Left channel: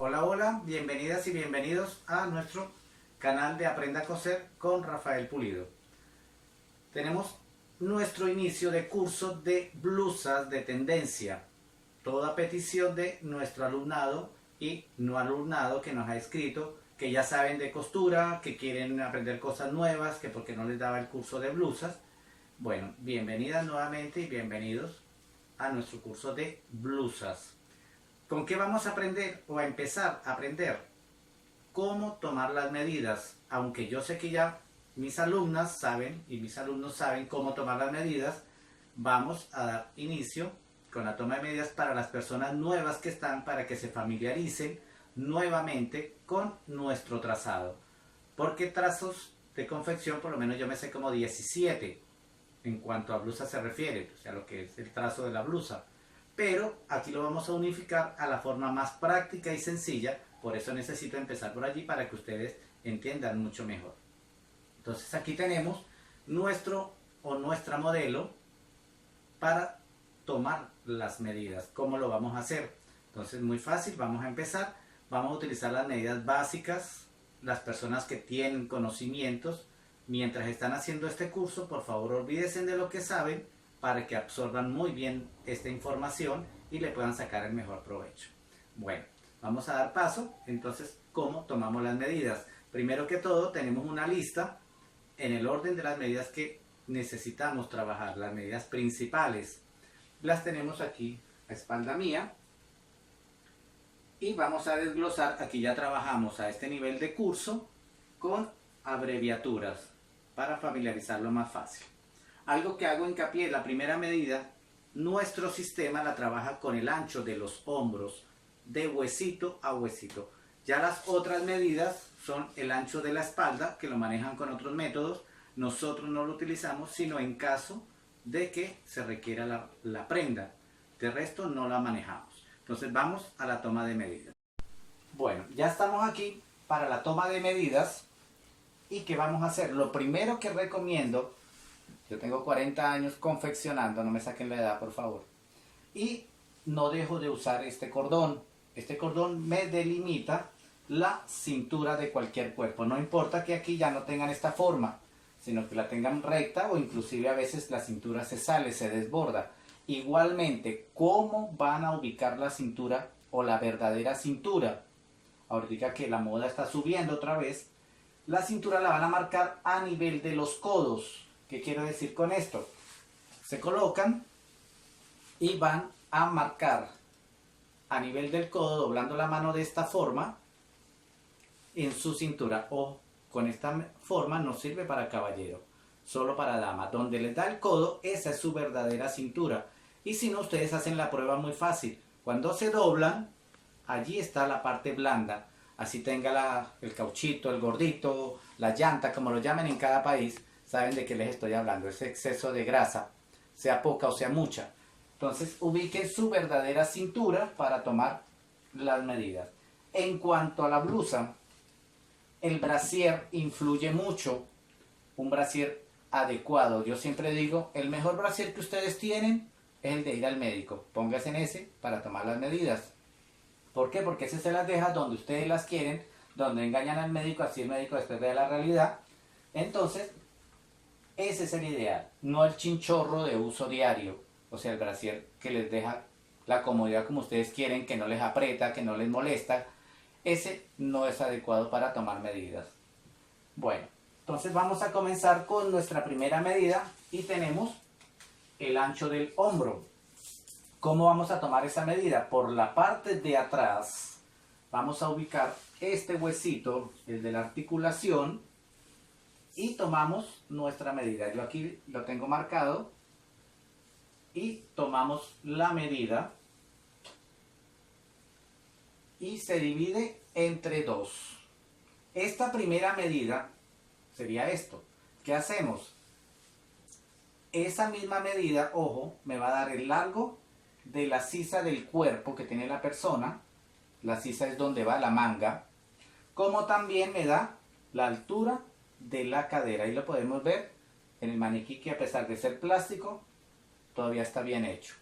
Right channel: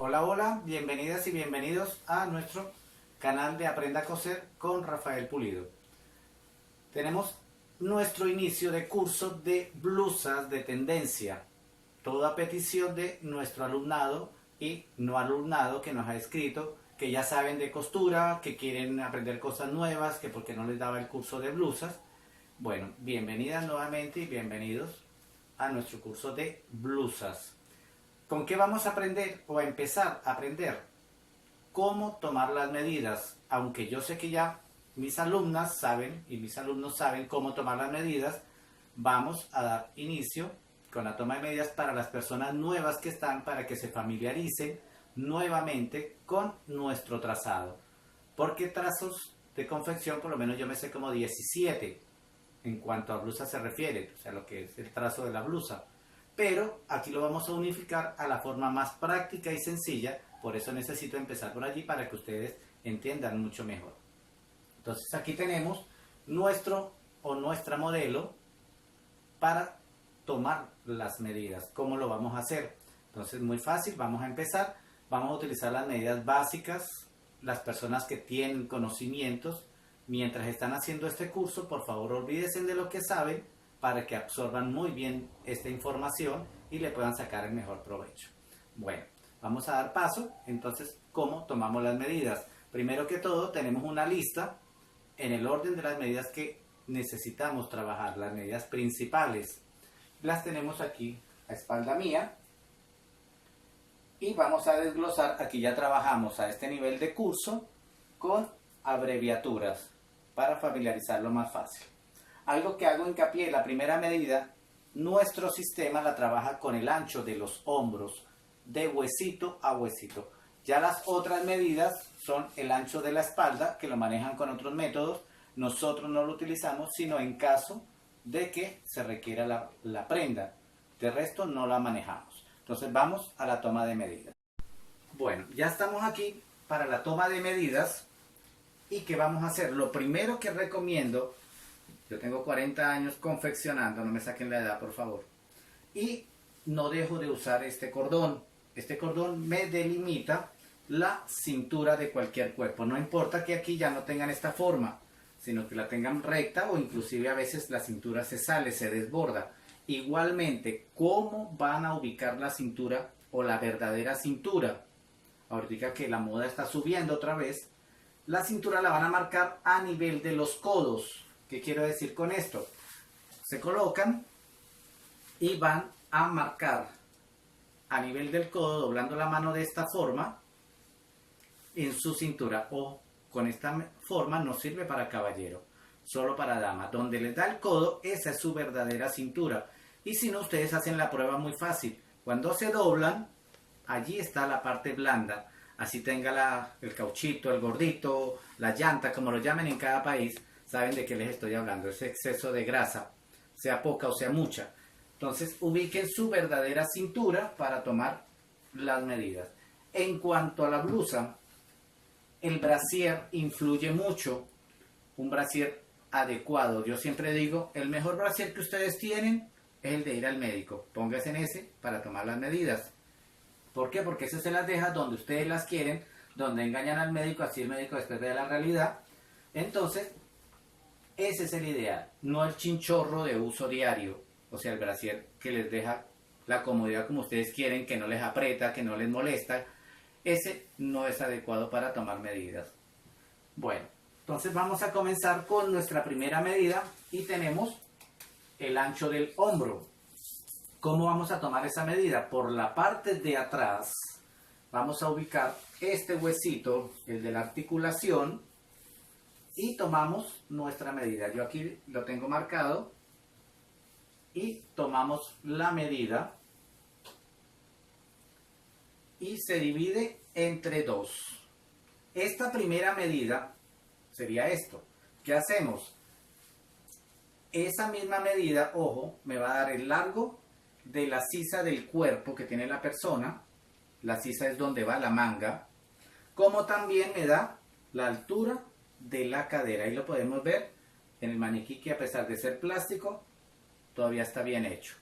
Hola, hola, bienvenidas y bienvenidos a nuestro canal de Aprenda a Coser con Rafael Pulido. Tenemos nuestro inicio de curso de blusas de tendencia, toda petición de nuestro alumnado y no alumnado que nos ha escrito, que ya saben de costura, que quieren aprender cosas nuevas, que porque no les daba el curso de blusas. Bueno, bienvenidas nuevamente y bienvenidos a nuestro curso de blusas. ¿Con qué vamos a aprender o a empezar a aprender? Cómo tomar las medidas, aunque yo sé que ya mis alumnas saben y mis alumnos saben cómo tomar las medidas. Vamos a dar inicio con la toma de medidas para las personas nuevas que están, para que se familiaricen nuevamente con nuestro trazado, porque trazos de confección por lo menos yo me sé como 17 en cuanto a blusa se refiere, o sea, lo que es el trazo de la blusa. Pero aquí lo vamos a unificar a la forma más práctica y sencilla, por eso necesito empezar por allí para que ustedes entiendan mucho mejor. Entonces aquí tenemos nuestro o nuestra modelo para tomar las medidas. ¿Cómo lo vamos a hacer? Entonces muy fácil, vamos a empezar. Vamos a utilizar las medidas básicas. Las personas que tienen conocimientos mientras están haciendo este curso, por favor olvídense de lo que saben para que absorban muy bien esta información y le puedan sacar el mejor provecho. Bueno, vamos a dar paso entonces cómo tomamos las medidas. Primero que todo tenemos una lista en el orden de las medidas que necesitamos trabajar, las medidas principales. Las tenemos aquí a espalda mía y vamos a desglosar. Aquí ya trabajamos a este nivel de curso con abreviaturas para familiarizarlo más fácil. Algo que hago hincapié, la primera medida, nuestro sistema la trabaja con el ancho de los hombros, de huesito a huesito. Ya las otras medidas son el ancho de la espalda, que lo manejan con otros métodos. Nosotros no lo utilizamos, sino en caso de que se requiera la prenda. De resto no la manejamos. Entonces vamos a la toma de medidas. Bueno, ya estamos aquí para la toma de medidas. ¿Y qué vamos a hacer? Lo primero que recomiendo, yo tengo 40 años confeccionando, no me saquen la edad por favor, y no dejo de usar este cordón. Este cordón me delimita la cintura de cualquier cuerpo. No importa que aquí ya no tengan esta forma, sino que la tengan recta o inclusive a veces la cintura se sale, se desborda. Igualmente, ¿cómo van a ubicar la cintura o la verdadera cintura? Ahorita que la moda está subiendo otra vez, la cintura la van a marcar a nivel de los codos. ¿Qué quiero decir con esto? Se colocan y van a marcar a nivel del codo, doblando la mano de esta forma en su cintura, o con esta forma no sirve para caballero, solo para dama. Donde les da el codo, esa es su verdadera cintura. Y si no, ustedes hacen la prueba muy fácil. Cuando se doblan, allí está la parte blanda. Así tenga el cauchito, el gordito, la llanta, como lo llamen en cada país, saben de qué les estoy hablando. Ese exceso de grasa, sea poca o sea mucha. Entonces ubiquen su verdadera cintura para tomar las medidas. En cuanto a la blusa, el brasier influye mucho. Un brasier adecuado. Yo siempre digo, el mejor brasier que ustedes tienen es el de ir al médico. Pónganse en ese para tomar las medidas. ¿Por qué? Porque ese se las deja donde ustedes las quieren, donde engañan al médico, así el médico después ve la realidad. Entonces, ese es el ideal, no el chinchorro de uso diario, o sea, el brasier que les deja la comodidad como ustedes quieren, que no les aprieta, que no les molesta. Ese no es adecuado para tomar medidas. Bueno, entonces vamos a comenzar con nuestra primera medida y tenemos el ancho del hombro. ¿Cómo vamos a tomar esa medida? Por la parte de atrás vamos a ubicar este huesito, el de la articulación, y tomamos nuestra medida. Yo aquí lo tengo marcado y tomamos la medida y se divide entre dos. Esta primera medida sería esto. ¿Qué hacemos? Esa misma medida, ojo, me va a dar el largo de la sisa del cuerpo que tiene la persona. La sisa es donde va la manga. Como también me da la altura de la cadera. Ahí lo podemos ver en el maniquí, que a pesar de ser plástico, todavía está bien hecho.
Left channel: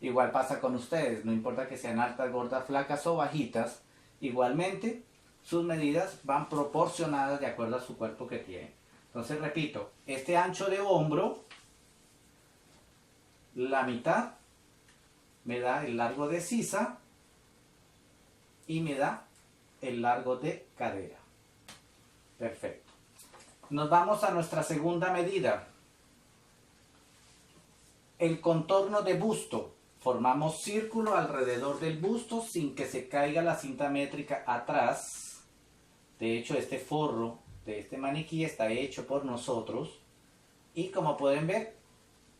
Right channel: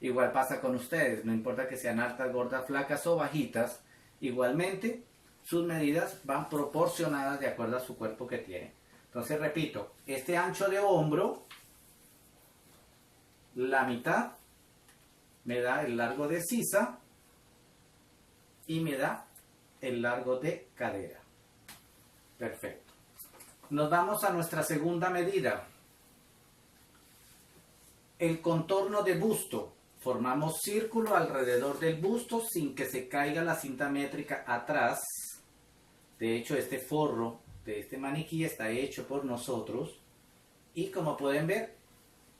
Igual pasa con ustedes, no importa que sean altas, gordas, flacas o bajitas, Igualmente, sus medidas van proporcionadas de acuerdo a su cuerpo que tiene. Entonces, repito, este ancho de hombro, la mitad, me da el largo de sisa y me da el largo de cadera. Perfecto. Nos vamos a nuestra segunda medida. El contorno de busto. Formamos círculo alrededor del busto sin que se caiga la cinta métrica atrás. De hecho, este forro de este maniquí está hecho por nosotros. Y como pueden ver,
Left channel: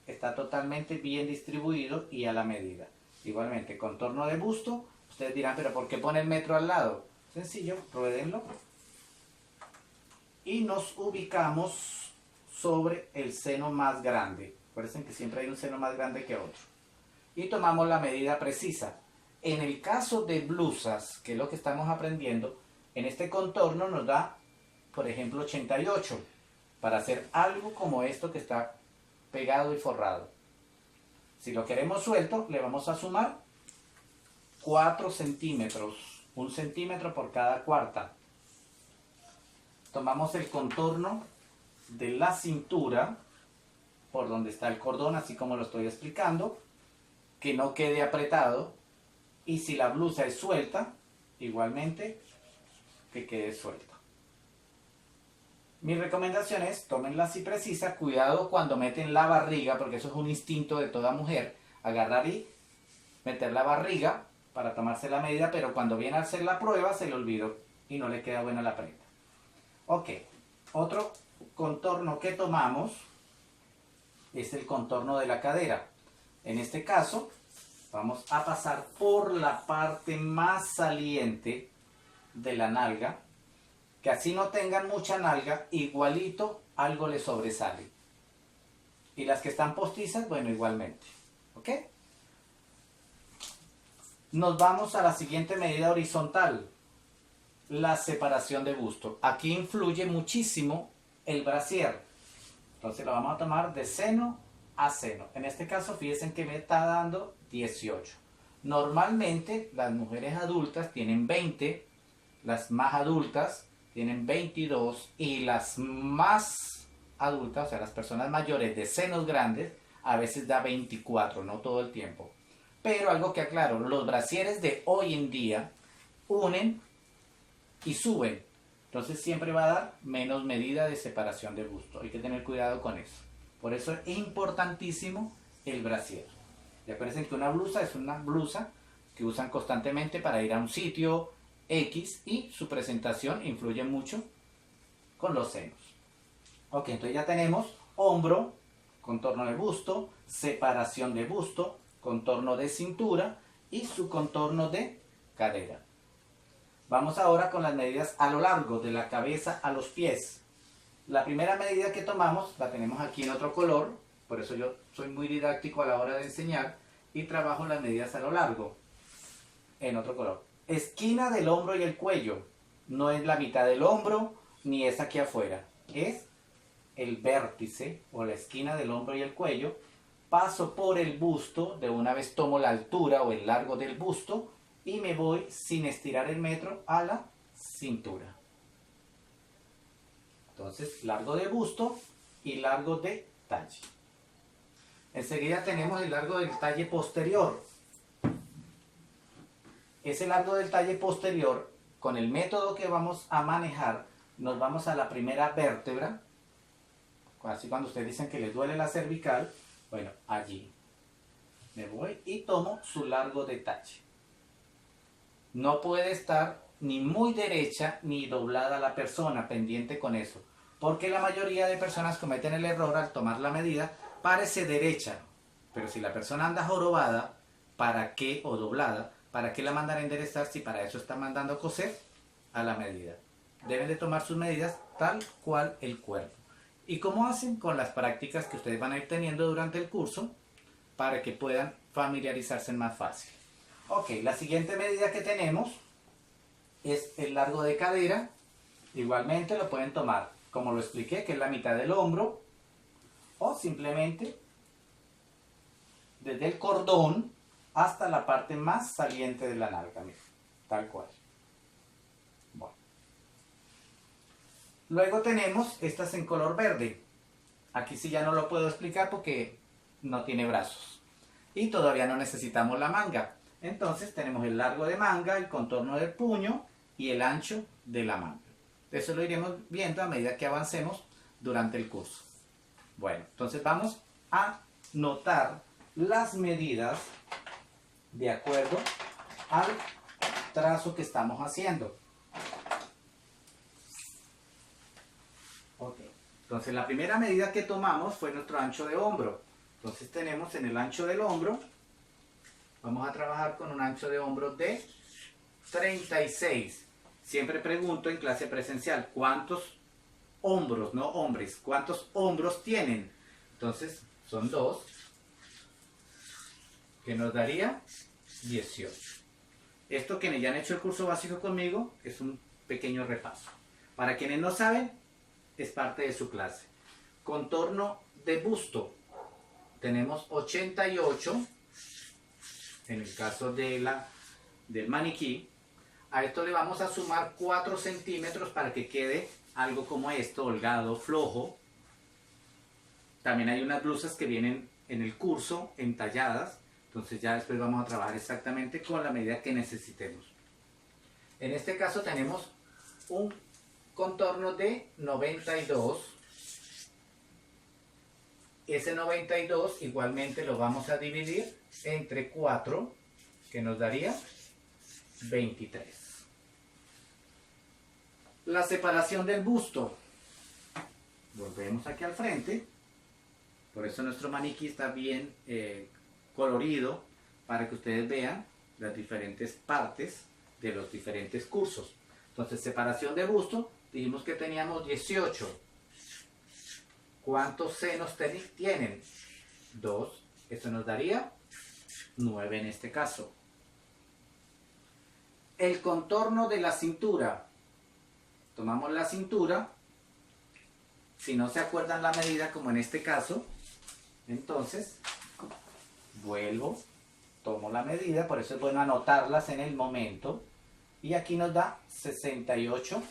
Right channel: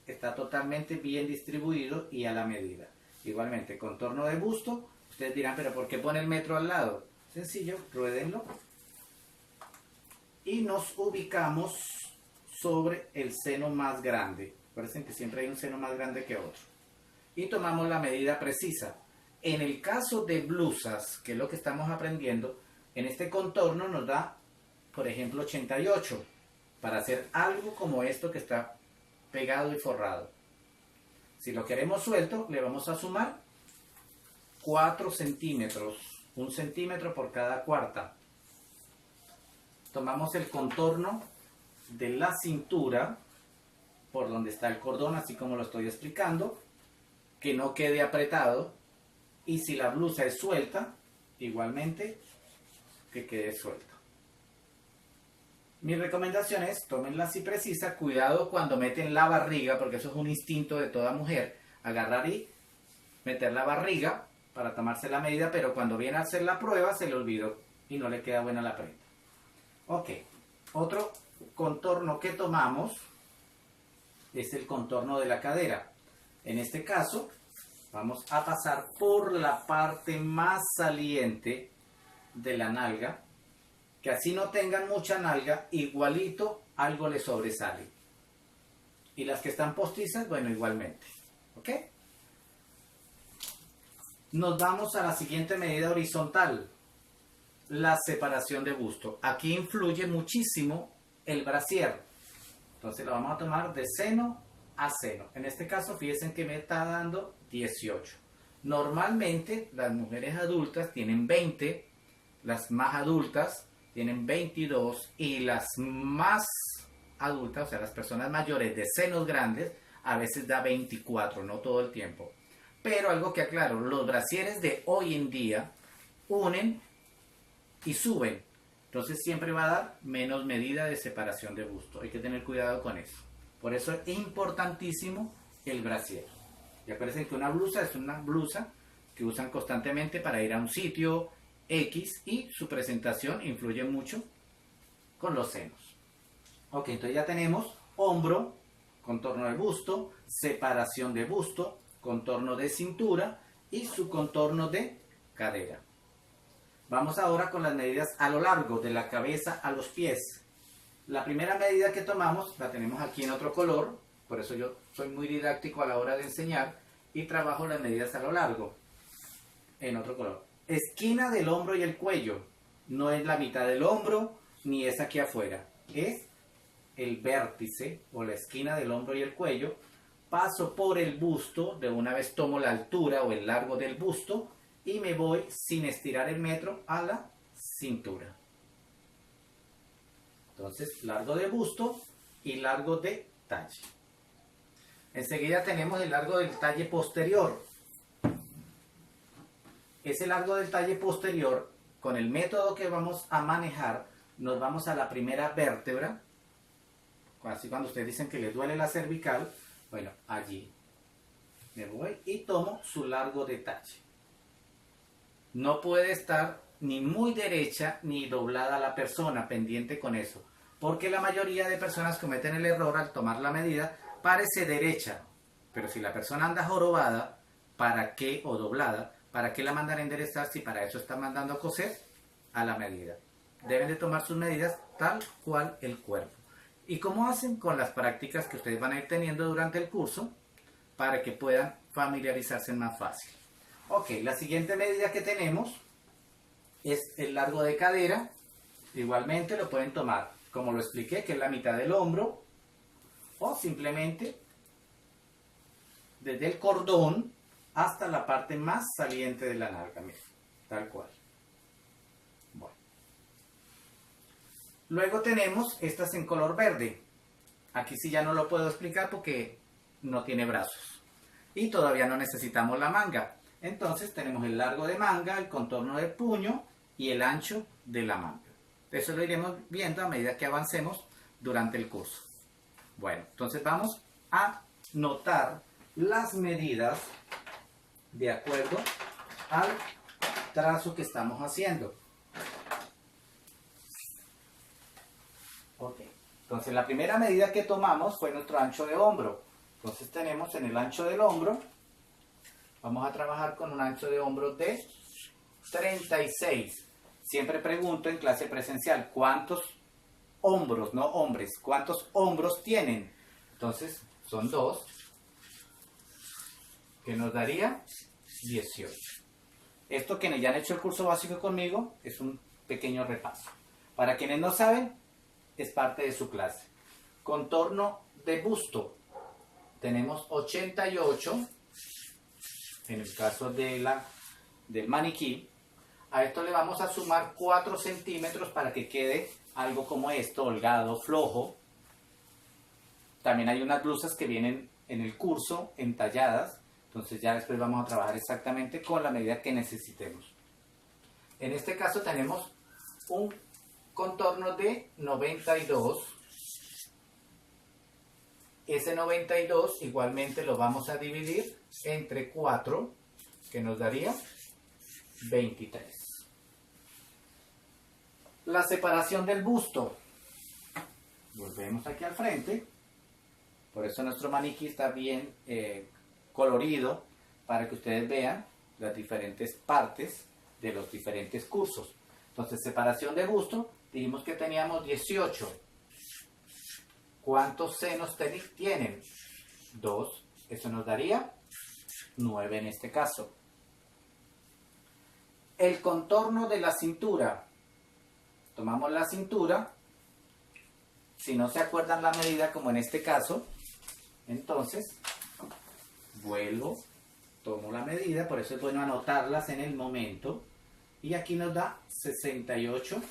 está totalmente bien distribuido y a la medida. Igualmente, contorno de busto. Ustedes dirán, pero ¿por qué pone el metro al lado? Sencillo, ruédenlo. Y nos ubicamos sobre el seno más grande. Acuérdense que siempre hay un seno más grande que otro. Y tomamos la medida precisa. En el caso de blusas, que es lo que estamos aprendiendo, en este contorno nos da, por ejemplo, 88. Para hacer algo como esto que está pegado y forrado. Si lo queremos suelto, le vamos a sumar 4 centímetros. 1 centímetro por cada cuarta. Tomamos el contorno de la cintura, por donde está el cordón, así como lo estoy explicando, que no quede apretado. Y si la blusa es suelta, igualmente que quede suelta. Mi recomendación es, tómenla así precisa, cuidado cuando meten la barriga, porque eso es un instinto de toda mujer, agarrar y meter la barriga para tomarse la medida, pero cuando viene a hacer la prueba se le olvidó y no le queda buena la prenda. Ok, otro contorno que tomamos es el contorno de la cadera. En este caso, vamos a pasar por la parte más saliente de la nalga, que así no tengan mucha nalga, igualito algo le sobresale. Y las que están postizas, bueno, igualmente. ¿Ok? Nos vamos a la siguiente medida horizontal, la separación de busto. Aquí influye muchísimo el brasier. Entonces la vamos a tomar de seno a seno. En este caso, fíjense que me está dando 18. Normalmente las mujeres adultas tienen 20, las más adultas tienen 22 y las más adultas, o sea, las personas mayores de senos grandes, a veces da 24, no todo el tiempo. Pero algo que aclaro, los brasieres de hoy en día unen y suben. Entonces siempre va a dar menos medida de separación de busto. Hay que tener cuidado con eso. Por eso es importantísimo el brasier. Y acuérdense que una blusa es una blusa que usan constantemente para ir a un sitio X y su presentación influye mucho con los senos. Ok, entonces ya tenemos hombro, contorno de busto, separación de busto, contorno de cintura y su contorno de cadera. Vamos ahora con las medidas a lo largo, de la cabeza a los pies. La primera medida que tomamos la tenemos aquí en otro color, por eso yo soy muy didáctico a la hora de enseñar y trabajo las medidas a lo largo en otro color. Esquina del hombro y el cuello, no es la mitad del hombro ni es aquí afuera, es el vértice o la esquina del hombro y el cuello. Paso por el busto, de una vez tomo la altura o el largo del busto y me voy sin estirar el metro a la cintura. Entonces, largo de busto y largo de talle. Enseguida tenemos el largo del talle posterior. Ese largo del talle posterior, con el método que vamos a manejar, nos vamos a la primera vértebra. Así cuando ustedes dicen que les duele la cervical, bueno, allí me voy y tomo su largo de talle. No puede estar ni muy derecha ni doblada la persona, pendiente con eso. Porque la mayoría de personas cometen el error al tomar la medida, parece derecha. Pero si la persona anda jorobada, ¿para qué? O doblada, ¿para qué la mandan a enderezar si para eso está mandando a coser a la medida? Deben de tomar sus medidas tal cual el cuerpo. ¿Y cómo hacen? Con las prácticas que ustedes van a ir teniendo durante el curso para que puedan familiarizarse más fácil. Ok, la siguiente medida que tenemos es el largo de cadera. Igualmente lo pueden tomar, como lo expliqué, que es la mitad del hombro, o simplemente desde el cordón hasta la parte más saliente de la nalga, tal cual. Luego tenemos estas en color verde. Aquí sí ya no lo puedo explicar porque no tiene brazos. Y todavía no necesitamos la manga. Entonces tenemos el largo de manga, el contorno del puño y el ancho de la manga. Eso lo iremos viendo a medida que avancemos durante el curso. Bueno, entonces vamos a notar las medidas de acuerdo al trazo que estamos haciendo. Ok, entonces la primera medida que tomamos fue nuestro ancho de hombro. Entonces tenemos en el ancho del hombro, vamos a trabajar con un ancho de hombro de 36. Siempre pregunto en clase presencial, ¿cuántos hombros, no hombres, cuántos hombros tienen? Entonces son 2, que nos daría 18. Esto, quienes ya han hecho el curso básico conmigo, es un pequeño repaso. Para quienes no saben, es parte de su clase. Contorno de busto. Tenemos 88, en el caso del maniquí. A esto le vamos a sumar 4 centímetros para que quede algo como esto, holgado, flojo. También hay unas blusas que vienen en el curso entalladas. Entonces ya después vamos a trabajar exactamente con la medida que necesitemos. En este caso tenemos un contorno de 92. Ese 92 igualmente lo vamos a dividir entre 4, que nos daría 23. La separación del busto. Volvemos aquí al frente. Por eso nuestro maniquí está bien colorido, para que ustedes vean las diferentes partes de los diferentes cursos. Entonces, separación de busto, dijimos que teníamos 18. ¿Cuántos senos tienen? 2. Eso nos daría 9 en este caso. El contorno de la cintura. Tomamos la cintura. Si no se acuerdan la medida, como en este caso, entonces vuelvo, tomo la medida. Por eso es bueno anotarlas en el momento. Y aquí nos da 68.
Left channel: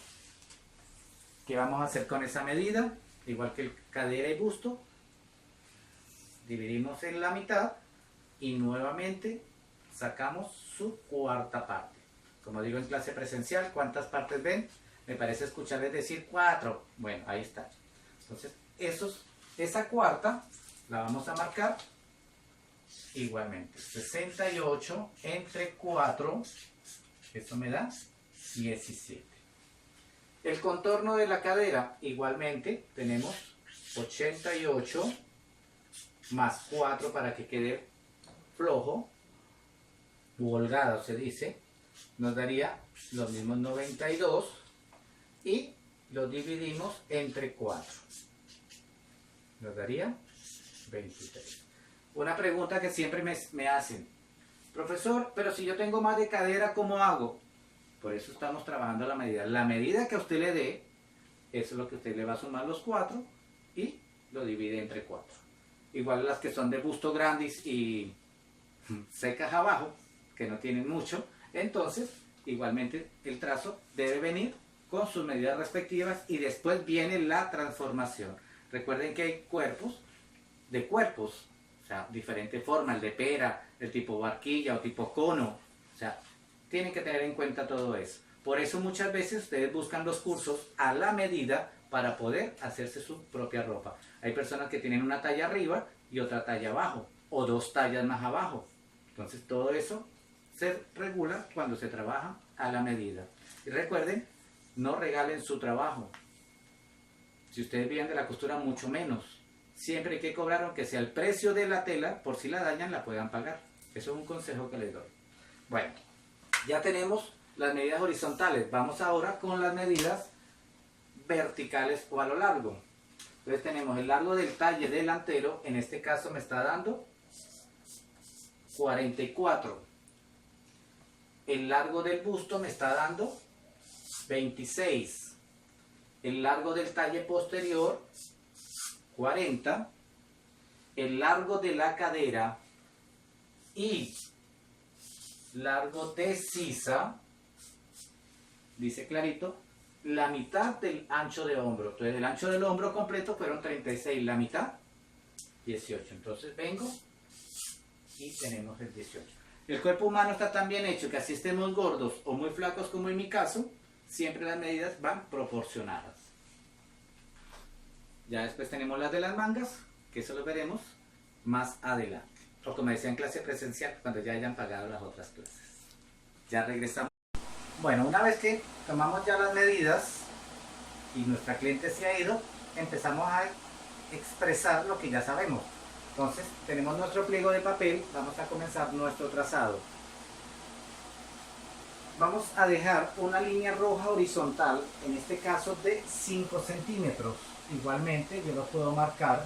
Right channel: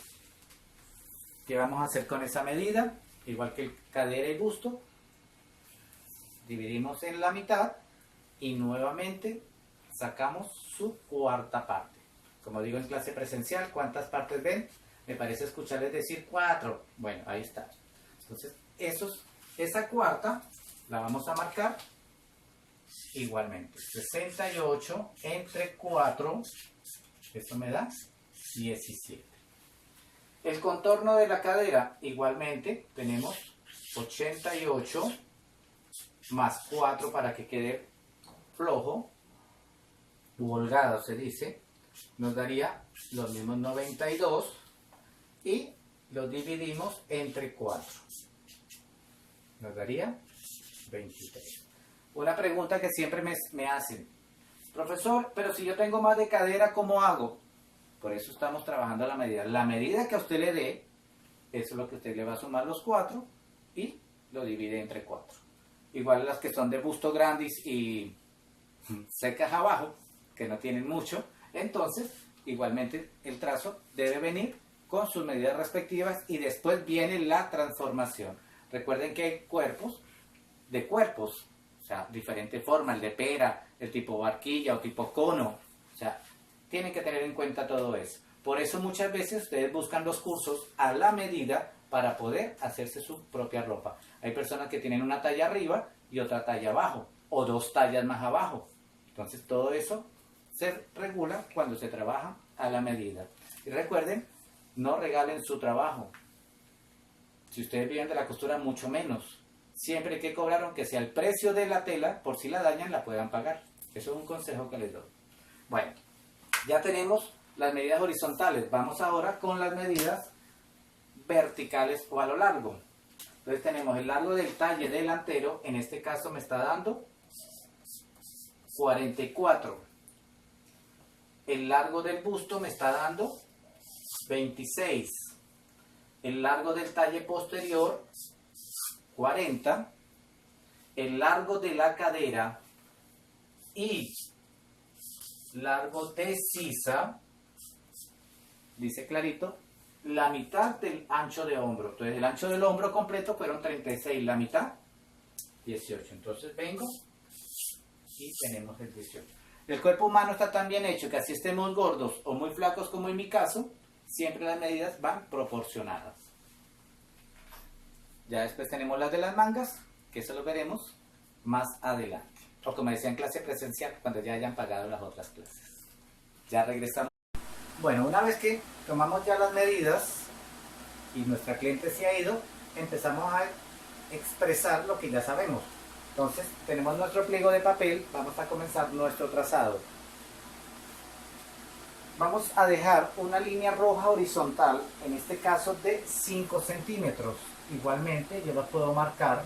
¿Qué vamos a hacer con esa medida? Igual que el cadera y busto, dividimos en la mitad y nuevamente sacamos su cuarta parte. Como digo en clase presencial, ¿cuántas partes ven? Me parece escucharles decir 4. Bueno, ahí está. Entonces, esa cuarta la vamos a marcar igualmente. 68 entre 4, eso me da 17. El contorno de la cadera, igualmente, tenemos 88 más 4 para que quede flojo, u holgado se dice, nos daría los mismos 92 y lo dividimos entre 4. Nos daría 23. Una pregunta que siempre me hacen, profesor, pero si yo tengo más de cadera, ¿cómo hago? Por eso estamos trabajando la medida. La medida que a usted le dé, eso es lo que usted le va a sumar los 4 y lo divide entre 4. Igual las que son de busto grandes y secas abajo, que no tienen mucho, entonces igualmente el trazo debe venir con sus medidas respectivas y después viene la transformación. Recuerden que hay cuerpos de cuerpos, o sea, diferente forma, el de pera, el tipo barquilla o tipo cono, o sea, tienen que tener en cuenta todo eso. Por eso muchas veces ustedes buscan los cursos a la medida para poder hacerse su propia ropa. Hay personas que tienen una talla arriba y otra talla abajo, o 2 tallas más abajo. Entonces todo eso se regula cuando se trabaja a la medida. Y recuerden, no regalen su trabajo. Si ustedes viven de la costura, mucho menos. Siempre hay que cobrar, aunque sea el precio de la tela, por si la dañan, la puedan pagar. Eso es un consejo que les doy. Bueno, ya tenemos las medidas horizontales. Vamos ahora con las medidas verticales o a lo largo. Entonces tenemos el largo del talle delantero, en este caso me está dando 44. El largo del busto me está dando 26. El largo del talle posterior, 40. El largo de la cadera y largo de sisa, dice clarito, la mitad del ancho de hombro. Entonces el ancho del hombro completo fueron 36, la mitad 18. Entonces vengo y tenemos el 18. El cuerpo humano está tan bien hecho que así estemos gordos o muy flacos como en mi caso, siempre las medidas van proporcionadas. Ya después tenemos las de las mangas, que eso lo veremos más adelante. O como decía en clase presencial, cuando ya hayan pagado las otras clases. Ya regresamos. Bueno, una vez que tomamos ya las medidas y nuestra cliente se ha ido, empezamos a expresar lo que ya sabemos. Entonces tenemos nuestro pliego de papel, vamos a comenzar nuestro trazado. Vamos a dejar una línea roja horizontal, en este caso de 5 centímetros. Igualmente yo lo puedo marcar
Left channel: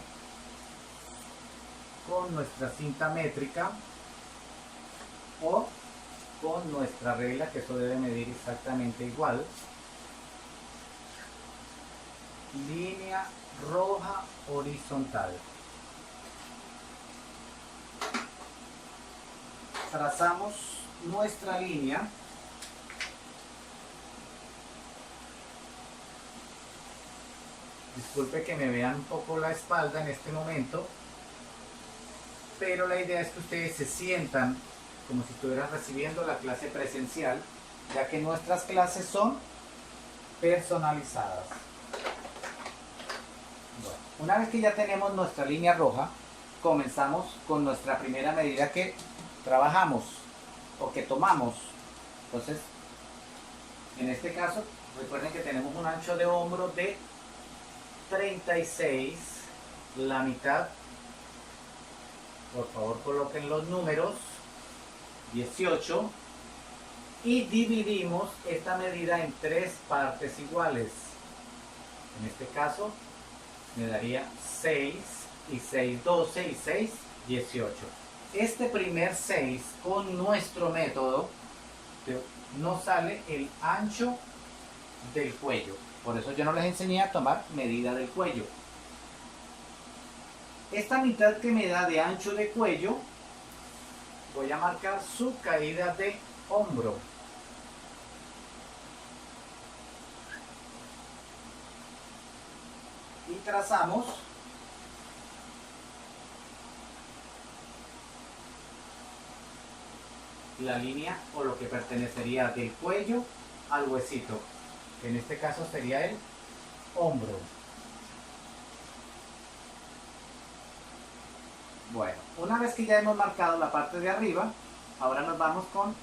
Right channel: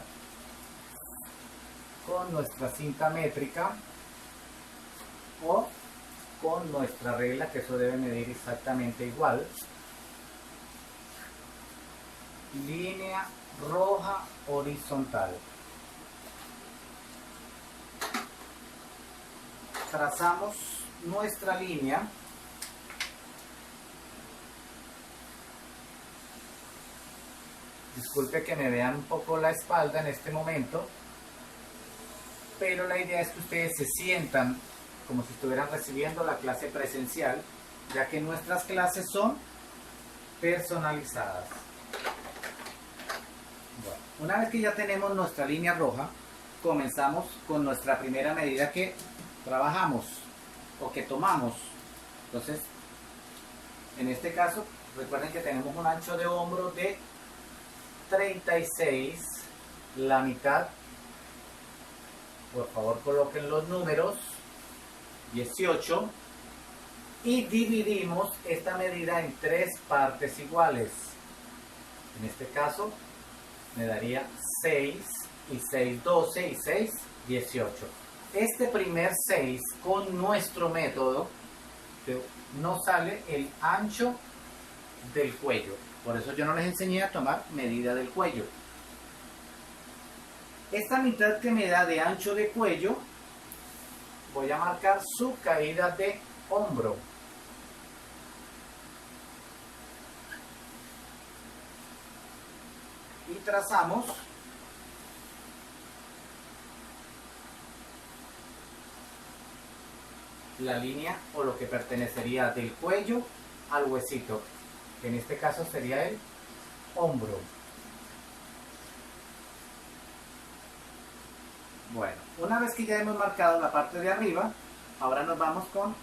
con nuestra cinta métrica o con nuestra regla, que eso debe medir exactamente igual. Línea roja horizontal. Trazamos nuestra línea. Disculpe que me vean un poco la espalda en este momento, pero la idea es que ustedes se sientan como si estuvieran recibiendo la clase presencial, ya que nuestras clases son personalizadas. Bueno, una vez que ya tenemos nuestra línea roja, comenzamos con nuestra primera medida que trabajamos o que tomamos. Entonces, en este caso, recuerden que tenemos un ancho de hombro de 36, la mitad, por favor coloquen los números, 18, y dividimos esta medida en 3 partes iguales. En este caso me daría 6 y 6, 12 y 6, 18. Este primer 6 con nuestro método nos sale el ancho del cuello. Por eso yo no les enseñé a tomar medida del cuello. Esta mitad que me da de ancho de cuello, voy a marcar su caída de hombro. Y trazamos la línea o lo que pertenecería del cuello al huesito, que en este caso sería el hombro. Bueno, una vez que ya hemos marcado la parte de arriba, ahora nos vamos con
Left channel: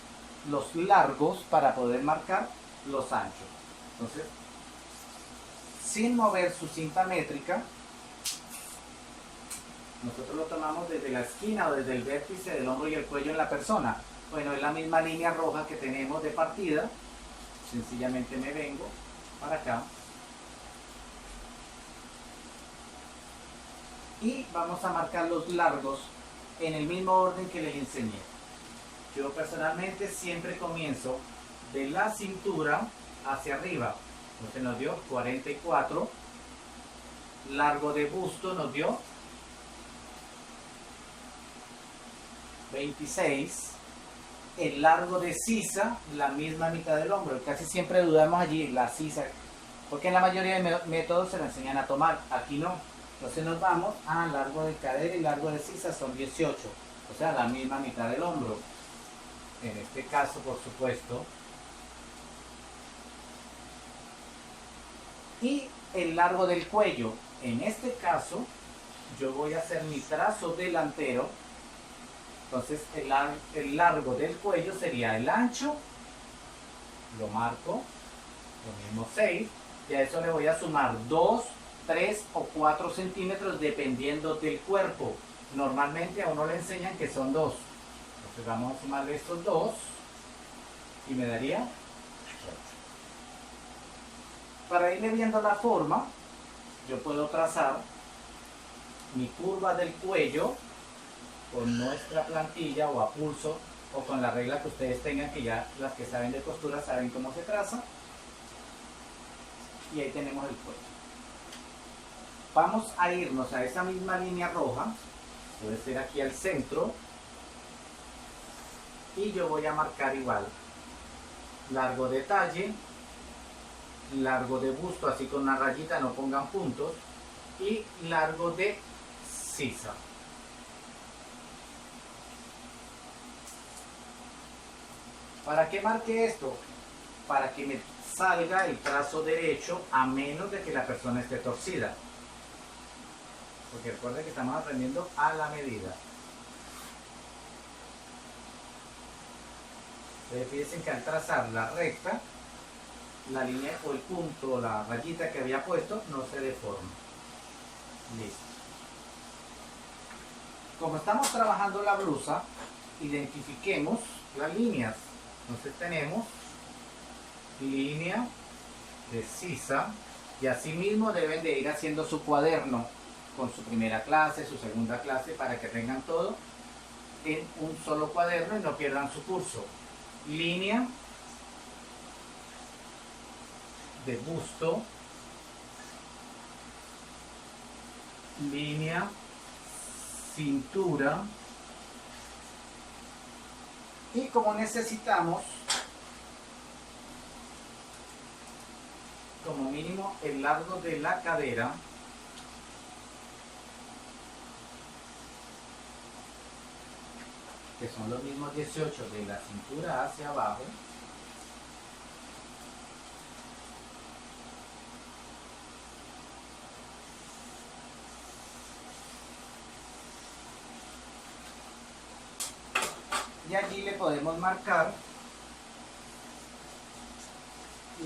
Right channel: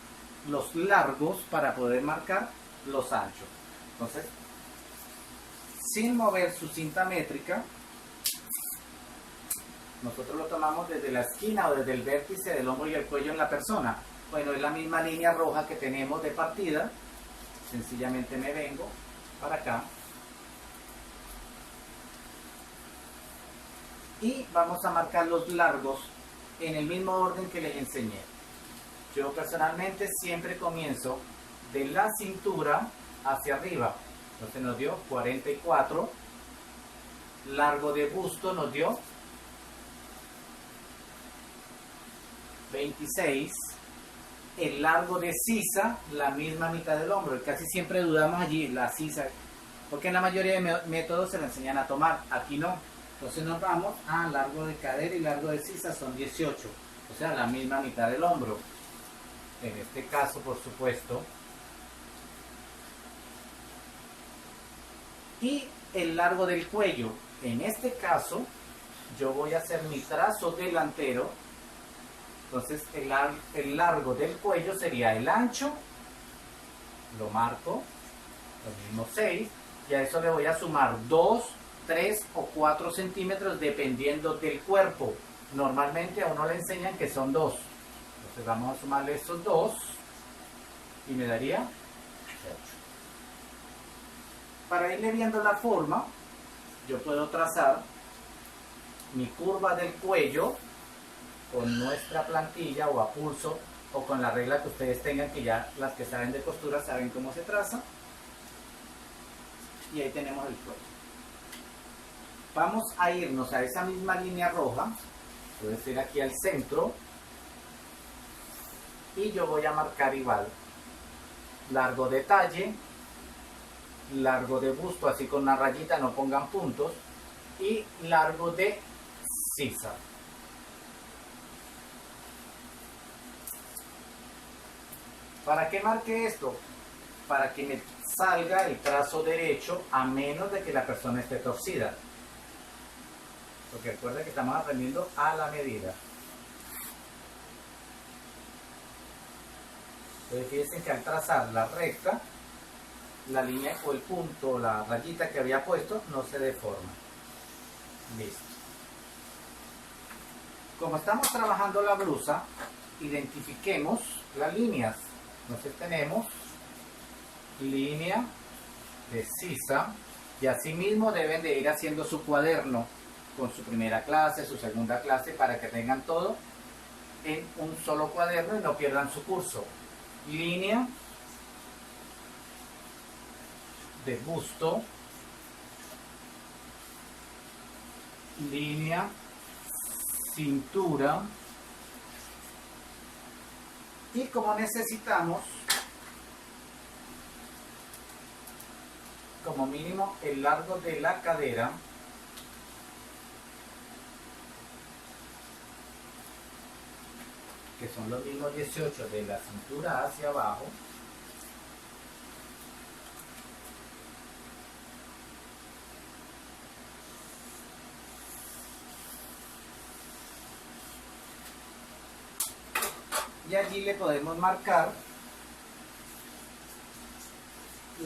los largos para poder marcar los anchos. Entonces, sin mover su cinta métrica, nosotros lo tomamos desde la esquina o desde el vértice del hombro y el cuello en la persona. Bueno, es la misma línea roja que tenemos de partida. Sencillamente me vengo para acá y vamos a marcar los largos en el mismo orden que les enseñé. Yo personalmente siempre comienzo de la cintura hacia arriba. Entonces nos dio 44. Largo de busto nos dio 26. El largo de sisa, la misma mitad del hombro. Casi siempre dudamos allí, la sisa, porque en la mayoría de métodos se le enseñan a tomar, aquí no. Entonces nos vamos a largo de cadera y largo de sisa son 18, o sea, la misma mitad del hombro. En este caso, por supuesto. Y el largo del cuello, en este caso, yo voy a hacer mi trazo delantero. Entonces el largo del cuello sería el ancho, lo marco, el mismo 6, y a eso le voy a sumar 2, 3 o 4 centímetros dependiendo del cuerpo. Normalmente a uno le enseñan que son 2. Entonces vamos a sumarle estos 2 y me daría 8. Para irle viendo la forma, yo puedo trazar mi curva del cuello con nuestra plantilla o a pulso o con la regla que ustedes tengan, que ya las que saben de costura saben cómo se traza. Y ahí tenemos el cuello. Vamos a irnos a esa misma línea roja, puede ser aquí al centro, y yo voy a marcar igual largo de talle, largo de busto, así con una rayita, no pongan puntos, y largo de sisa. ¿Para qué marque esto? Para que me salga el trazo derecho, a menos de que la persona esté torcida. Porque recuerden que estamos aprendiendo a la medida. Entonces fíjense que al trazar la recta, la línea o el punto, la rayita que había puesto, no se deforma. Listo. Como estamos trabajando la blusa, identifiquemos las líneas. Entonces tenemos línea de sisa, y así mismo deben de ir haciendo su cuaderno con su primera clase, su segunda clase, para que tengan todo en un solo cuaderno y no pierdan su curso. Línea de busto, línea cintura, y como necesitamos como mínimo el largo de la cadera, que son los mismos 18 de la cintura hacia abajo, y allí le podemos marcar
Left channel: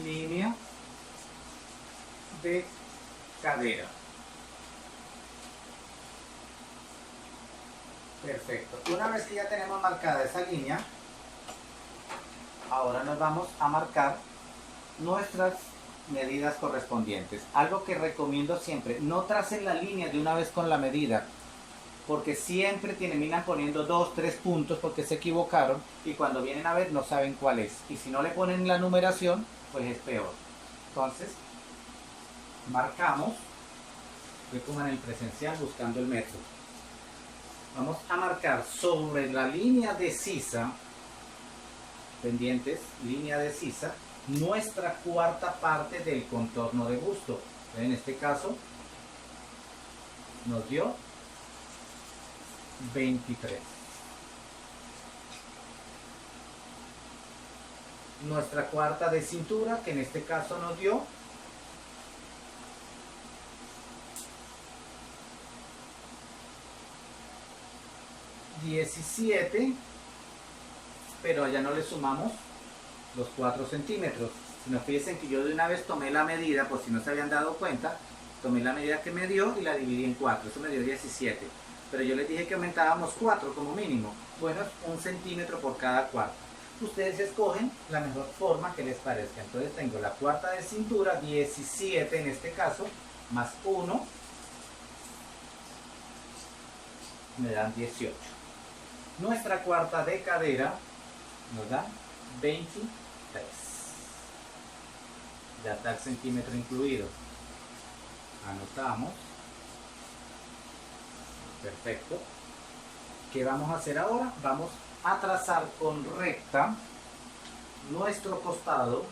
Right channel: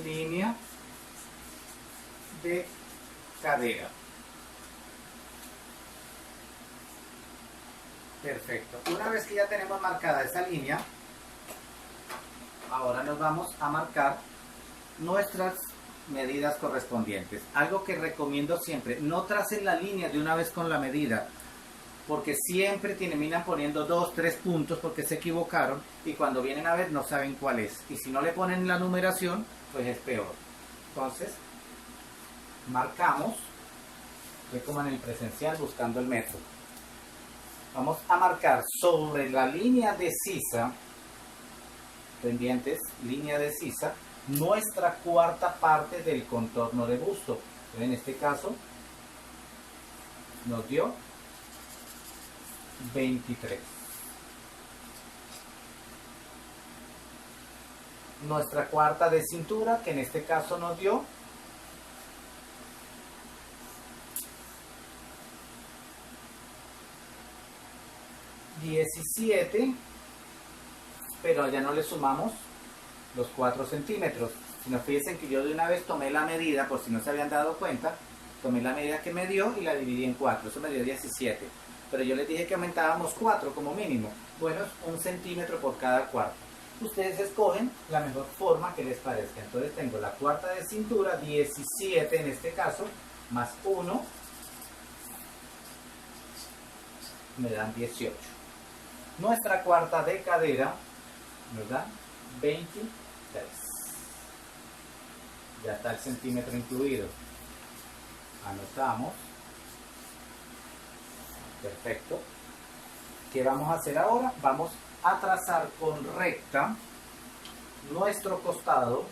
línea de cadera. Perfecto. Una vez que ya tenemos marcada esa línea, ahora nos vamos a marcar nuestras medidas correspondientes. Algo que recomiendo siempre: no tracen la línea de una vez con la medida, porque siempre terminan poniendo 2, 3 puntos porque se equivocaron, y cuando vienen a ver no saben cuál es, y si no le ponen la numeración, pues es peor. Entonces marcamos, estoy como en el presencial buscando el metro. Vamos a marcar sobre la línea de sisa, pendientes, línea de sisa, nuestra cuarta parte del contorno de busto. En este caso nos dio 23. Nuestra cuarta de cintura, que en este caso nos dio 17, pero ya no le sumamos los 4 centímetros. Si nos fíjense que yo de una vez tomé la medida, por si no se habían dado cuenta, tomé la medida que me dio y la dividí en 4, eso me dio 17. Pero yo les dije que aumentábamos 4 como mínimo. Bueno, es 1 centímetro por cada cuarto. Ustedes escogen la mejor forma que les parezca. Entonces tengo la cuarta de cintura, 17 en este caso, más 1, me dan 18. Nuestra cuarta de cadera nos da 23. Ya está el centímetro incluido. Anotamos. Perfecto. ¿Qué vamos a hacer ahora? Vamos a trazar con recta nuestro costado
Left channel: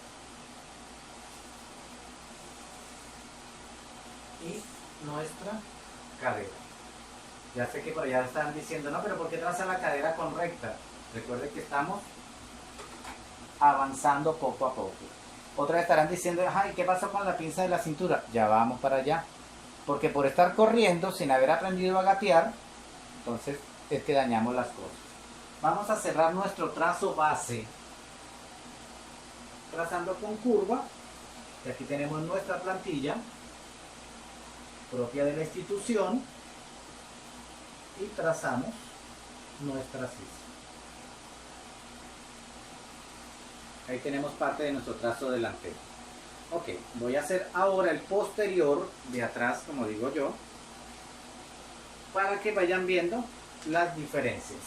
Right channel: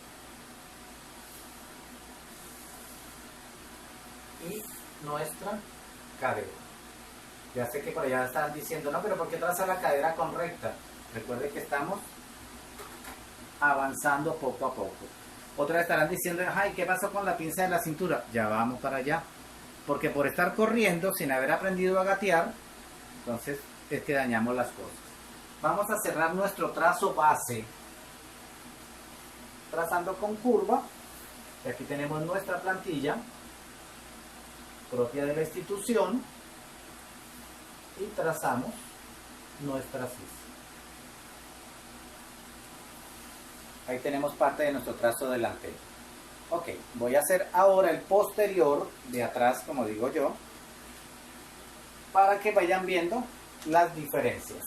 y nuestra cadera. Ya sé que por allá están diciendo, no, pero ¿por qué traza la cadera con recta? Recuerden que estamos avanzando poco a poco. Otras estarán diciendo, ay, ¿qué pasa con la pinza de la cintura? Ya vamos para allá. Porque por estar corriendo sin haber aprendido a gatear, entonces es que dañamos las cosas. Vamos a cerrar nuestro trazo base trazando con curva. Y aquí tenemos nuestra plantilla propia de la institución y trazamos nuestra sisa. Ahí tenemos parte de nuestro trazo delantero. Ok, voy a hacer ahora el posterior de atrás, como digo yo, para que vayan viendo las diferencias.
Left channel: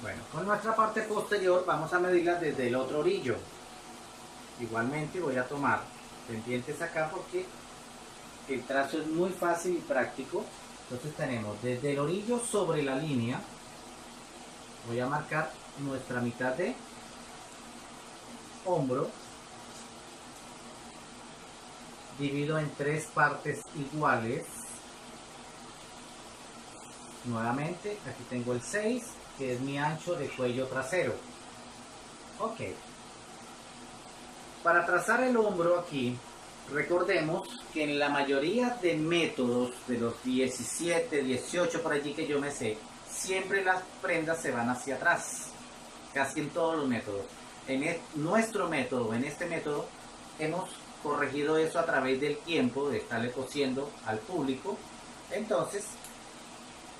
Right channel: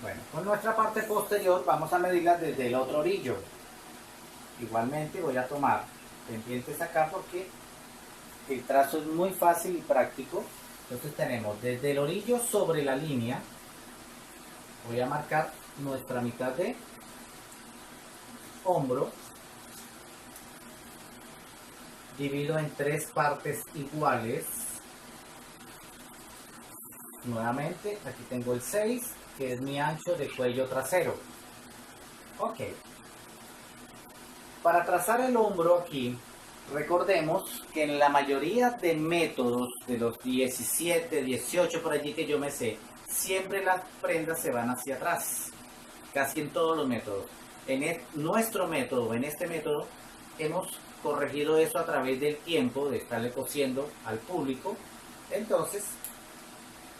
Bueno, con nuestra parte posterior vamos a medirla desde el otro orillo. Igualmente voy a tomar pendientes acá porque el trazo es muy fácil y práctico. Entonces tenemos desde el orillo sobre la línea, voy a marcar nuestra mitad de hombro, divido en 3 partes iguales. Nuevamente, aquí tengo el 6, que es mi ancho de cuello trasero. Ok. Para trazar el hombro aquí, recordemos que en la mayoría de métodos, de los 17, 18 por allí que yo me sé, siempre las prendas se van hacia atrás. Casi en todos los métodos. Nuestro método, en este método, hemos corregido eso a través del tiempo de estarle cosiendo al público. Entonces,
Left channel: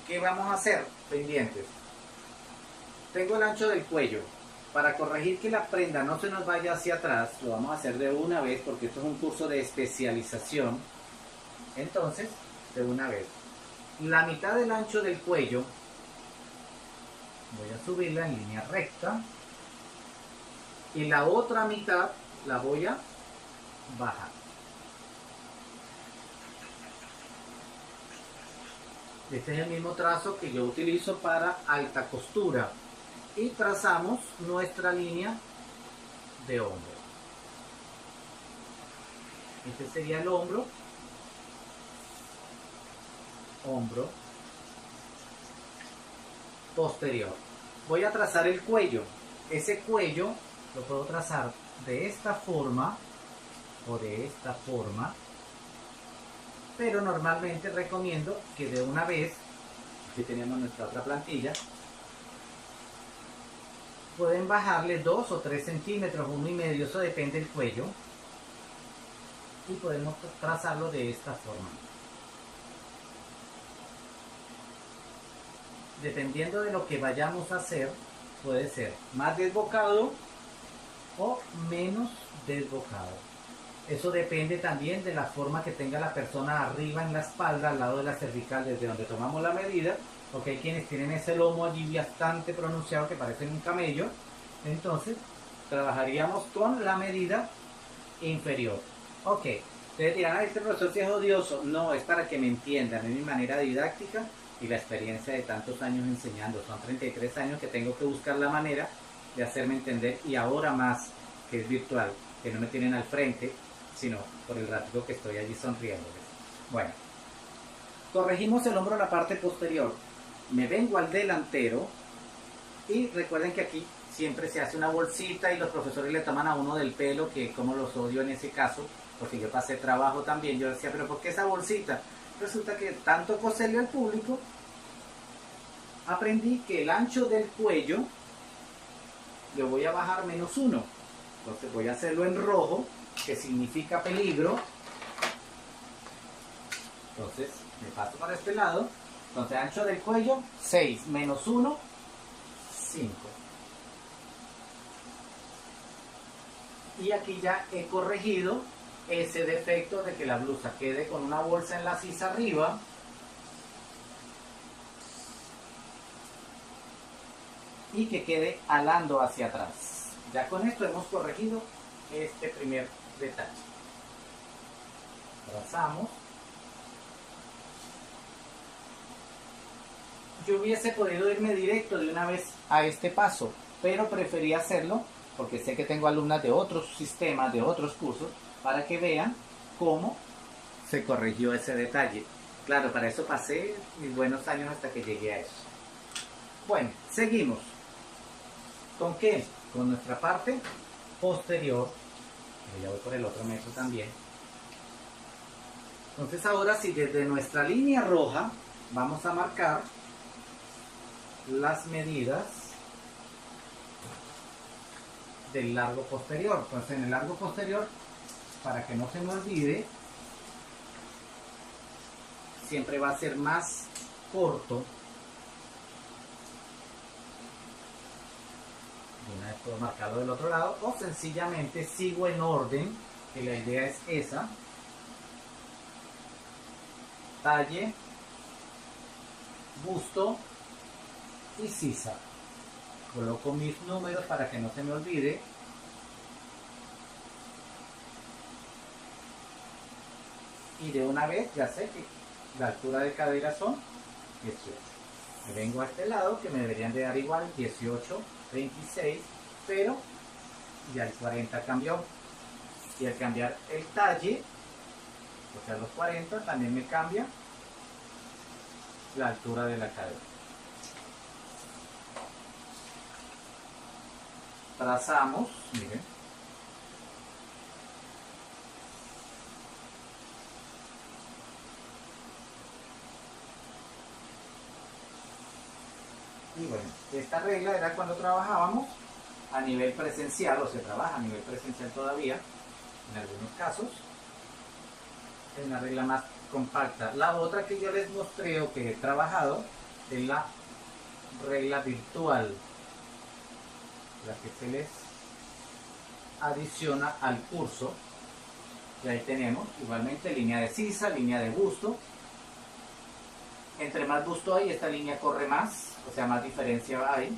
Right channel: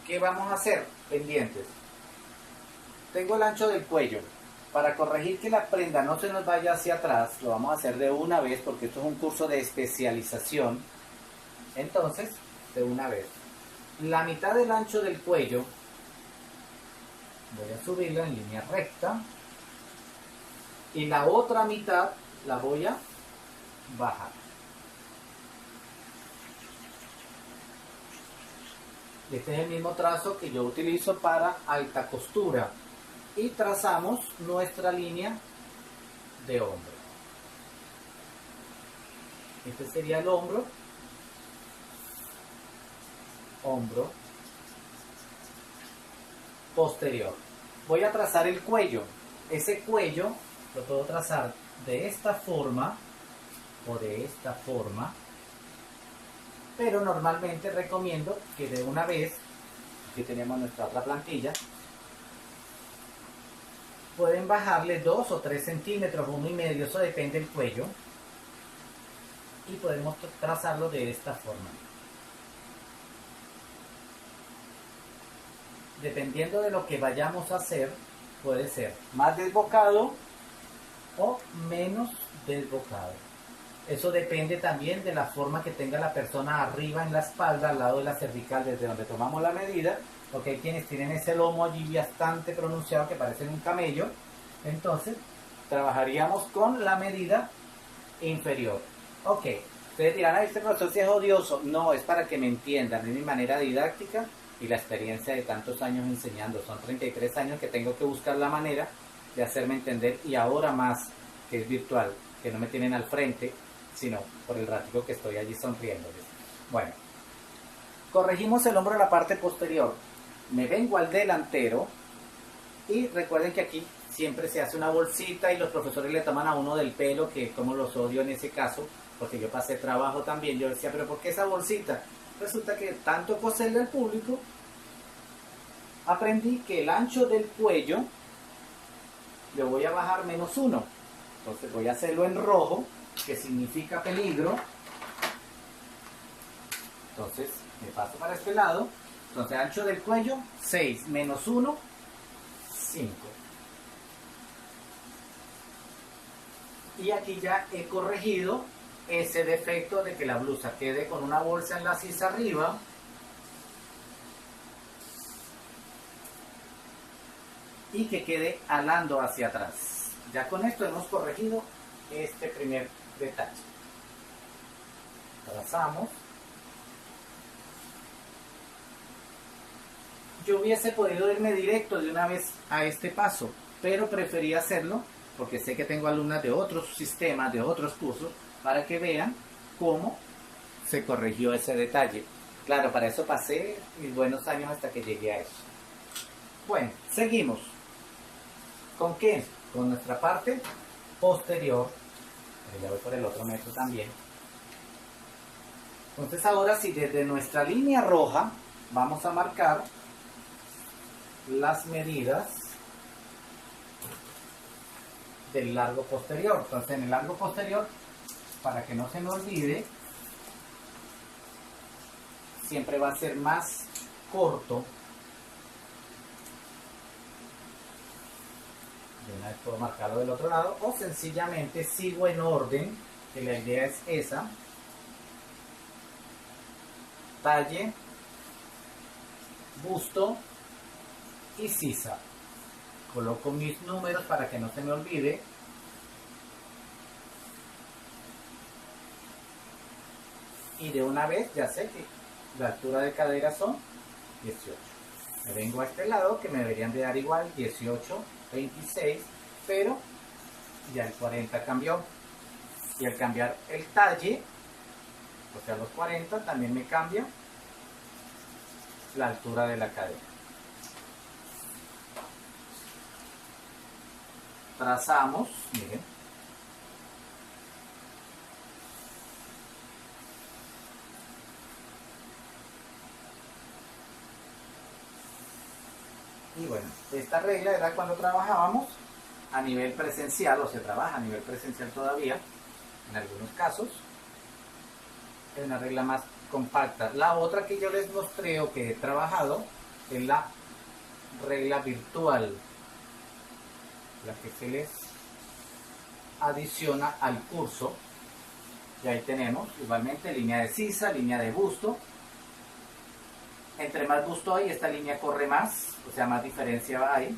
¿qué vamos a hacer? Pendientes. Tengo el ancho del cuello. Para corregir que la prenda no se nos vaya hacia atrás, lo vamos a hacer de una vez porque esto es un curso de especialización. Entonces, de una vez. La mitad del ancho del cuello voy a subirla en línea recta y la otra mitad la voy a bajar. Este es el mismo trazo que yo utilizo para alta costura y trazamos nuestra línea de hombro. Este sería el hombro, posterior. Voy a trazar el cuello. Ese cuello lo puedo trazar de esta forma o de esta forma, pero normalmente recomiendo que de una vez, aquí tenemos nuestra otra plantilla, pueden bajarle 2 o 3 centímetros, 1,5, eso depende del cuello, y podemos trazarlo de esta forma. Dependiendo de lo que vayamos a hacer, puede ser más desbocado o menos desbocado. Eso depende también de la forma que tenga la persona arriba en la espalda, al lado de la cervical, desde donde tomamos la medida, porque hay quienes tienen ese lomo allí bastante pronunciado que parece un camello. Entonces, trabajaríamos con la medida inferior. Ok, ustedes dirán, este profesor sí es odioso. No, es para que me entiendan, es mi manera didáctica y la experiencia de tantos años enseñando. Son 33 años que tengo que buscar la manera de hacerme entender, y ahora más que es virtual, que no me tienen al frente, sino por el ratico que estoy allí sonriéndoles. Bueno, corregimos el hombro a la parte posterior. Me vengo al delantero y recuerden que aquí siempre se hace una bolsita y los profesores le toman a uno del pelo, que como los odio en ese caso, porque yo pasé trabajo también. Yo decía, pero ¿por qué esa bolsita? Resulta que tanto coserle al público, aprendí que el ancho del cuello le voy a bajar -1. Entonces voy a hacerlo en rojo, que significa peligro. Entonces me paso para este lado. Entonces ancho del cuello 6 -1, 5. Y aquí ya he corregido ese defecto de que la blusa quede con una bolsa en la sisa arriba y que quede alando hacia atrás. Ya con esto hemos corregido este primer detalle. Trazamos. Yo hubiese podido irme directo de una vez a este paso, pero preferí hacerlo porque sé que tengo alumnas de otros sistemas, de otros cursos, para que vean cómo se corrigió ese detalle. Claro, para eso pasé mis buenos años hasta que llegué a eso. Bueno, seguimos. ¿Con qué? Con nuestra parte posterior. Ya voy por el otro metro también. Entonces ahora sí, desde nuestra línea roja vamos a marcar las medidas del largo posterior. Entonces en el largo posterior, para que no se me olvide, siempre va a ser más corto. De una vez puedo marcarlo del otro lado, o sencillamente sigo en orden, que la idea es esa. Talle, busto y sisa. Coloco mis números para que no se me olvide. Y de una vez ya sé que la altura de cadera son 18. Me vengo a este lado, que me deberían de dar igual, 18, 26, pero ya el 40 cambió. Y al cambiar el talle, o sea los 40, también me cambia la altura de la cadera. Trazamos, miren. Y bueno, esta regla era cuando trabajábamos a nivel presencial, o se trabaja a nivel presencial todavía, en algunos casos. Es una regla más compacta. La otra que yo les mostré o que he trabajado es la regla virtual, la que se les adiciona al curso. Y ahí tenemos igualmente línea de sisa, línea de busto. Entre más busto hay, esta línea corre más, o sea, más diferencia hay.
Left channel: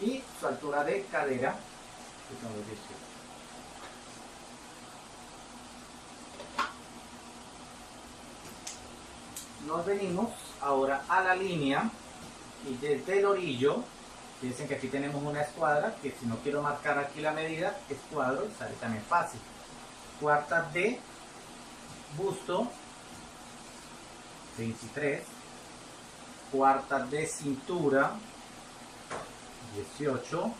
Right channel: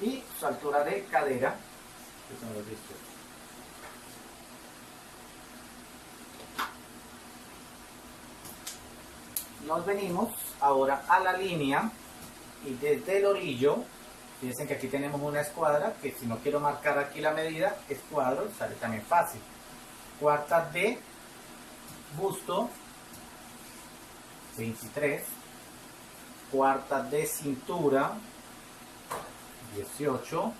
Y su altura de cadera, que son los 18. Nos venimos ahora a la línea y desde el orillo, fíjense que aquí tenemos una escuadra, que si no quiero marcar aquí la medida, escuadro y sale también fácil. Cuarta de busto, 23. Cuarta de cintura, 18.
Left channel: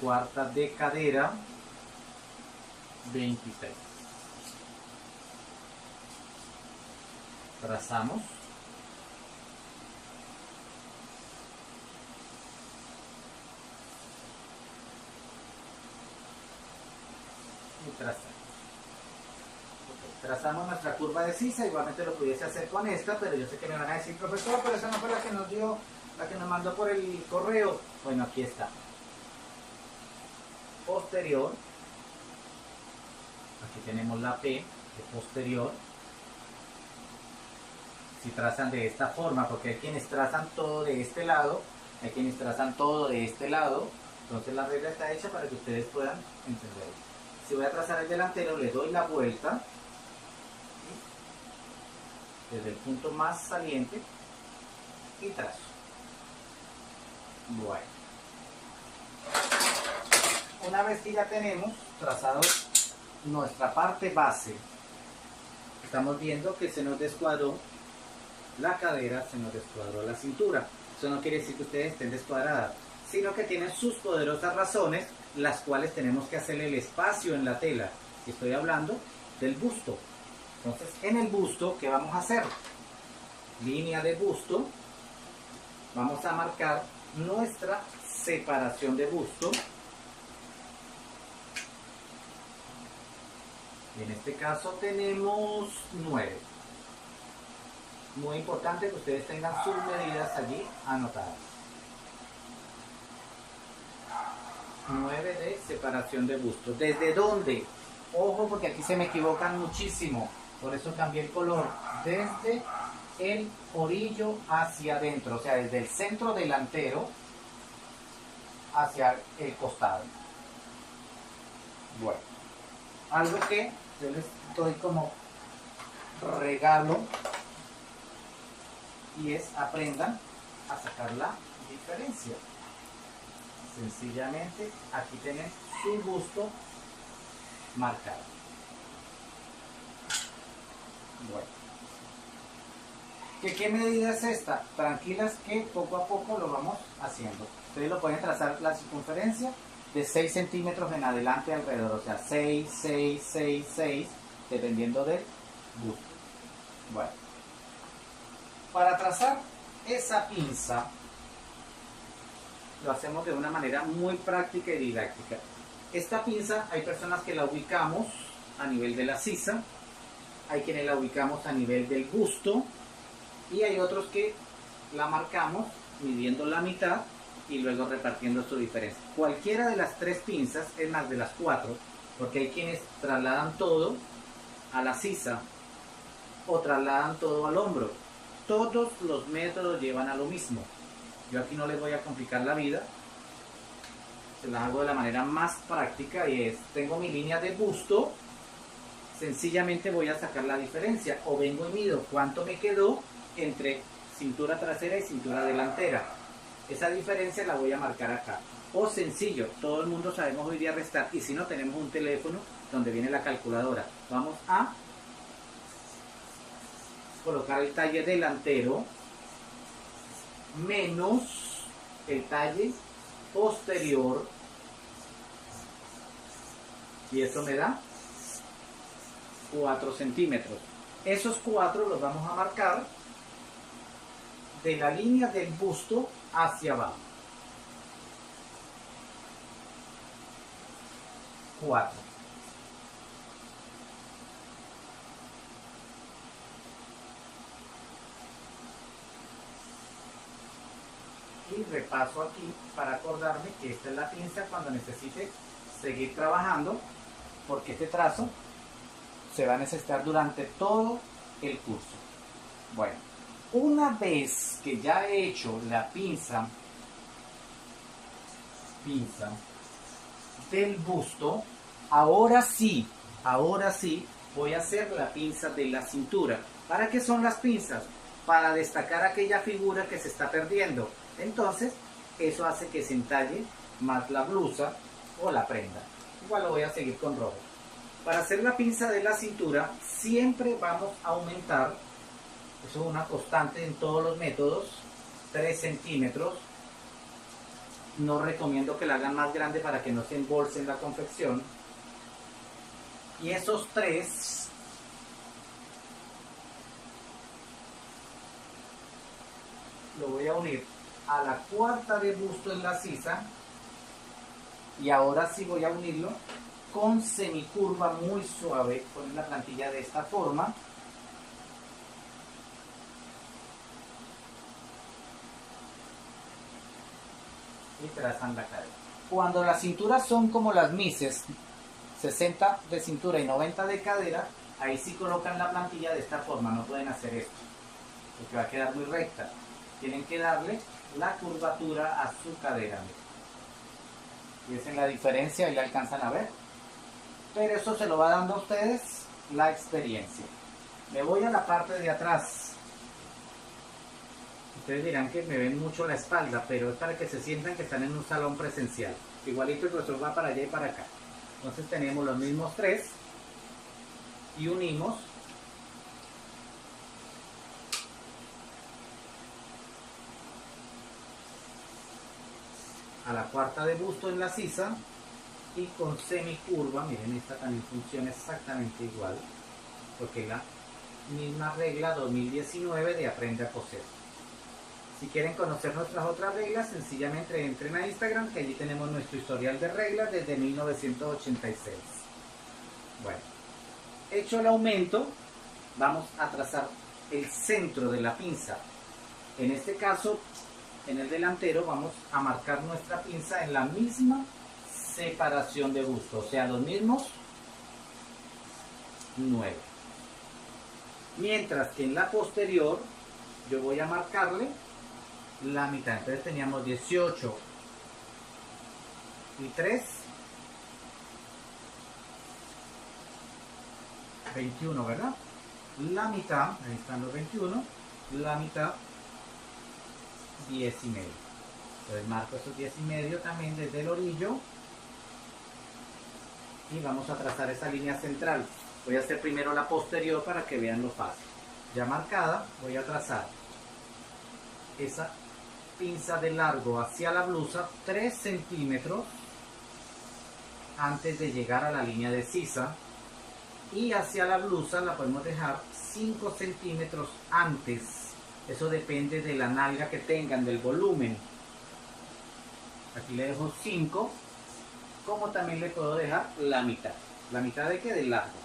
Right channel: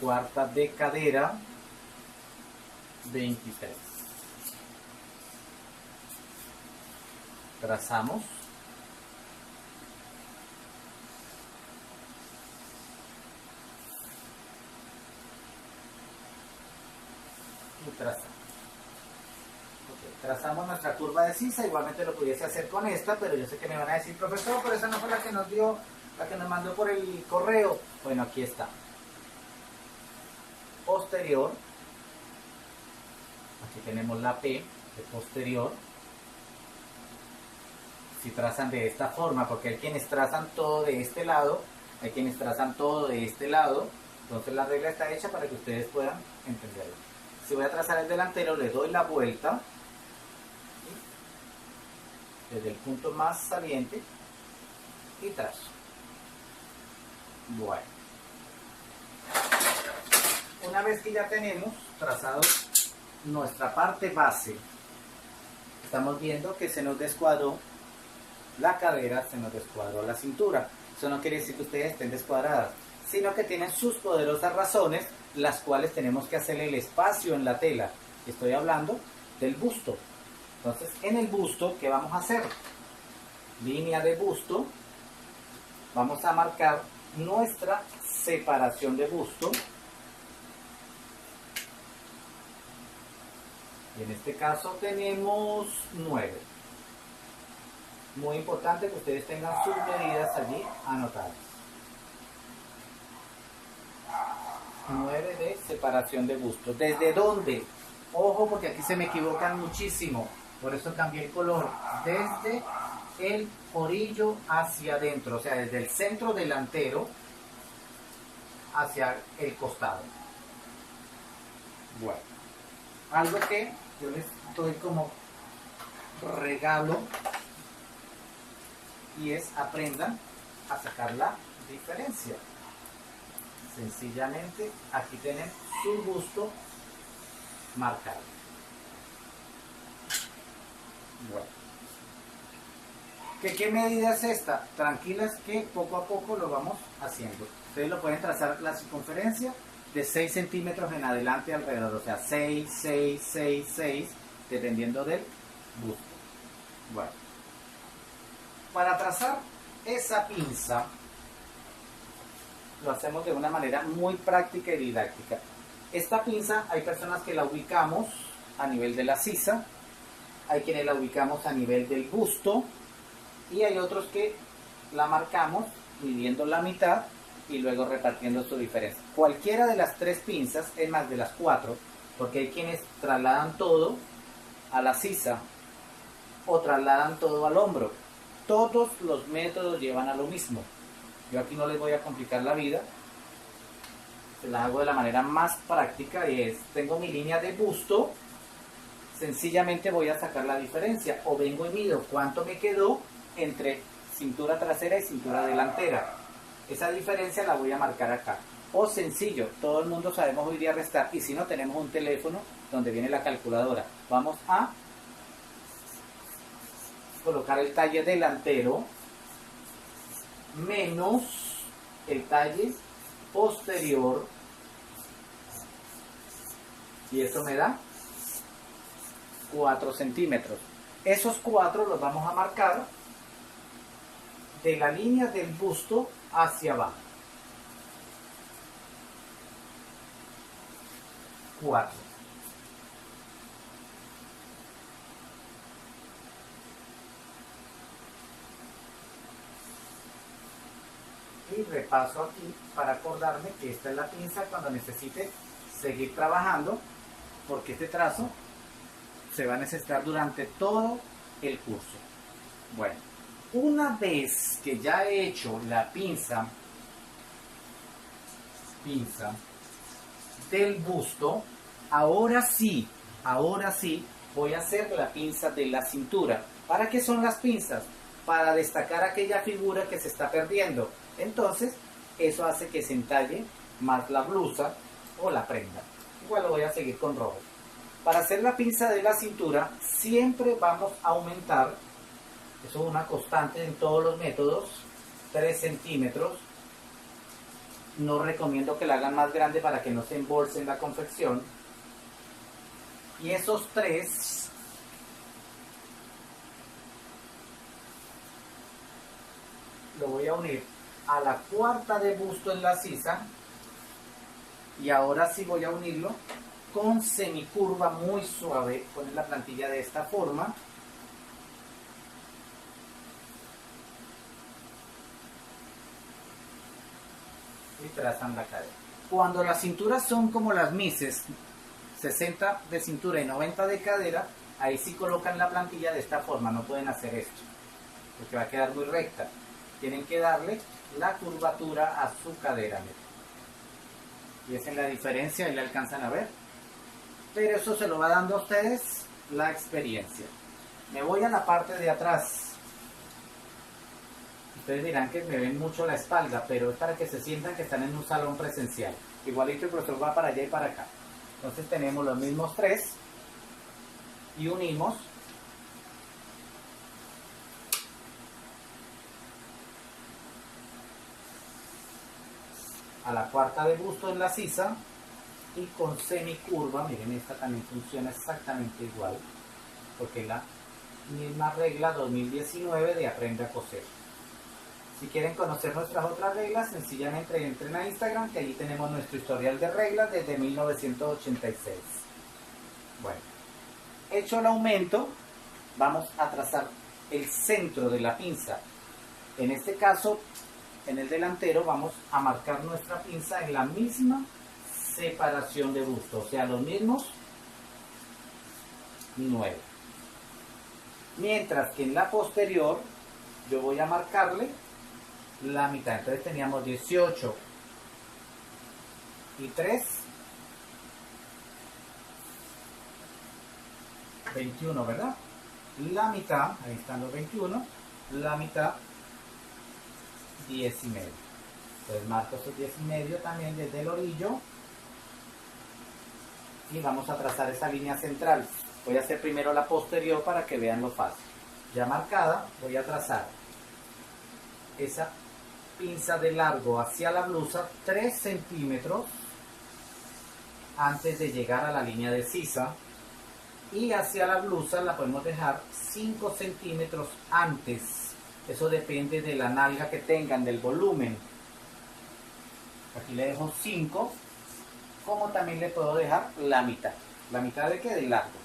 Cuarta de cadera, 26. Trazamos. Y trazamos. Okay. Trazamos nuestra curva de sisa, igualmente lo pudiese hacer con esta, pero yo sé que me van a decir, profesor, pero esa no fue la que nos dio, la que nos mandó por el correo. Bueno, aquí está. Posterior. Aquí tenemos la P de posterior. Si trazan de esta forma, porque hay quienes trazan todo de este lado, hay quienes trazan todo de este lado, entonces la regla está hecha para que ustedes puedan entenderlo. Si voy a trazar el delantero, le doy la vuelta desde el punto más saliente y trazo. Bueno, una vez que ya tenemos trazado nuestra parte base, estamos viendo que se nos descuadró la cadera, se nos descuadró la cintura. Eso no quiere decir que ustedes estén descuadradas, sino que tienen sus poderosas razones, las cuales tenemos que hacer el espacio en la tela. Estoy hablando del busto. Entonces, en el busto, ¿qué vamos a hacer? Línea de busto. Vamos a marcar nuestra separación de busto. Y en este caso tenemos 9. Muy importante que ustedes tengan sus medidas allí anotadas. 9 de separación de busto. ¿Desde dónde? Ojo, porque aquí se me equivocan muchísimo. Por eso cambié el color. Desde el orillo hacia adentro. O sea, desde el centro delantero hacia el costado. Bueno. Algo que yo les doy como regalo. Y es aprendan a sacar la diferencia. Sencillamente aquí tienen su busto marcado. Bueno. ¿Qué medida es esta? Tranquilas que poco a poco lo vamos haciendo. Ustedes lo pueden trazar la circunferencia de 6 centímetros en adelante alrededor. O sea, 6, 6, 6, 6, dependiendo del busto. Bueno. Para trazar esa pinza, lo hacemos de una manera muy práctica y didáctica. Esta pinza hay personas que la ubicamos a nivel de la sisa, hay quienes la ubicamos a nivel del busto y hay otros que la marcamos midiendo la mitad y luego repartiendo su diferencia. Cualquiera de las tres pinzas, es más de las 4, porque hay quienes trasladan todo a la sisa o trasladan todo al hombro. Todos los métodos llevan a lo mismo. Yo aquí no les voy a complicar la vida. Se las hago de la manera más práctica y es, tengo mi línea de busto, sencillamente voy a sacar la diferencia. O vengo y mido cuánto me quedó entre cintura trasera y cintura delantera. Esa diferencia la voy a marcar acá. O sencillo, todo el mundo sabemos hoy día restar, y si no, tenemos un teléfono donde viene la calculadora. Vamos a colocar el talle delantero menos el talle posterior, y esto me da 4 centímetros. Esos 4 los vamos a marcar de la línea del busto hacia abajo. 4. Y repaso aquí para acordarme que esta es la pinza cuando necesite seguir trabajando, porque este trazo se va a necesitar durante todo el curso. Bueno, una vez que ya he hecho la pinza del busto, ahora sí voy a hacer la pinza de la cintura. ¿Para qué son las pinzas? Para destacar aquella figura que se está perdiendo. Entonces, eso hace que se entalle más la blusa o la prenda. Igual lo voy a seguir con rojo. Para hacer la pinza de la cintura, siempre vamos a aumentar, eso es una constante en todos los métodos, 3 centímetros. No recomiendo que la hagan más grande para que no se embolse en la confección. Y esos 3 lo voy a unir a la cuarta de busto en la sisa, y ahora sí voy a unirlo con semicurva muy suave. Poner la plantilla de esta forma y trazan la cadera. Cuando las cinturas son como las mises, 60 de cintura y 90 de cadera, ahí sí colocan la plantilla de esta forma. No pueden hacer esto porque va a quedar muy recta. Tienen que darle la curvatura a su cadera. Y esa es la diferencia, y la alcanzan a ver. Pero eso se lo va dando a ustedes la experiencia. Me voy a la parte de atrás. Ustedes dirán que me ven mucho la espalda, pero es para que se sientan que están en un salón presencial. Igualito el profesor va para allá y para acá. Entonces tenemos los mismos 3 y unimos a la cuarta de busto en la sisa, y con semicurva, miren, esta también funciona exactamente igual, porque es la misma regla 2019 de Aprende a Coser. Si quieren conocer nuestras otras reglas, sencillamente entren a Instagram, que allí tenemos nuestro historial de reglas desde 1986. Bueno, hecho el aumento, vamos a trazar el centro de la pinza. En este caso, en el delantero vamos a marcar nuestra pinza en la misma separación de busto, o sea, los mismos 9. Mientras que en la posterior yo voy a marcarle la mitad. Entonces teníamos 18 y 3, 21, ¿verdad? La mitad, ahí están los 21, la mitad 10 y medio. Entonces marco estos 10 y medio también desde el orillo, y vamos a trazar esa línea central. Voy a hacer primero la posterior para que vean lo fácil. Ya marcada, voy a trazar esa pinza de largo hacia la blusa 3 centímetros antes de llegar a la línea de sisa, y hacia la blusa la podemos dejar 5 centímetros antes. Eso depende de la nalga que tengan, del volumen. Aquí le dejo 5, como también le puedo dejar la mitad. ¿La mitad de qué? Del largo.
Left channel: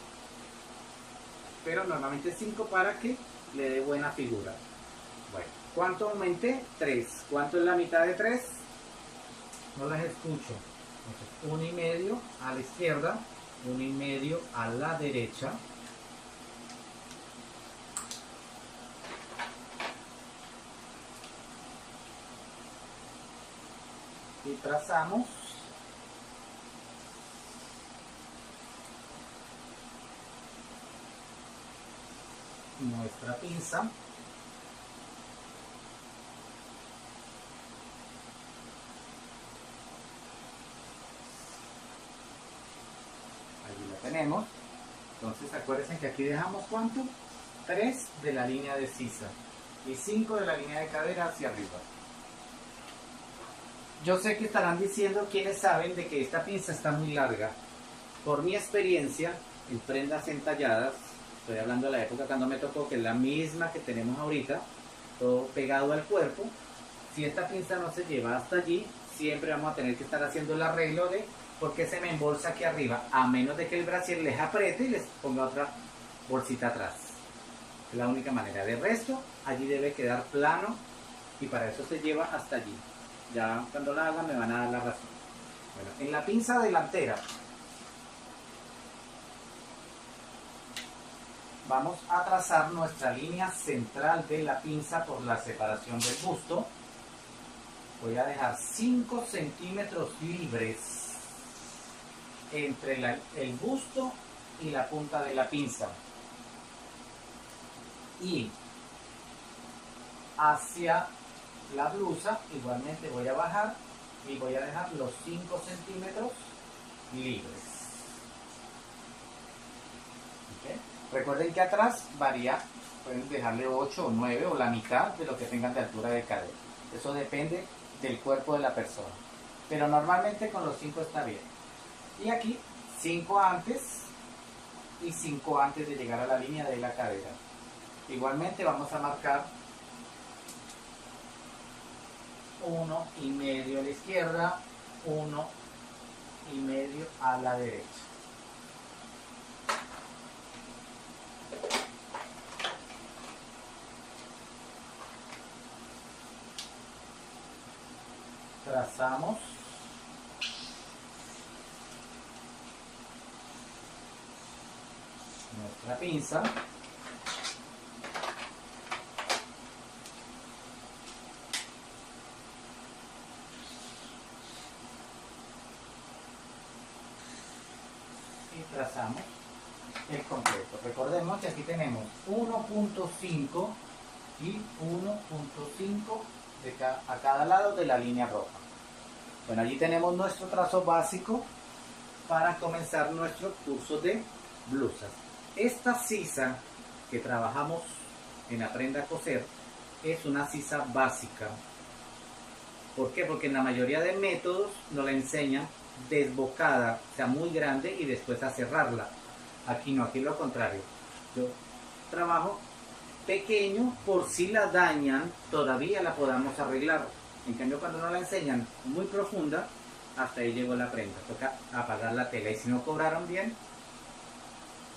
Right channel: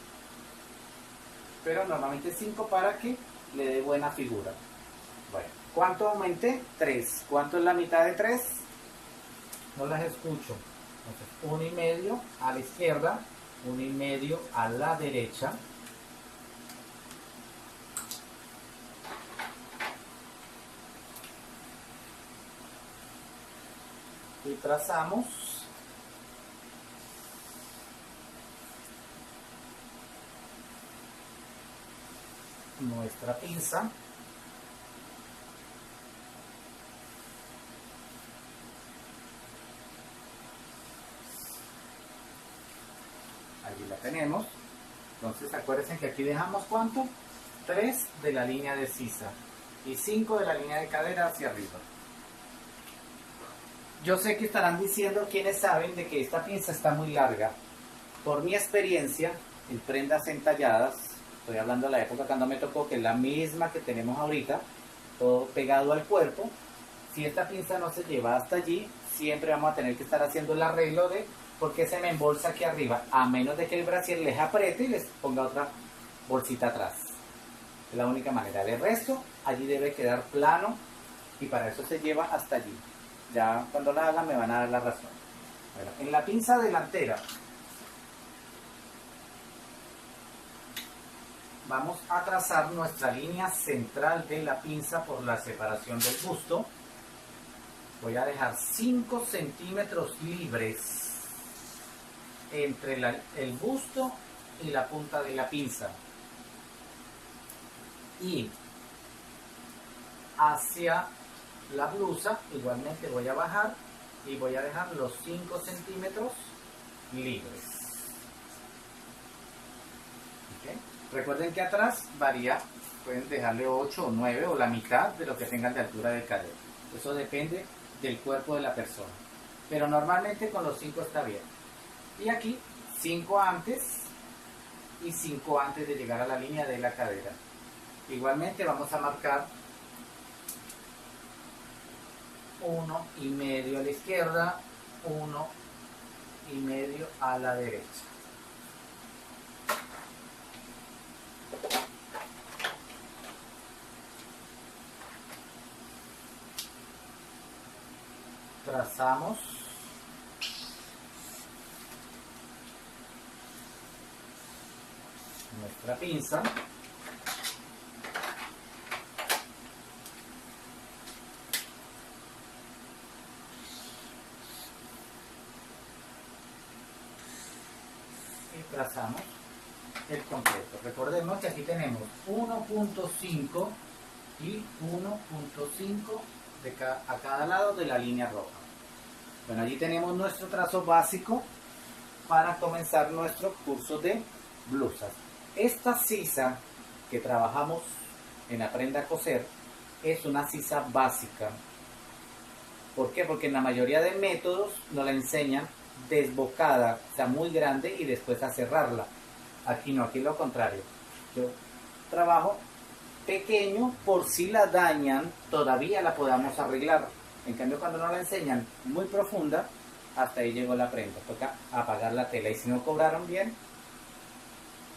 Pero normalmente 5 para que le dé buena figura. Bueno, ¿cuánto aumenté? 3. ¿Cuánto es la mitad de 3? No las escucho. Entonces, 1 y medio a la izquierda, 1 y medio a la derecha. Y trazamos nuestra pinza. tenemos. Entonces acuérdense que aquí dejamos ¿cuánto? 3 de la línea de sisa y 5 de la línea de cadera hacia arriba. Yo sé que estarán diciendo quienes saben de que esta pinza está muy larga. Por mi experiencia en prendas entalladas, estoy hablando de la época cuando me tocó, que es la misma que tenemos ahorita, todo pegado al cuerpo. Si esta pinza no se lleva hasta allí, siempre vamos a tener que estar haciendo el arreglo de porque se me embolsa aquí arriba, a menos de que el brasier les apriete y les ponga otra bolsita atrás. Es la única manera. De resto, allí debe quedar plano y para eso se lleva hasta allí. Ya cuando la hagan me van a dar la razón. Bueno, en la pinza delantera vamos a trazar nuestra línea central de la pinza por la separación del busto. Voy a dejar 5 centímetros libres entre el busto y la punta de la pinza. Y hacia la blusa igualmente voy a bajar y voy a dejar los 5 centímetros libres. ¿Okay? Recuerden que atrás varía, pueden dejarle 8 o 9 o la mitad de lo que tengan de altura de cadera. Eso depende del cuerpo de la persona, pero normalmente con los 5 está bien. Y aquí 5 antes y 5 antes de llegar a la línea de la cadera. Igualmente vamos a marcar 1,5 a la izquierda, 1,5 a la derecha. Trazamos nuestra pinza. Y trazamos el completo. Recordemos que aquí tenemos 1,5 y 1,5 a cada lado de la línea roja. Bueno, allí tenemos nuestro trazo básico para comenzar nuestro curso de blusas. Esta sisa que trabajamos en Aprenda a Coser es una sisa básica. ¿Por qué? Porque en la mayoría de métodos nos la enseñan desbocada, o sea, muy grande y después a cerrarla. Aquí no, aquí lo contrario. Yo trabajo pequeño por si la dañan, todavía la podamos arreglar. En cambio, cuando nos la enseñan muy profunda, hasta ahí llegó la prenda. Toca apagar la tela y si no cobraron bien,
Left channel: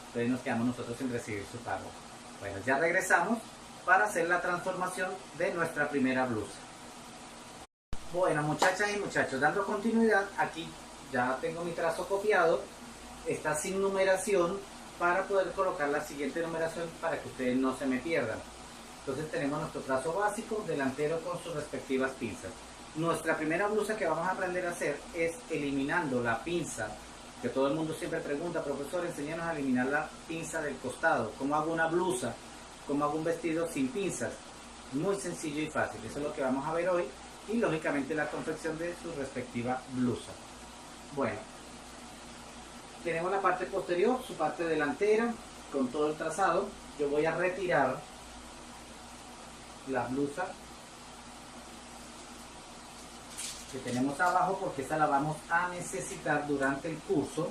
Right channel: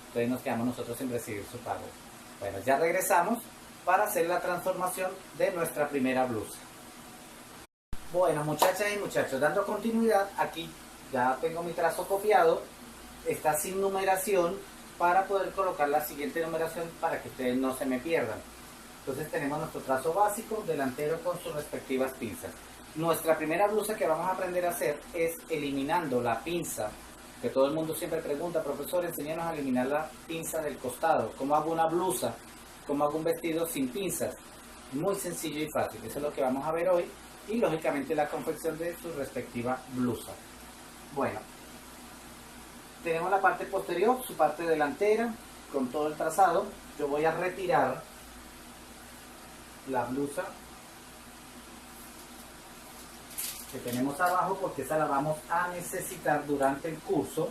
entonces nos quedamos nosotros sin recibir su pago. Bueno, ya regresamos para hacer la transformación de nuestra primera blusa. Bueno, muchachas y muchachos, dando continuidad, aquí ya tengo mi trazo copiado, está sin numeración para poder colocar la siguiente numeración para que ustedes no se me pierdan. Entonces tenemos nuestro trazo básico delantero con sus respectivas pinzas. Nuestra primera blusa que vamos a aprender a hacer es eliminando la pinza, que todo el mundo siempre pregunta, profesor, enséñanos a eliminar la pinza del costado. ¿Cómo hago una blusa? ¿Cómo hago un vestido sin pinzas? Muy sencillo y fácil, eso es lo que vamos a ver hoy. Y lógicamente la confección de su respectiva blusa. Bueno, tenemos la parte posterior, su parte delantera, con todo el trazado. Yo voy a retirar la blusa que tenemos abajo porque esa la vamos a necesitar durante el curso.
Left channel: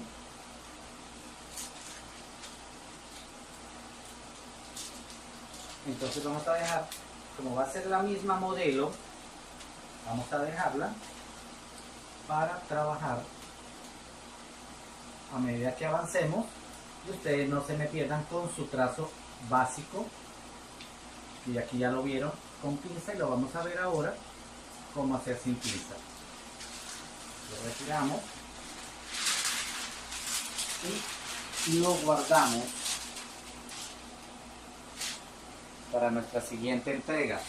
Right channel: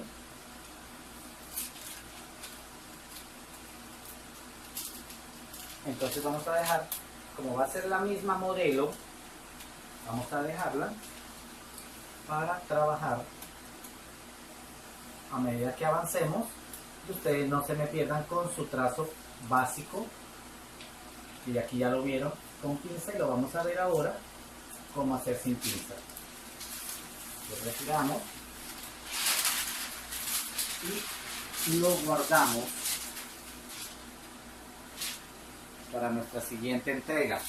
Entonces vamos a dejar, como va a ser la misma modelo, vamos a dejarla para trabajar a medida que avancemos y ustedes no se me pierdan con su trazo básico. Y aquí ya lo vieron con pinza y lo vamos a ver ahora cómo hacer sin pinza. Lo retiramos y lo guardamos para nuestra siguiente entrega.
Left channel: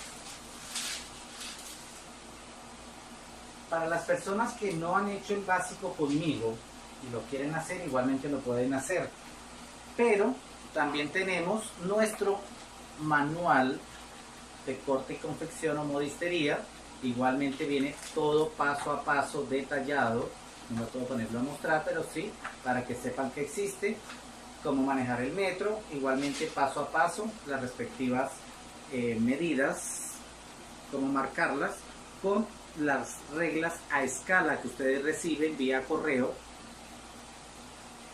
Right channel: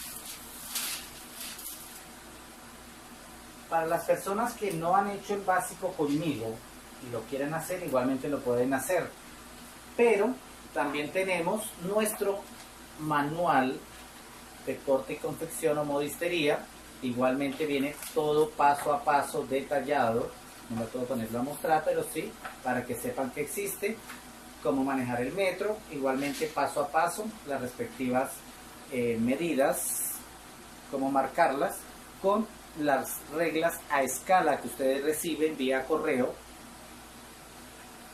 Para las personas que no han hecho el básico conmigo y lo quieren hacer, igualmente lo pueden hacer, pero también tenemos nuestro manual de corte y confección o modistería. Igualmente viene todo paso a paso detallado no me puedo ponerlo a mostrar, pero sí para que sepan que existe, cómo manejar el metro, igualmente paso a paso las respectivas medidas, cómo marcarlas con las reglas a escala que ustedes reciben vía correo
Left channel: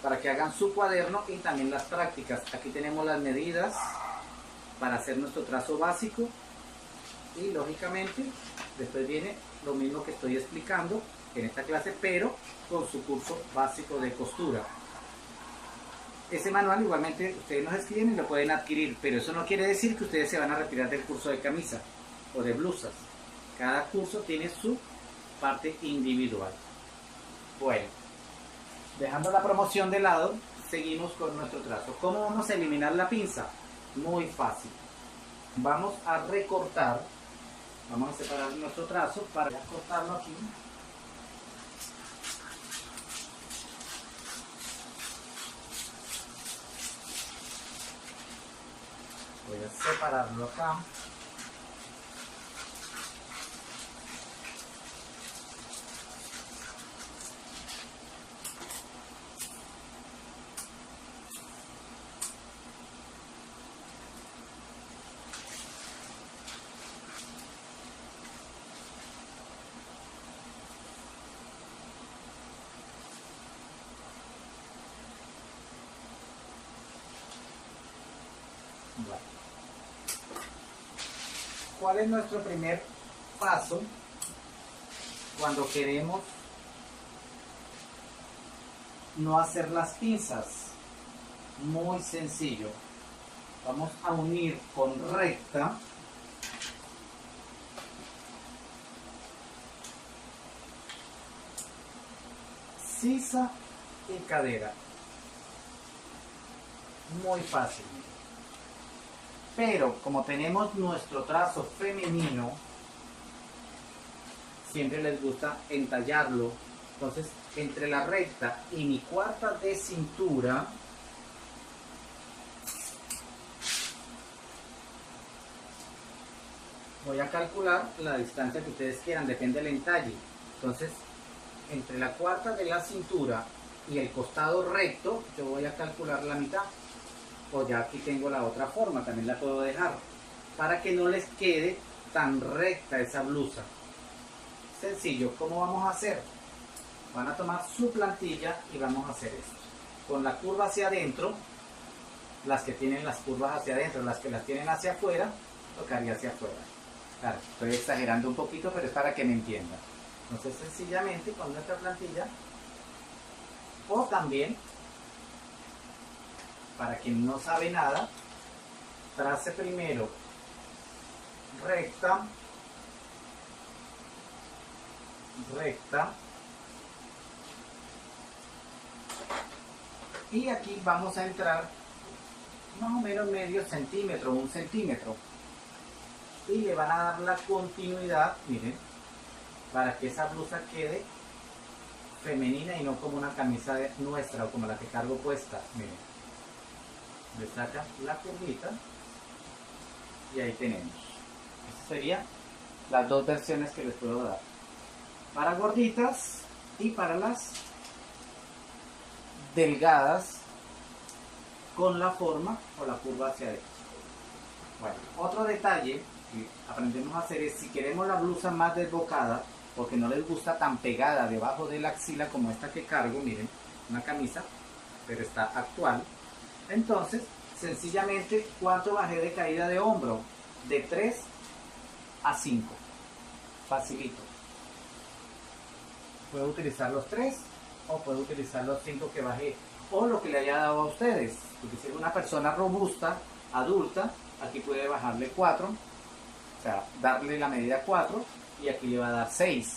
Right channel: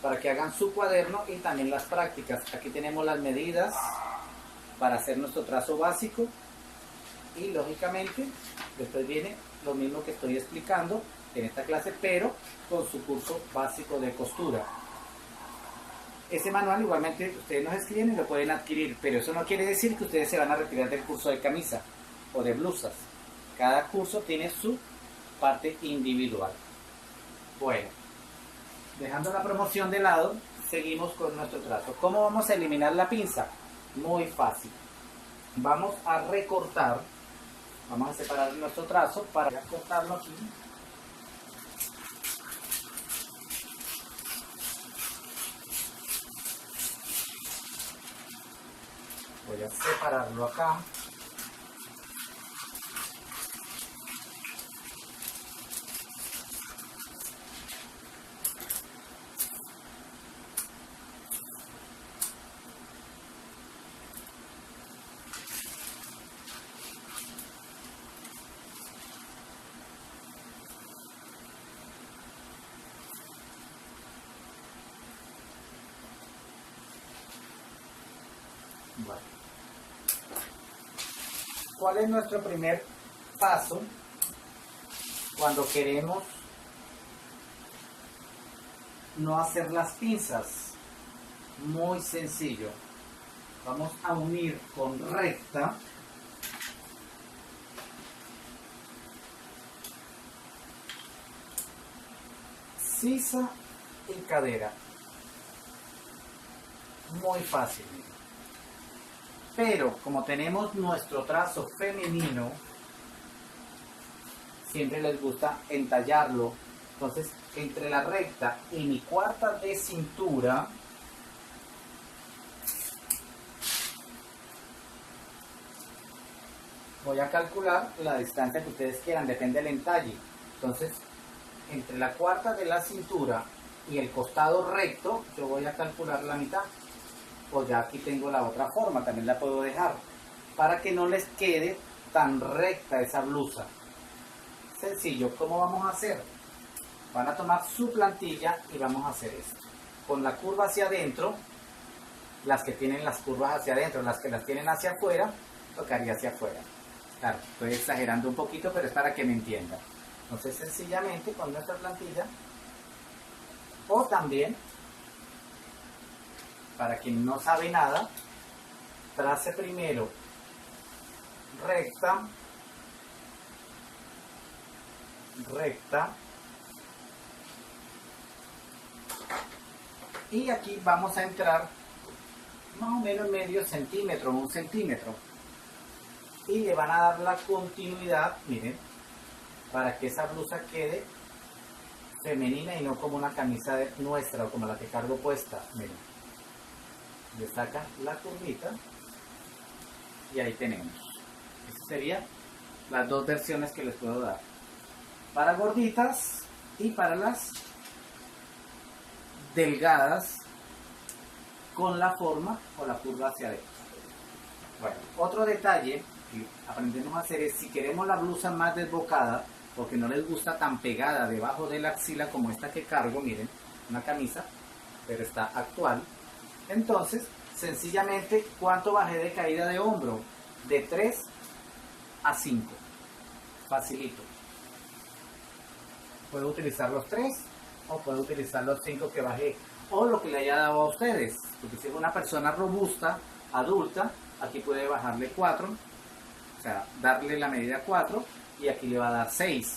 para que hagan su cuaderno, y también las prácticas. Aquí tenemos las medidas para hacer nuestro trazo básico, y lógicamente después viene lo mismo que estoy explicando en esta clase, pero con su curso básico de costura. Ese manual igualmente ustedes nos escriben y lo pueden adquirir, pero eso no quiere decir que ustedes se van a retirar del curso de camisa o de blusas. Cada curso tiene su parte individual. Bueno, dejando la promoción de lado, seguimos con nuestro trazo. ¿Cómo vamos a eliminar la pinza? Muy fácil. Vamos a recortar, vamos a separar nuestro trazo para cortarlo aquí. Voy a separarlo acá. Bueno. ¿Cuál es nuestro primer paso cuando queremos no hacer las pinzas? Muy sencillo. Vamos a unir con recta sisa y cadera. Muy fácil. Pero como tenemos nuestro trazo femenino, siempre les gusta entallarlo. Entonces, entre la recta y mi cuarta de cintura, voy a calcular la distancia que ustedes quieran, depende del entalle. Entonces, entre la cuarta de la cintura y el costado recto, yo voy a calcular la mitad. O ya aquí tengo la otra forma, también la puedo dejar, para que no les quede tan recta esa blusa. Sencillo. ¿Cómo vamos a hacer? Van a tomar su plantilla y vamos a hacer esto. Con la curva hacia adentro, las que tienen las curvas hacia adentro, las que las tienen hacia afuera, tocaría hacia afuera. Claro, estoy exagerando un poquito, pero es para que me entiendan. Entonces, sencillamente con nuestra plantilla, o también, para quien no sabe nada, trace primero recta, recta, y aquí vamos a entrar más o menos medio centímetro, 1 centímetro, y le van a dar la continuidad, miren, para que esa blusa quede femenina y no como una camisa nuestra o como la que cargo puesta. Miren, le sacan la curvita y ahí tenemos. Esas serían las dos versiones que les puedo dar, para gorditas y para las delgadas con la forma o la curva hacia adentro. Bueno, otro detalle que aprendemos a hacer es, si queremos la blusa más desbocada, porque no les gusta tan pegada debajo de la axila como esta que cargo, miren, una camisa, pero está actual. Entonces, sencillamente, ¿cuánto bajé de caída de hombro? De 3 a 5. Facilito. Puedo utilizar los 3 o puedo utilizar los 5 que bajé, o lo que le haya dado a ustedes, porque si es una persona robusta, adulta, aquí puede bajarle 4, o sea, darle la medida 4, y aquí le va a dar 6.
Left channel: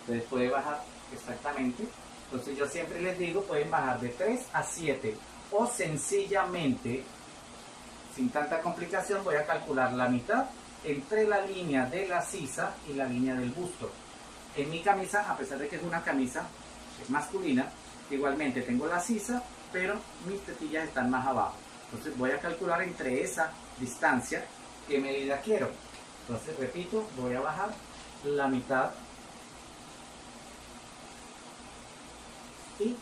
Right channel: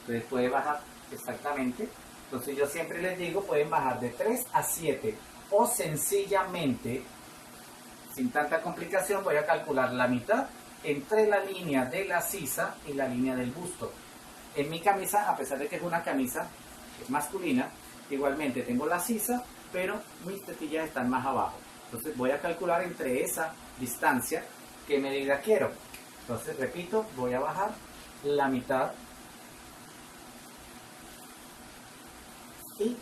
Entonces puede bajar exactamente. Entonces yo siempre les digo, pueden bajar de 3 a 7, o sencillamente, sin tanta complicación, voy a calcular la mitad entre la línea de la sisa y la línea del busto. En mi camisa, a pesar de que es una camisa masculina, igualmente tengo la sisa, pero mis tetillas están más abajo. Entonces voy a calcular entre esa distancia qué medida quiero. Entonces, repito, voy a bajar la mitad y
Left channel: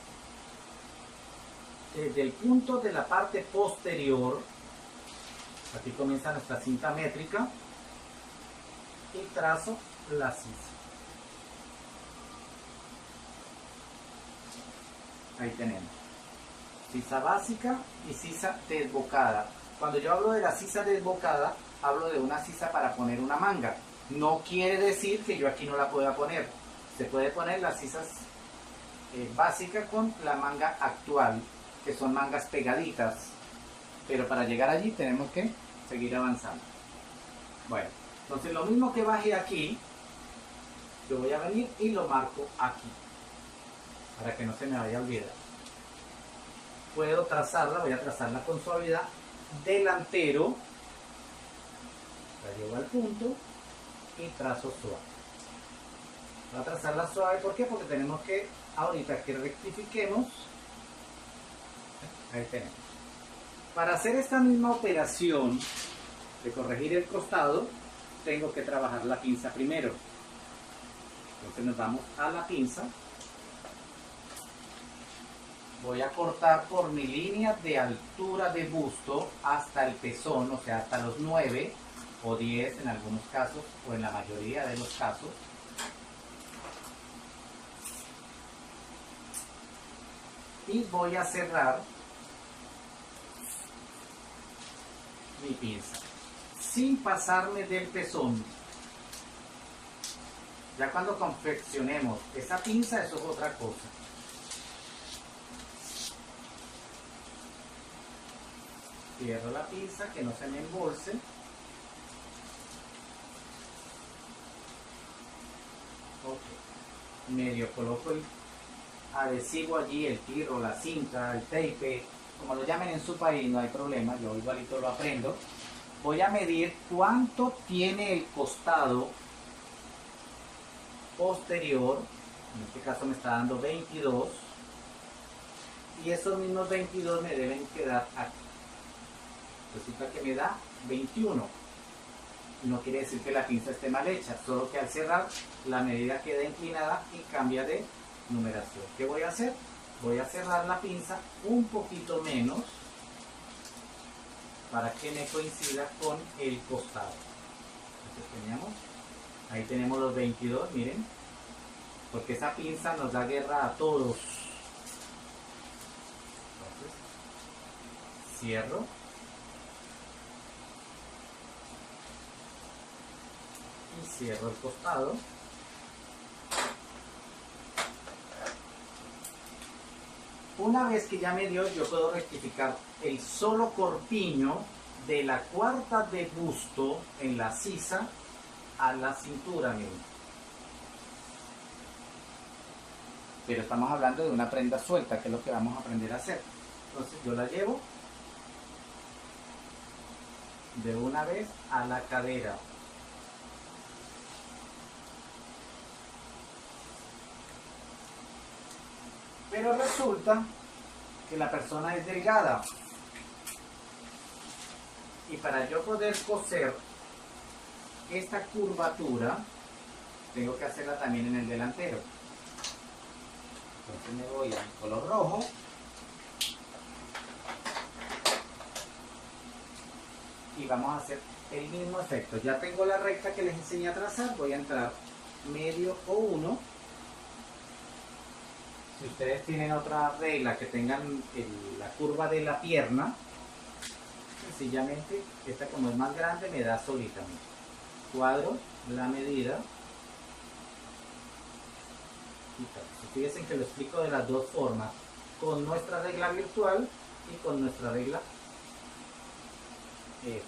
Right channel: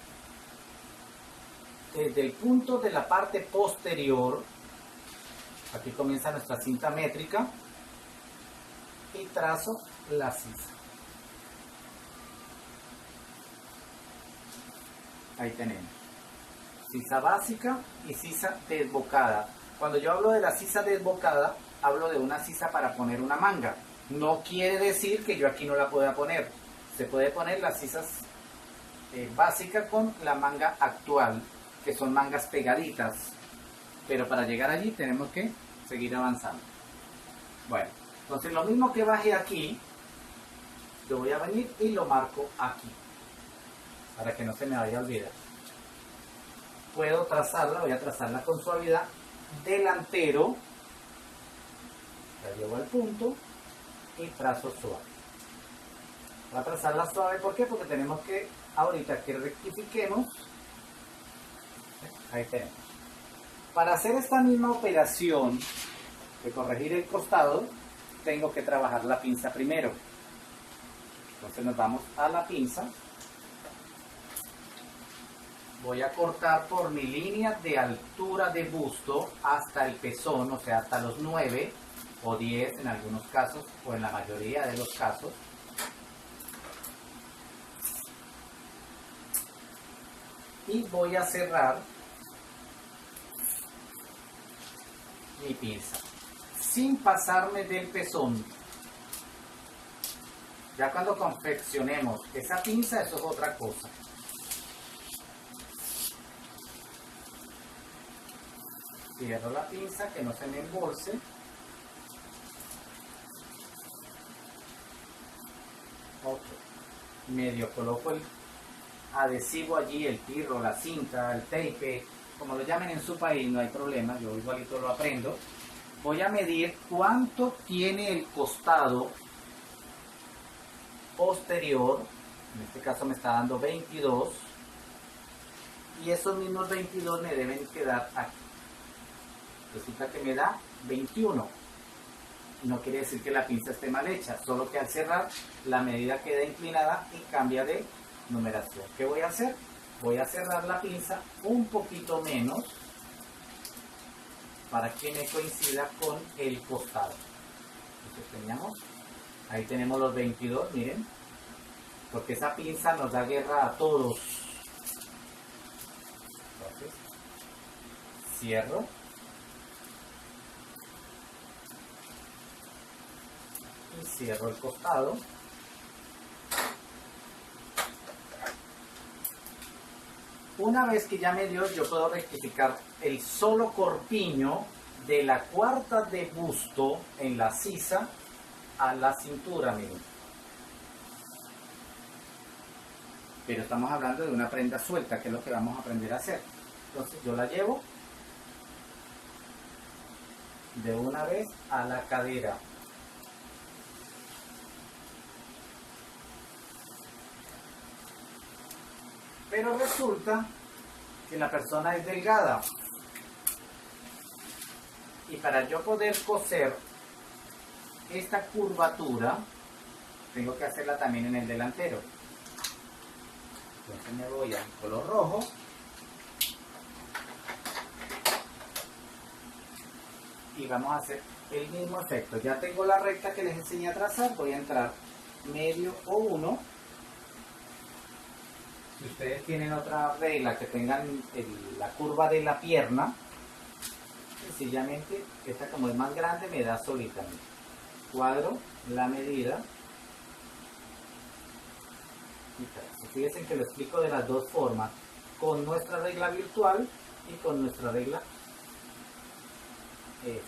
desde el punto de la parte posterior, aquí comienza nuestra cinta métrica, y trazo la sisa. Ahí tenemos sisa básica y sisa desbocada. Cuando yo hablo de la sisa desbocada, hablo de una sisa para poner una manga. No quiere decir que yo aquí no la pueda poner. Se puede poner las sisas básicas con la manga actual, que son mangas pegaditas. Pero para llegar allí tenemos que seguir avanzando. Bueno, entonces lo mismo que bajé aquí, yo voy a venir y lo marco aquí, para que no se me vaya a olvidar. Puedo trazarla, voy a trazarla con suavidad, delantero, la llevo al punto y trazo suave. Voy a trazarla suave, ¿por qué? Porque tenemos que, ahorita que rectifiquemos, ahí tenemos. Para hacer esta misma operación de corregir el costado, tengo que trabajar la pinza primero. Entonces nos vamos a la pinza. Voy a cortar por mi línea de altura de busto hasta el pezón, o sea, hasta los 9 o 10 en algunos casos, o en la mayoría de los casos. Y voy a cerrar mi pinza, sin pasarme del pezón. Ya cuando confeccionemos esa pinza, eso es otra cosa. Cierro la pinza, que no se me embolse. Ok. Medio coloco el adhesivo allí, el pirro, la cinta, el tape, como lo llamen en su país, no hay problema, yo igualito lo aprendo. Voy a medir cuánto tiene el costado posterior, en este caso me está dando 22, y esos mismos 22 me deben quedar aquí. Resulta que me da 21. No quiere decir que la pinza esté mal hecha, solo que al cerrar la medida queda inclinada y cambia de numeración. ¿Qué voy a hacer? Voy a cerrar la pinza un poquito menos para que me coincida con el costado. Entonces ahí tenemos los 22, miren, porque esa pinza nos da guerra a todos. Entonces, cierro. Y cierro el costado. Una vez que ya me dio, yo puedo rectificar el solo corpiño de la cuarta de busto en la sisa a la cintura, miren. Pero estamos hablando de una prenda suelta, que es lo que vamos a aprender a hacer. Entonces yo la llevo de una vez a la cadera. Pero resulta que la persona es delgada. Y para yo poder coser esta curvatura, tengo que hacerla también en el delantero. Entonces me voy al color rojo. Y vamos a hacer el mismo efecto. Ya tengo la recta que les enseñé a trazar. Voy a entrar medio o 1. Si ustedes tienen otra regla que tengan la curva de la pierna, sencillamente esta, como es más grande, me da solita. Cuadro la medida y trazo. Fíjense que lo explico de las dos formas, con nuestra regla virtual y con nuestra regla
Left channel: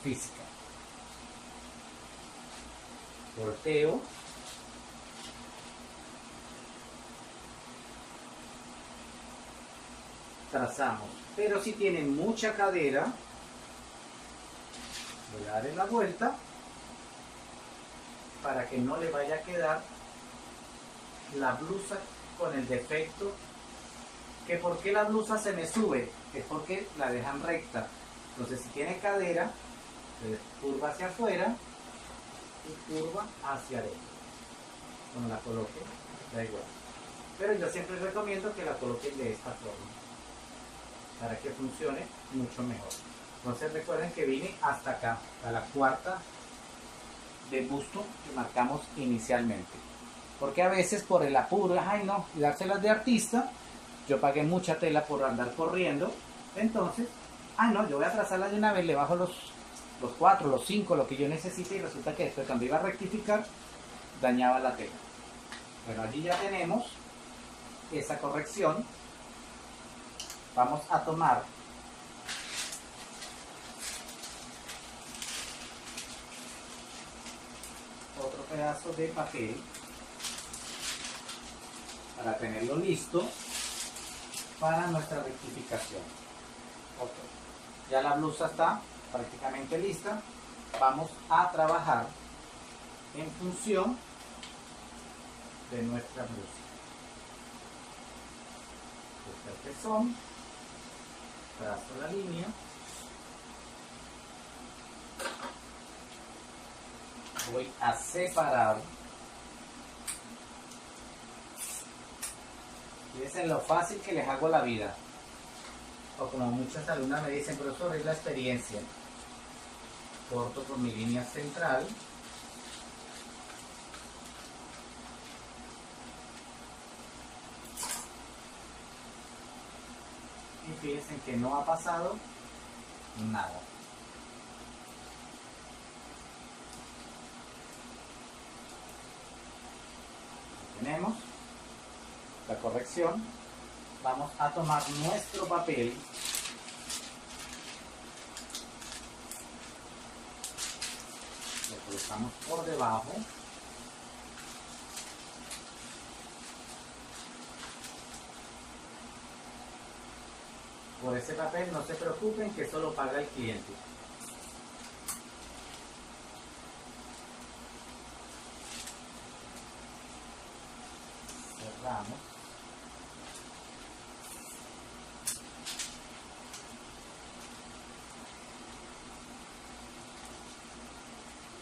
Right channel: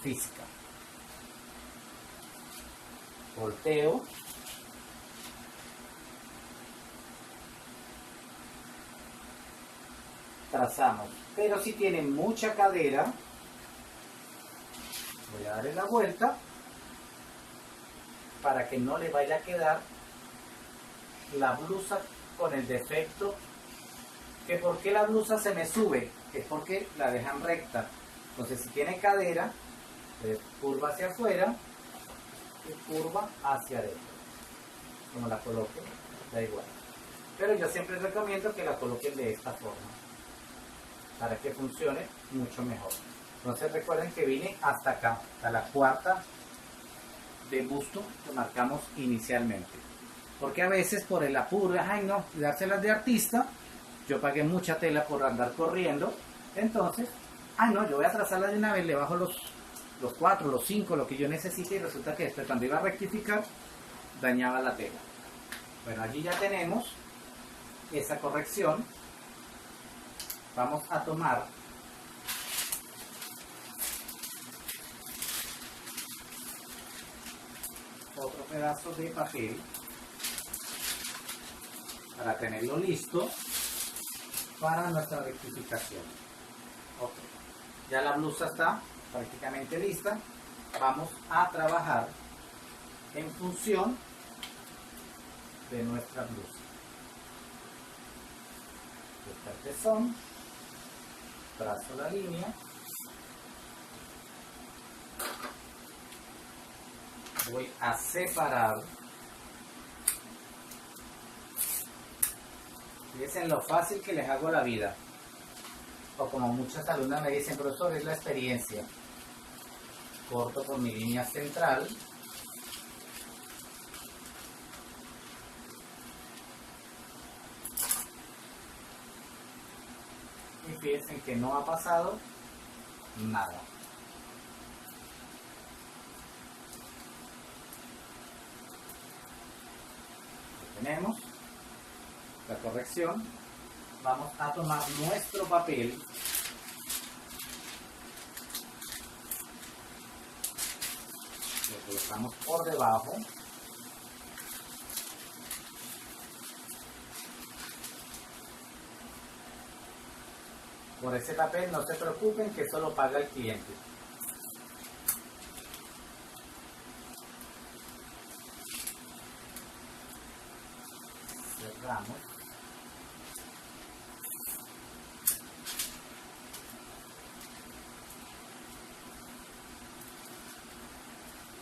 física. Volteo. Trazamos, pero si tienen mucha cadera, voy a darle la vuelta para que no le vaya a quedar la blusa con el defecto. Que por qué la blusa se me sube, es porque la dejan recta. Entonces si tiene cadera, curva hacia afuera y curva hacia adentro. Como la coloque, da igual. pero yo siempre recomiendo que la coloquen de esta forma para que funcione mucho mejor. Entonces recuerden que vine hasta acá, a la cuarta de busto que marcamos inicialmente, porque a veces por el apuro, ay no, y dárselas de artista, yo pagué mucha tela por andar corriendo, entonces, ay no, yo voy a trazarlas de una vez, le bajo los 4, los 5, lo que yo necesite, y resulta que después cuando iba a rectificar, dañaba la tela. Bueno, allí ya tenemos esa corrección. Vamos a tomar otro pedazo de papel para tenerlo listo para nuestra rectificación. Ok, ya la blusa está prácticamente lista. Vamos a trabajar en función de nuestra blusa. Busca el pezón, trazo la línea, voy a separar. Fíjense lo fácil que les hago la vida, o como muchas alumnas me dicen, profesor, es la experiencia. Corto por mi línea central, y fíjense que no ha pasado nada. Ahí tenemos la corrección. Vamos a tomar nuestro papel lo colocamos por debajo, por ese papel no se preocupen que eso lo paga el cliente. Cerramos.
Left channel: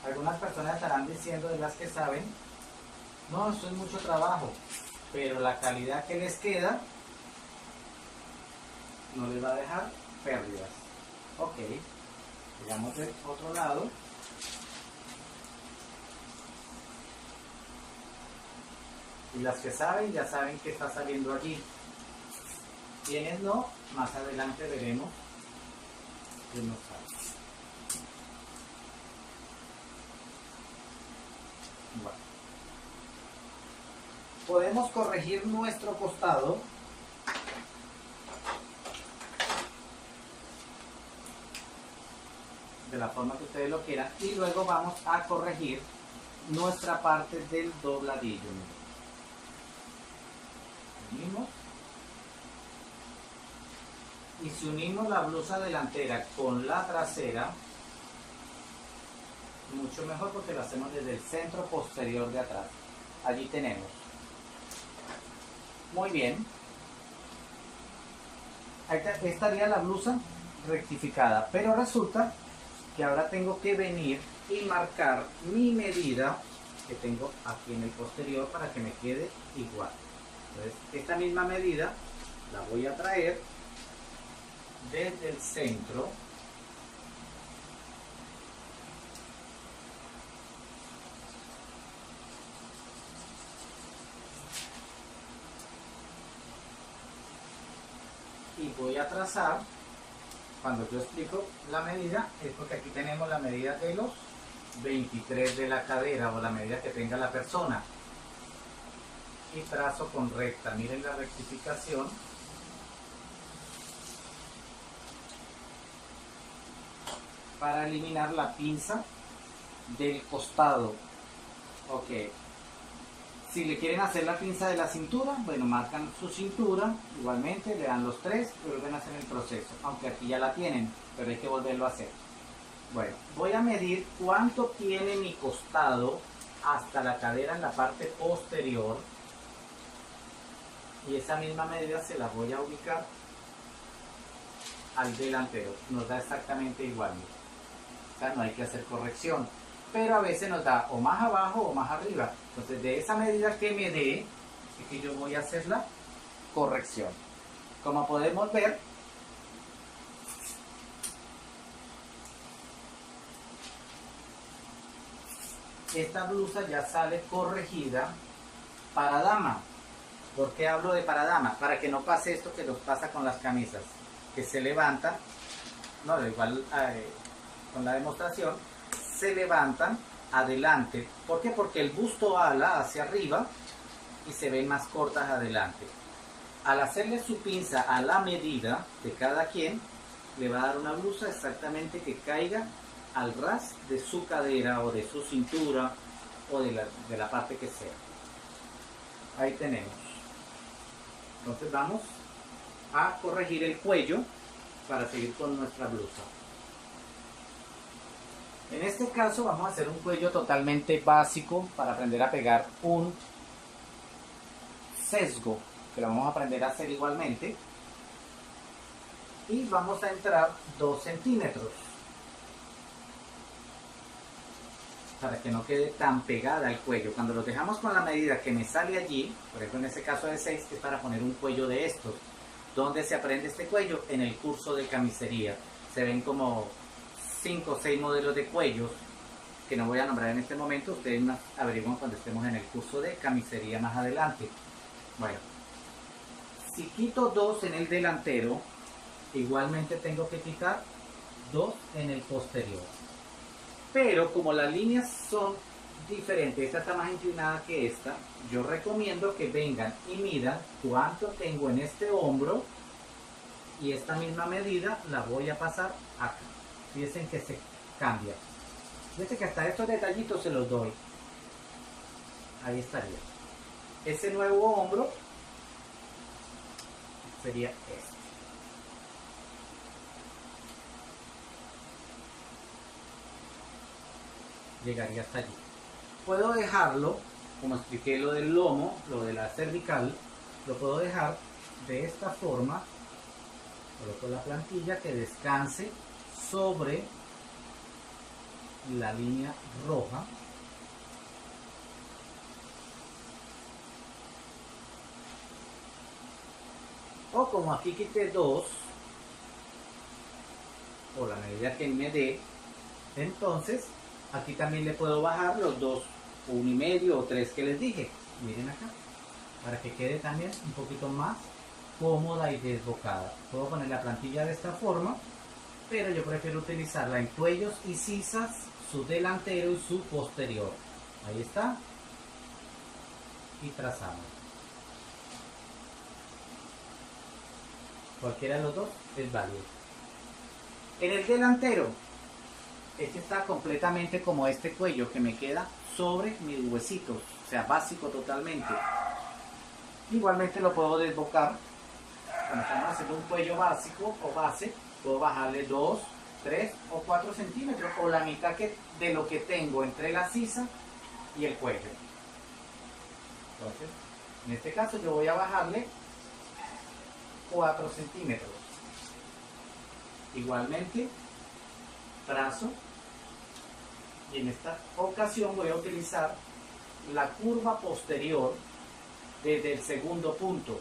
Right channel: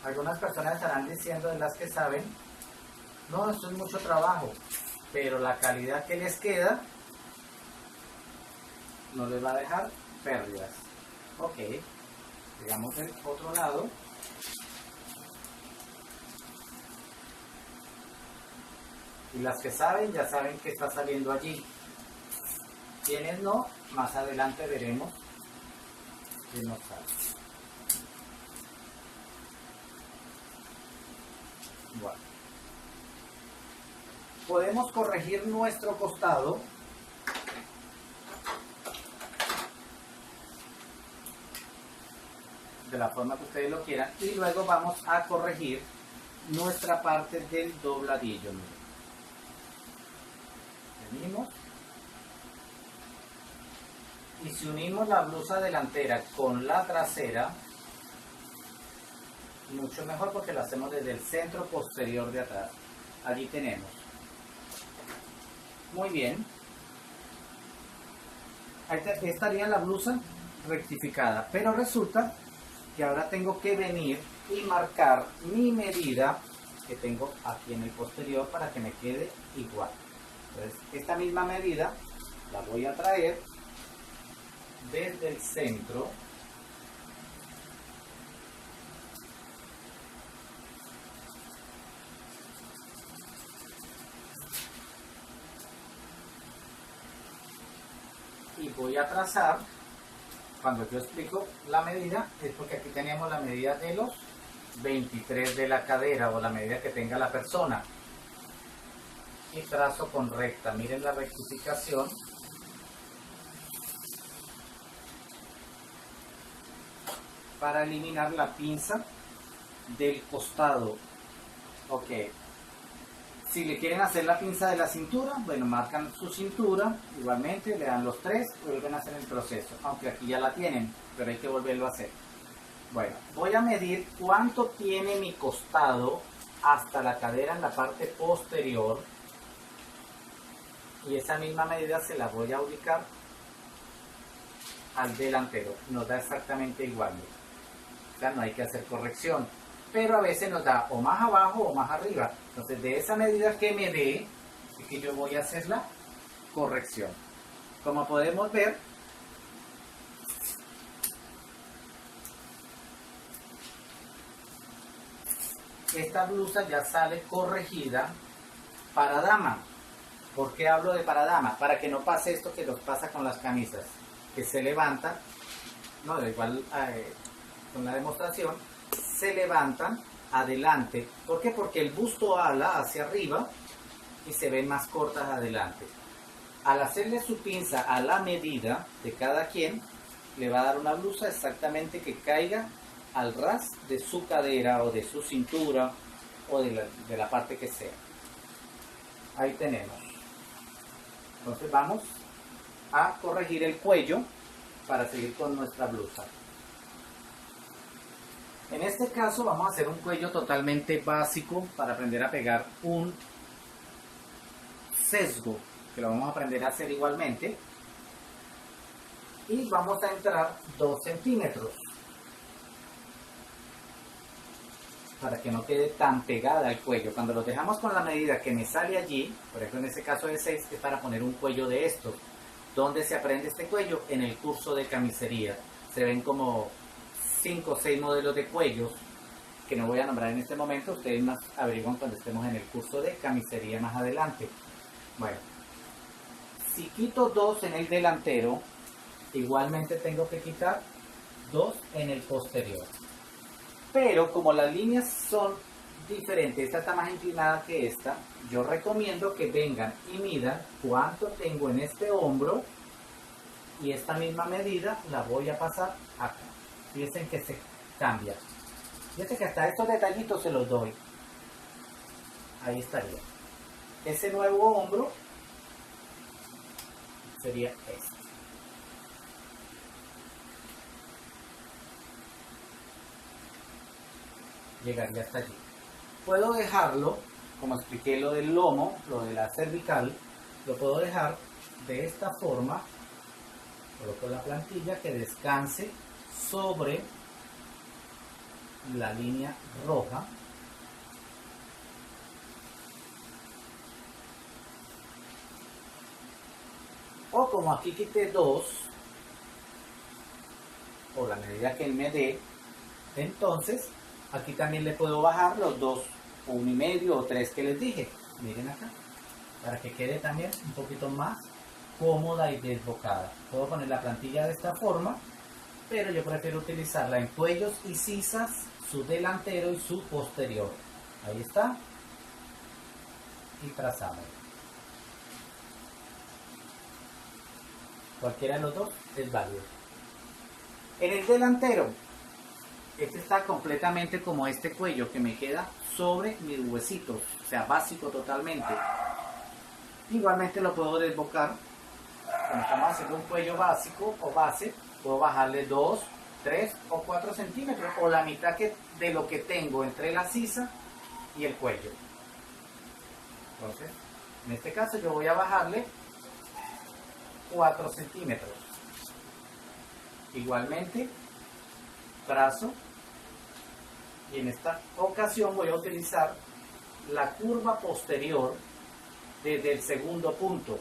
Algunas personas estarán diciendo, de las que saben, no, esto es mucho trabajo, pero la calidad que les queda no les va a dejar pérdidas. Ok, digamos del otro lado. Y las que saben, ya saben que está saliendo allí. Quienes no, más adelante veremos que nos sale. Bueno, podemos corregir nuestro costado de la forma que ustedes lo quieran, y luego vamos a corregir nuestra parte del dobladillo. Venimos, y si unimos la blusa delantera con la trasera, mucho mejor, porque lo hacemos desde el centro posterior de atrás. Allí tenemos. Muy bien. Ahí estaría la blusa rectificada, pero resulta que ahora tengo que venir y marcar mi medida que tengo aquí en el posterior para que me quede igual. Entonces, esta misma medida la voy a traer desde el centro y voy a trazar. Cuando yo explico la medida es porque aquí tenemos la medida de los 23 de la cadera, o la medida que tenga la persona, y trazo con recta. Miren la rectificación. Para eliminar la pinza del costado. Ok, si le quieren hacer la pinza de la cintura, bueno, marcan su cintura, igualmente le dan los 3 y vuelven a hacer el proceso, aunque aquí ya la tienen, pero hay que volverlo a hacer. Bueno, voy a medir cuánto tiene mi costado hasta la cadera en la parte posterior, y esa misma medida se la voy a ubicar al delantero. Nos da exactamente igual, o sea, no hay que hacer corrección, pero a veces nos da o más abajo o más arriba. Entonces, de esa medida que me dé, Así que yo voy a hacer la corrección. Como podemos ver, esta blusa ya sale corregida para dama. ¿Por qué hablo de para dama? Para que no pase esto que nos pasa con las camisas, que se levantan, no, igual con la demostración, se levantan adelante. ¿Por qué? Porque el busto ala hacia arriba y se ven más cortas adelante. Al hacerle su pinza a la medida de cada quien, le va a dar una blusa exactamente que caiga al ras de su cadera o de su cintura o de la parte que sea. Ahí tenemos. Entonces vamos a corregir el cuello para seguir con nuestra blusa. En este caso vamos a hacer un cuello totalmente básico para aprender a pegar un sesgo, que lo vamos a aprender a hacer igualmente. Y vamos a entrar 2 centímetros para que no quede tan pegada al cuello. Cuando lo dejamos con la medida que me sale allí, por ejemplo en este caso de 6, es para poner un cuello de estos. ¿Dónde se aprende este cuello? En el curso de camisería. Se ven como 5 o 6 modelos de cuellos que no voy a nombrar en este momento. Ustedes más averiguan cuando estemos en el curso de camisería más adelante. Bueno, si quito 2 en el delantero, igualmente tengo que quitar 2 en el posterior. Pero como las líneas son diferentes, esta está más inclinada que esta, yo recomiendo que vengan y midan cuánto tengo en este hombro y esta misma medida la voy a pasar acá. Fíjense que se cambia. Fíjense que hasta estos detallitos se los doy. Ahí estaría. Ese nuevo hombro sería este. Llegaría hasta allí. Puedo dejarlo, como expliqué lo del lomo, lo de la cervical, lo puedo dejar de esta forma. Coloco la plantilla que descanse sobre la línea roja. O como aquí quité 2, o la medida que me dé, entonces aquí también le puedo bajar los 2, 1,5 o 3 que les dije. Miren acá, para que quede también un poquito más cómoda y desbocada. Puedo poner la plantilla de esta forma, pero yo prefiero utilizarla en cuellos y sisas, su delantero y su posterior. Ahí está. Y trazamos. Cualquiera de los dos es válido. En el delantero, este está completamente como este cuello que me queda sobre mis huesitos, o sea, básico totalmente. Igualmente lo puedo desbocar. Cuando estamos haciendo un cuello básico o base, puedo bajarle 2, 3 o 4 centímetros o la mitad de lo que tengo entre la sisa y el cuello. Entonces, en este caso yo voy a bajarle 4 centímetros. Igualmente, trazo, y en esta ocasión voy a utilizar la curva posterior desde el segundo punto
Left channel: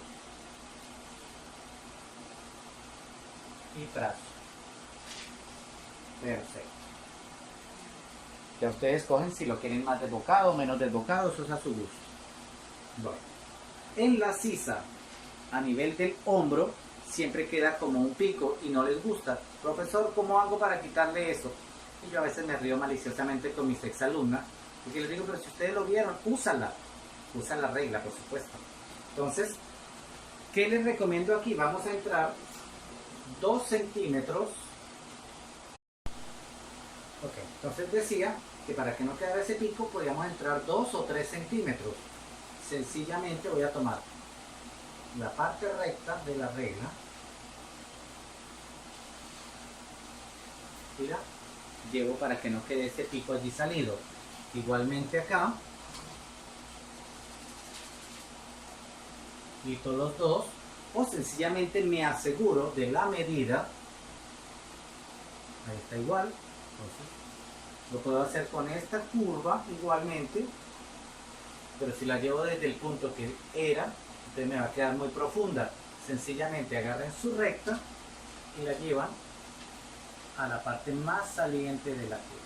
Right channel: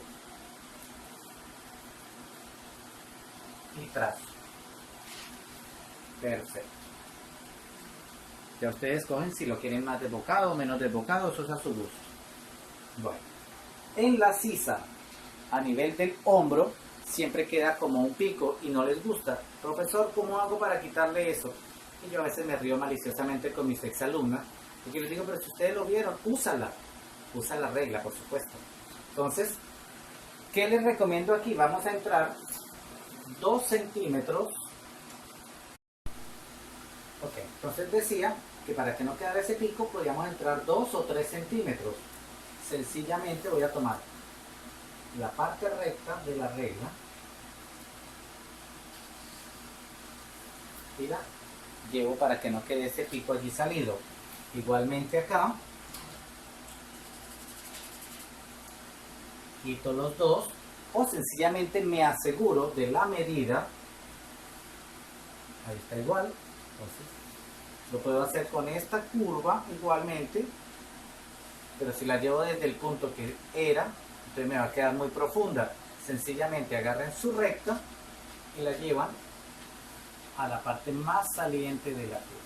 y trazo. Perfecto. Ya ustedes escogen si lo quieren más desbocado o menos desbocado, eso es a su gusto. Bueno, en la sisa a nivel del hombro siempre queda como un pico y no les gusta. Profesor, ¿cómo hago para quitarle eso? Y yo a veces me río maliciosamente con mis exalumnas, porque les digo, pero si ustedes lo vieron, úsala. Usa la regla, por supuesto. Entonces, ¿qué les recomiendo aquí? Vamos a entrar 2 centímetros. Ok, entonces decía que para que no quedara ese pico, podíamos entrar 2 o 3 centímetros. Sencillamente voy a tomar la parte recta de la regla y la llevo para que no quede ese pico allí salido. Igualmente acá quito los 2 o sencillamente me aseguro de la medida. Ahí está igual. Entonces lo puedo hacer con esta curva igualmente, pero si la llevo desde el punto que era, entonces me va a quedar muy profunda. Sencillamente agarren su recta y la llevan a la parte más saliente de la curva.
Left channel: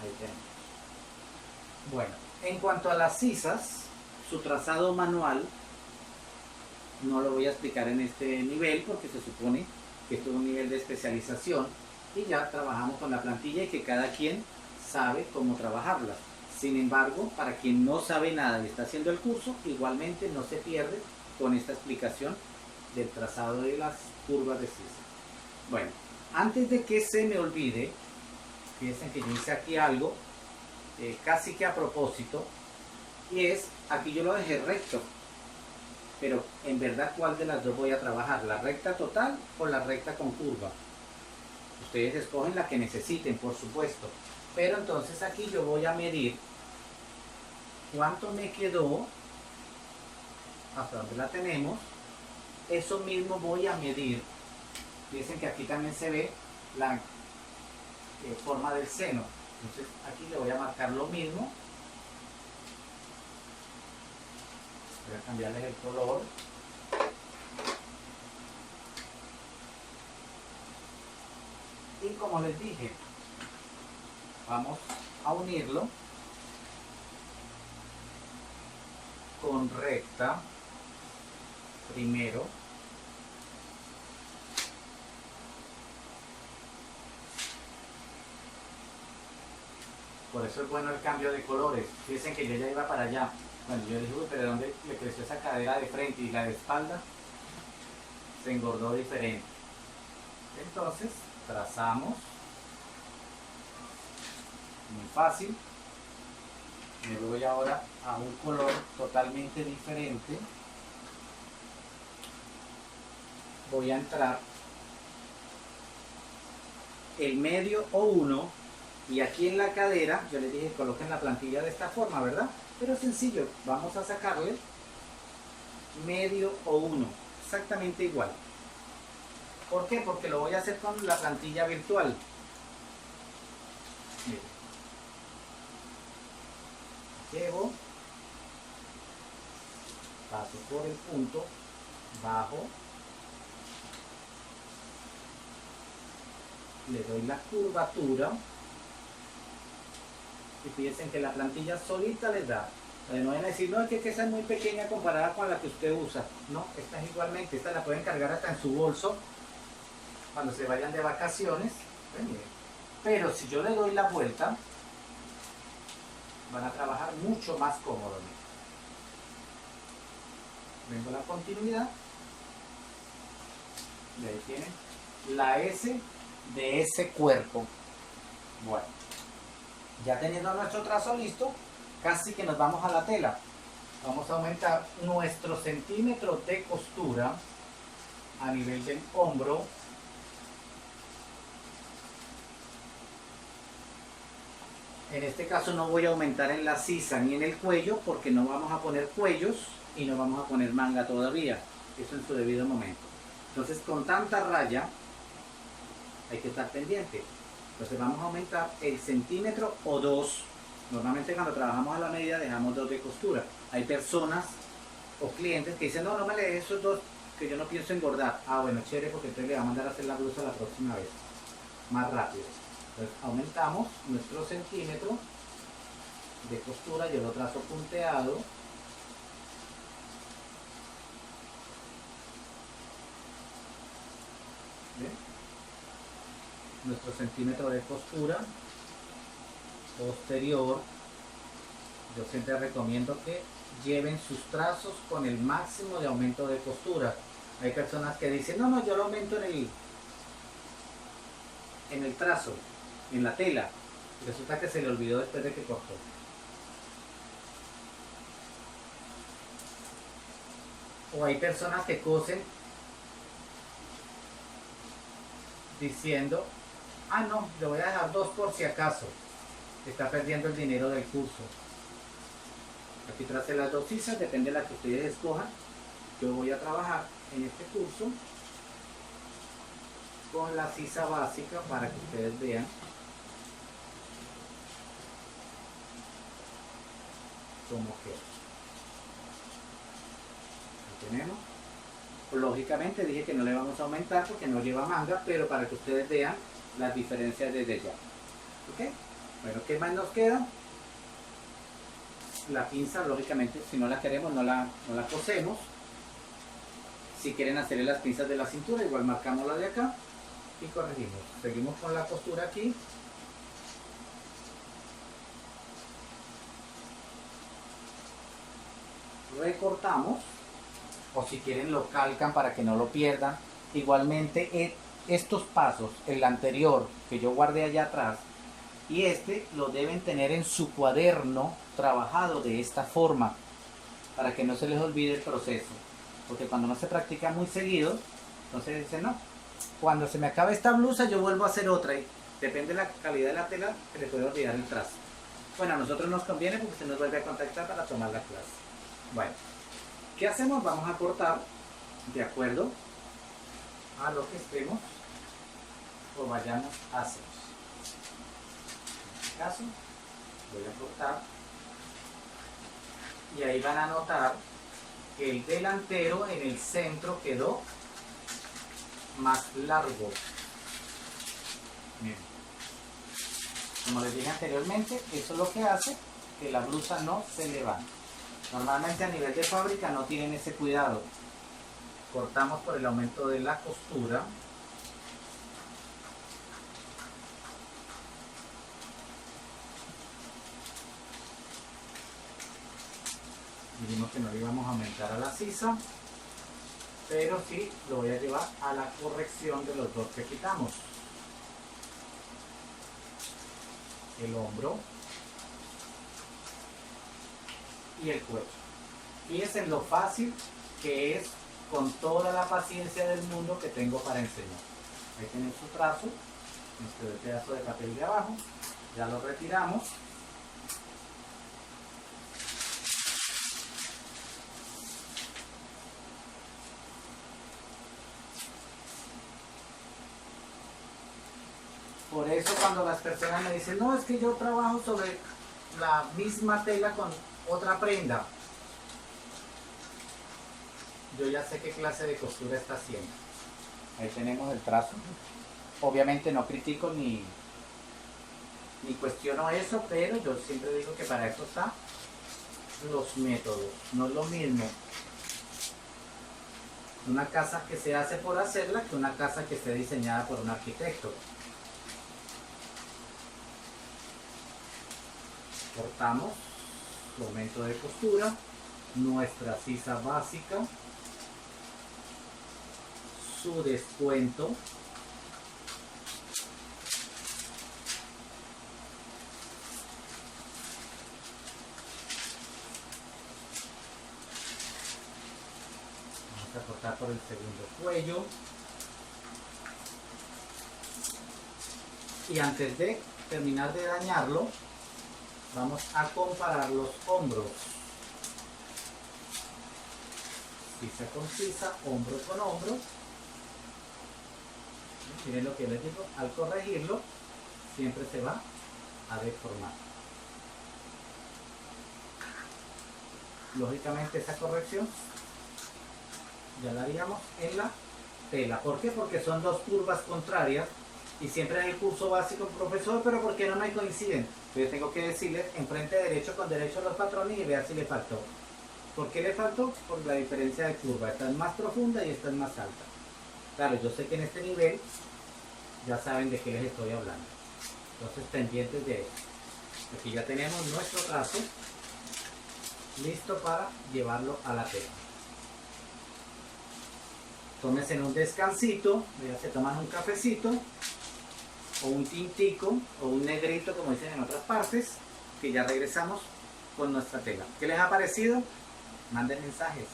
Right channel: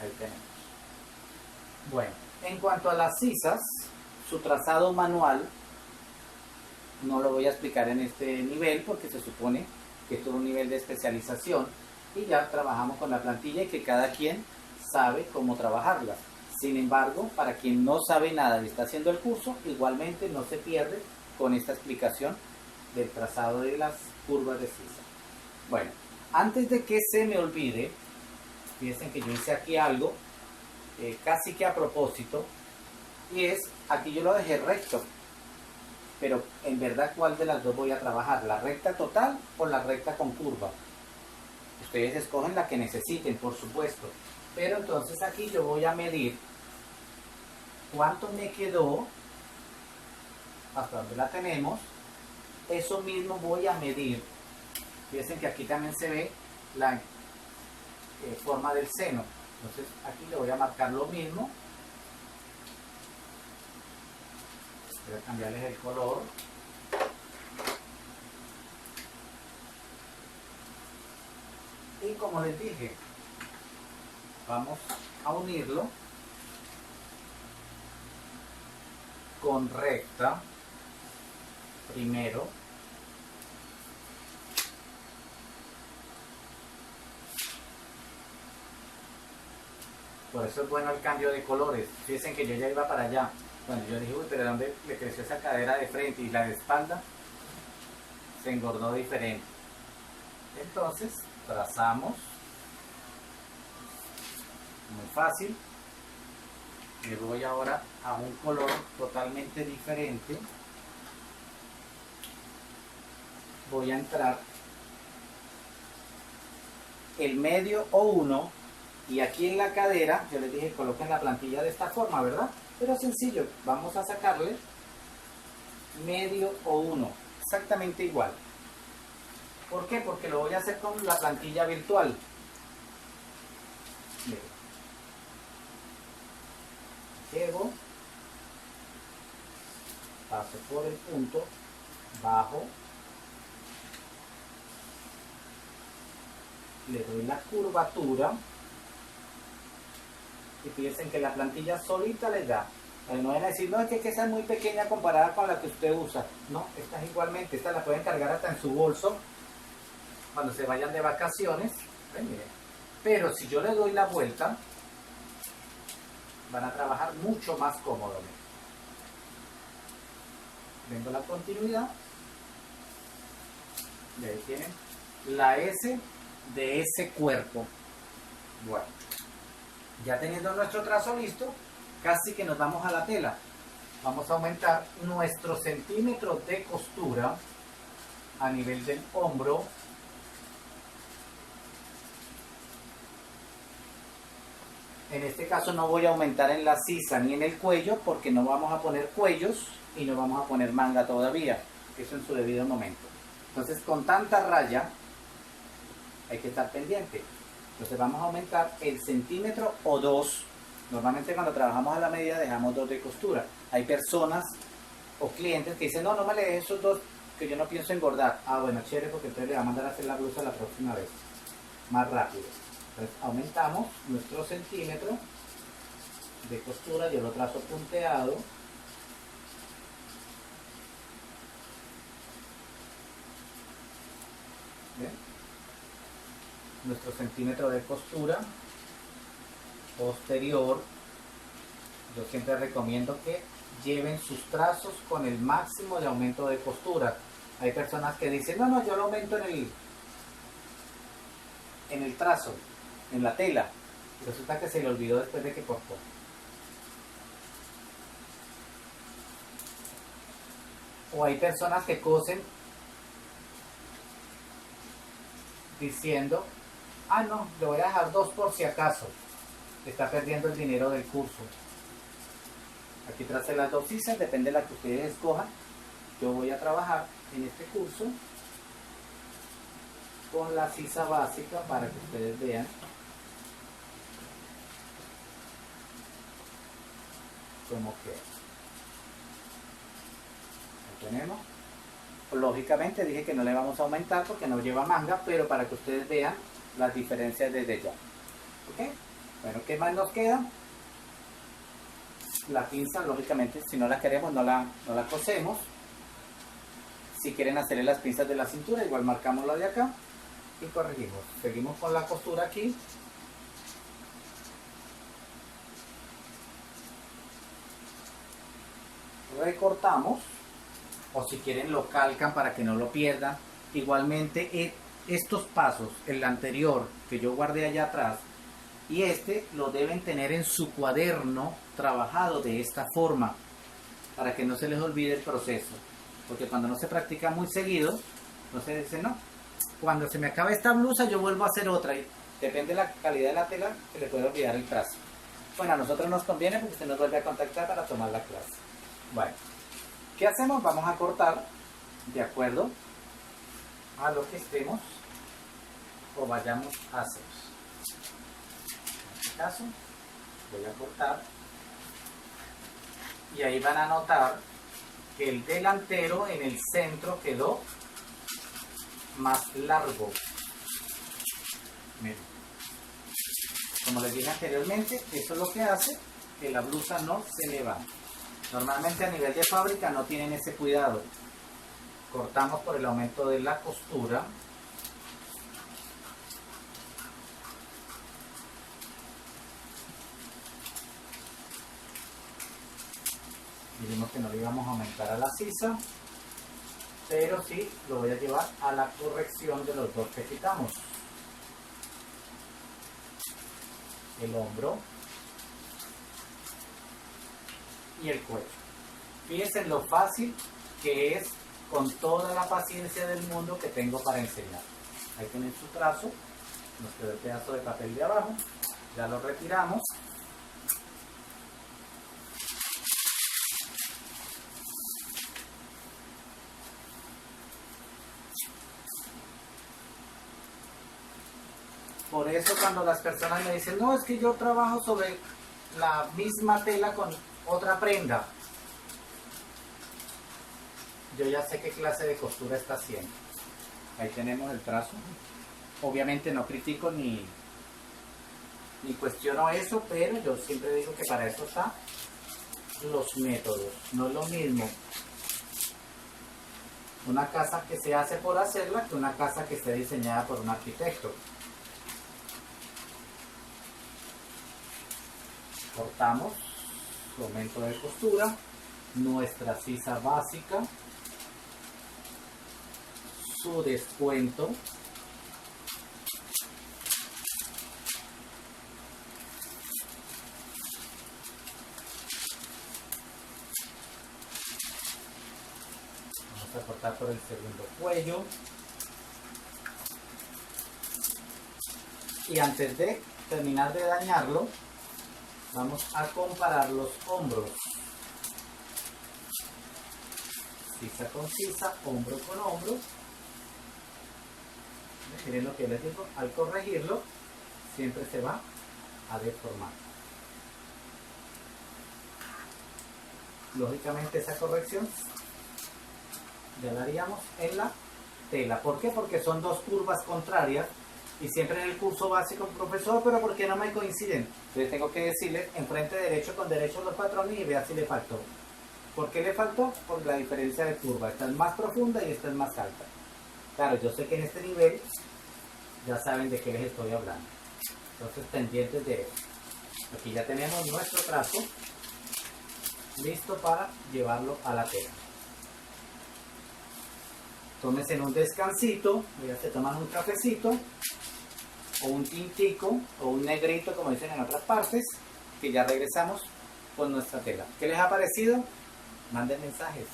Ahí tenemos. Bueno, en cuanto a las sisas, su trazado manual no lo voy a explicar en este nivel porque se supone que esto es un nivel de especialización y ya trabajamos con la plantilla y que cada quien sabe cómo trabajarla. Sin embargo, para quien no sabe nada y está haciendo el curso, igualmente no se pierde con esta explicación del trazado de las curvas de sisa. Bueno, antes de que se me olvide, fíjense que yo hice aquí algo casi que a propósito, y es, aquí yo lo dejé recto, pero en verdad ¿cuál de las dos voy a trabajar? ¿La recta total o la recta con curva? Ustedes escogen la que necesiten, por supuesto, pero entonces aquí yo voy a medir cuánto me quedó, hasta donde la tenemos. Eso mismo voy a medir. Fíjense que aquí también se ve la forma del seno. Entonces aquí le voy a marcar lo mismo. Voy a cambiarles el color. Y como les dije, vamos a unirlo con recta primero. Por eso es bueno el cambio de colores. Fíjense que yo ya iba para allá. Cuando yo dije, uy, pero ¿dónde me creció esa cadera de frente y la de espalda? Se engordó diferente. Entonces, trazamos. Muy fácil. Me voy ahora a un color totalmente diferente. Voy a entrar el medio o 1 y aquí en la cadera yo les dije coloquen la plantilla de esta forma, ¿verdad? Pero sencillo, vamos a sacarle medio o 1, exactamente igual. ¿Por qué? Porque lo voy a hacer con la plantilla virtual. Miren. Llevo, paso por el punto, bajo, le doy la curvatura y fíjense que la plantilla solita les da. No van a decir, no, es que esa es muy pequeña comparada con la que usted usa. No, esta es igualmente, esta la pueden cargar hasta en su bolso cuando se vayan de vacaciones. Pero si yo le doy la vuelta, van a trabajar mucho más cómodo. Vengo a la continuidad y ahí tienen la S de ese cuerpo. Bueno, ya teniendo nuestro trazo listo, casi que nos vamos a la tela. Vamos a aumentar nuestro centímetro de costura a nivel del hombro. En este caso no voy a aumentar en la sisa ni en el cuello porque no vamos a poner cuellos y no vamos a poner manga todavía. Eso en su debido momento. Entonces con tanta raya hay que estar pendiente. Entonces vamos a aumentar el centímetro o 2. Normalmente cuando trabajamos a la medida dejamos 2 de costura. Hay personas o clientes que dicen, no, no me le dejes esos 2 que yo no pienso engordar. Ah, bueno, chévere, porque entonces le va a mandar a hacer la blusa la próxima vez. Más rápido. Entonces aumentamos nuestro centímetro de costura. Yo lo trazo punteado. ¿Ven? Nuestro centímetro de costura posterior. Yo siempre recomiendo que lleven sus trazos con el máximo de aumento de costura. Hay personas que dicen, no, yo lo aumento en el trazo, en la tela. Y resulta que se le olvidó después de que cortó. O hay personas que cosen diciendo, ah, no, le voy a dejar 2 por si acaso. Está perdiendo el dinero del curso. Aquí tracé las 2 sisas, depende de la que ustedes escojan. Yo voy a trabajar en este curso con la sisa básica para que ustedes vean. como queda. Lo tenemos. Lógicamente dije que no le vamos a aumentar porque no lleva manga, pero para que ustedes vean las diferencias desde ya. ¿Ok? Bueno, ¿qué más nos queda? La pinza, lógicamente, si no la queremos, no la cosemos. Si quieren hacerle las pinzas de la cintura, igual marcamos la de acá y corregimos. Seguimos con la costura aquí. Recortamos, o si quieren lo calcan para que no lo pierdan. Igualmente estos pasos, el anterior que yo guardé allá atrás y este, lo deben tener en su cuaderno trabajado de esta forma para que no se les olvide el proceso, porque cuando no se practica muy seguido, entonces dicen no, cuando se me acabe esta blusa yo vuelvo a hacer otra y depende de la calidad de la tela se le puede olvidar el trazo. Bueno, a nosotros nos conviene porque usted nos vuelve a contactar para tomar la clase. Bueno, ¿qué hacemos? Vamos a cortar de acuerdo a lo que estemos o vayamos a hacer. En este caso voy a cortar y ahí van a notar que el delantero en el centro quedó más largo. Miren. Como les dije anteriormente, eso es lo que hace que la blusa no se levante. Normalmente a nivel de fábrica no tienen ese cuidado. Cortamos por el aumento de la costura. Dijimos que no le íbamos a aumentar a la sisa, pero sí lo voy a llevar a la corrección de los dos que quitamos. El hombro y el cuello. Fíjense en lo fácil que es, con toda la paciencia del mundo que tengo para enseñar. Ahí tienen su trazo, nos quedó el pedazo de papel de abajo, ya lo retiramos. Por eso cuando las personas me dicen, no, es que yo trabajo sobre la misma tela con otra prenda, yo ya sé qué clase de costura está haciendo. Ahí tenemos el trazo. Obviamente no critico ni cuestiono eso, pero yo siempre digo que para eso están los métodos. No es lo mismo una casa que se hace por hacerla que una casa que esté diseñada por un arquitecto. Cortamos su aumento de costura, nuestra sisa básica, su descuento, vamos a cortar por el segundo cuello y antes de terminar de dañarlo vamos a comparar los hombros, sisa con sisa, hombro con hombro. Miren lo que les digo, al corregirlo siempre se va a deformar. Lógicamente esa corrección ya la haríamos en la tela. ¿Por qué? Porque son dos curvas contrarias y siempre en el curso básico, profesor, pero ¿por qué no me coinciden? Entonces tengo que decirle enfrente derecho con derecho los patrones y vea si le faltó. ¿Por qué le faltó? Por la diferencia de curva. Esta es más profunda y esta es más alta. Claro, yo sé que en este nivel ya saben de qué les estoy hablando. Entonces pendientes de eso. Aquí ya tenemos nuestro trazo listo para llevarlo a la tela. Tómense en un descansito, ya se toman un cafecito o un tintico o un negrito como dicen en otras partes, que ya regresamos con nuestra tela. ¿Qué les ha parecido? Manden mensajes.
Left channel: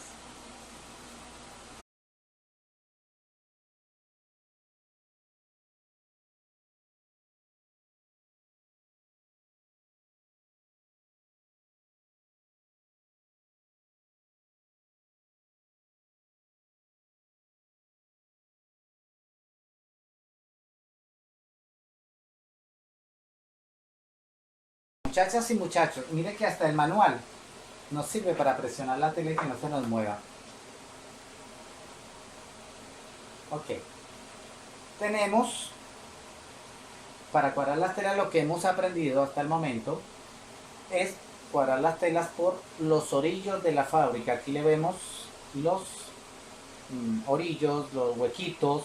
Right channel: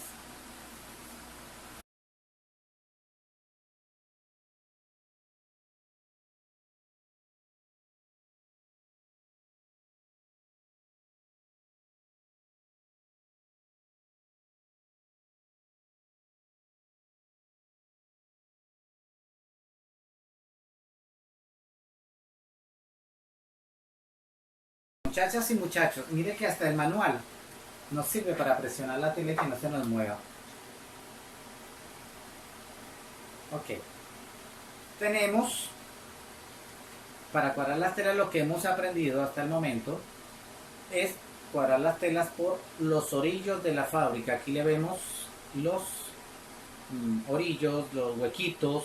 Muchachas y muchachos, mire que hasta el manual nos sirve para presionar la tela y que no se nos mueva. Ok, tenemos para cuadrar las telas, lo que hemos aprendido hasta el momento es cuadrar las telas por los orillos de la fábrica. Aquí le vemos los orillos, los huequitos.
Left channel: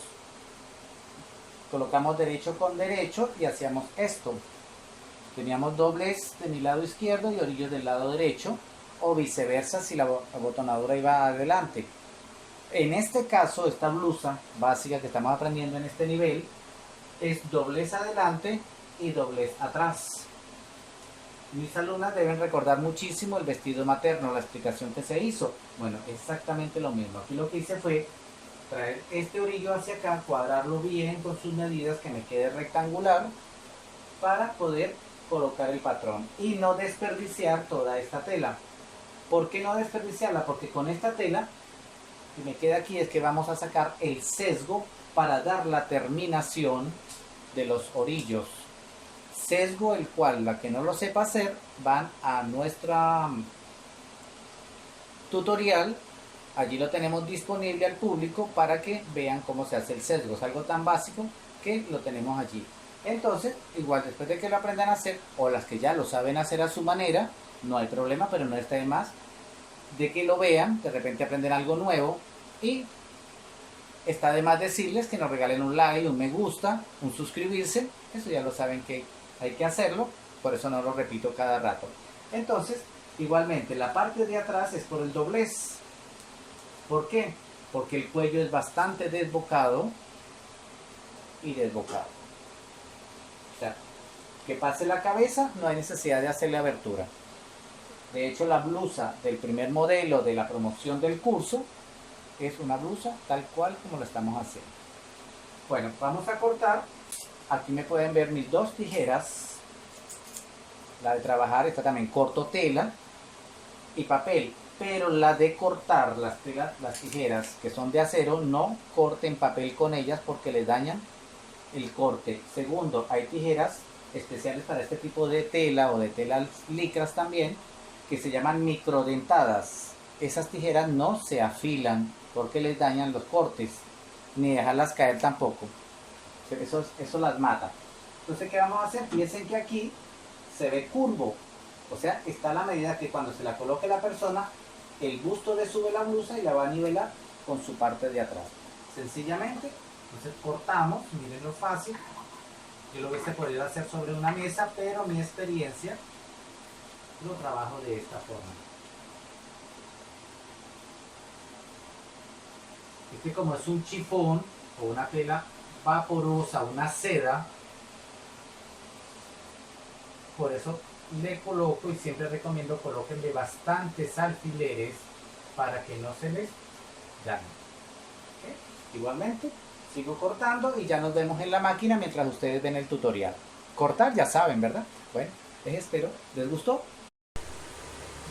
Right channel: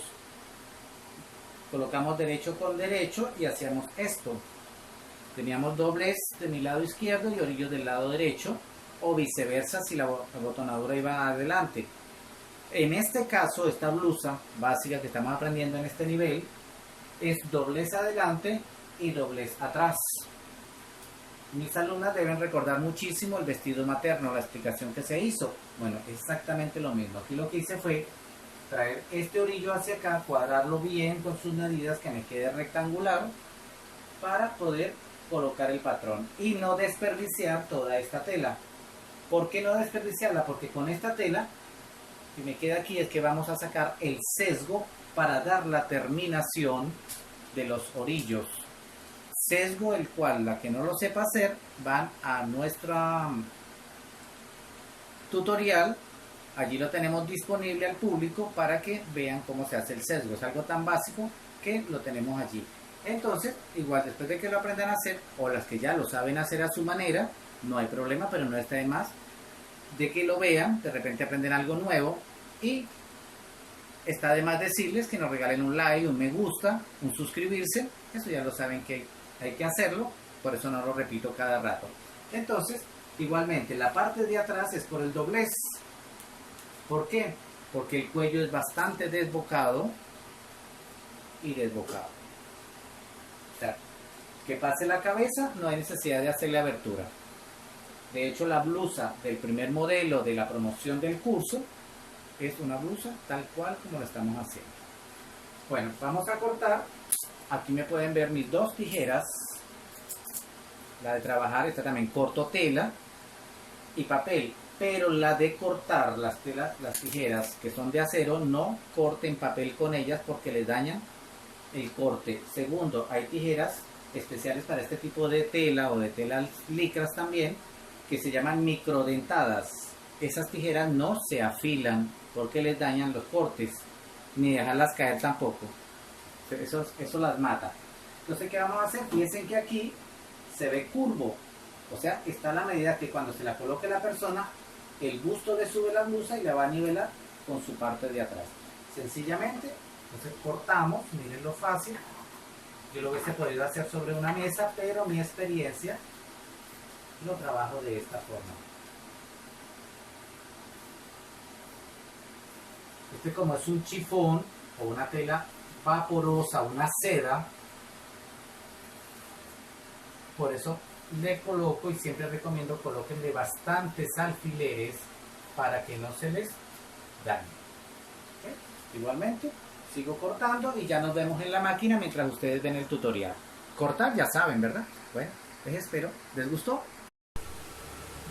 Colocamos derecho con derecho y hacíamos esto. Teníamos doblez de mi lado izquierdo y orillos del lado derecho, o viceversa si la abotonadura iba adelante. En este caso, esta blusa básica que estamos aprendiendo en este nivel es doblez adelante y doblez atrás. Mis alumnas deben recordar muchísimo el vestido materno, la explicación que se hizo. Bueno, exactamente lo mismo. Aquí lo que hice fue traer este orillo hacia acá, cuadrarlo bien con sus medidas, que me quede rectangular, para poder colocar el patrón y no desperdiciar toda esta tela. ¿Por qué no desperdiciarla? Porque con esta tela que me queda aquí es que vamos a sacar el sesgo para dar la terminación de los orillos. Sesgo el cual, la que no lo sepa hacer, van a nuestra tutorial. Allí lo tenemos disponible al público para que vean cómo se hace el sesgo. Es algo tan básico que lo tenemos allí. Entonces, igual después de que lo aprendan a hacer, o las que ya lo saben hacer a su manera, no hay problema, pero no está de más de que lo vean, de repente aprenden algo nuevo, y está de más decirles que nos regalen un like, un me gusta, un suscribirse. Eso ya lo saben que hay que hacerlo, por eso no lo repito cada rato. Entonces, igualmente, la parte de atrás es por el doblez. ¿Por qué? Porque el cuello es bastante desbocado y desbocado. O sea, que pase la cabeza, no hay necesidad de hacerle abertura. De hecho, la blusa del primer modelo de la promoción del curso es una blusa tal cual como lo estamos haciendo. Bueno, vamos a cortar. Aquí me pueden ver mis dos tijeras. La de trabajar, esta también corto tela y papel. Pero la de cortar las tijeras que son de acero, no corten papel con ellas porque les dañan el corte. Segundo, hay tijeras especiales para este tipo de tela o de telas licras también, que se llaman microdentadas. Esas tijeras no se afilan porque les dañan los cortes, ni dejarlas caer tampoco. Eso las mata. Entonces, ¿qué vamos a hacer? Fíjense que aquí se ve curvo. O sea, está la medida que cuando se la coloque la persona, el busto le sube la blusa y la va a nivelar con su parte de atrás. Sencillamente, entonces cortamos, miren lo fácil. Yo lo hubiese podido hacer sobre una mesa, pero mi experiencia lo trabajo de esta forma. Este, como es un chifón o una tela vaporosa, una seda, por eso le coloco, y siempre recomiendo, colóquenle bastantes alfileres para que no se les dañe. ¿Okay? Igualmente sigo cortando y ya nos vemos en la máquina mientras ustedes ven el tutorial. Cortar ya saben, ¿verdad? Bueno, les espero. ¿Les gustó?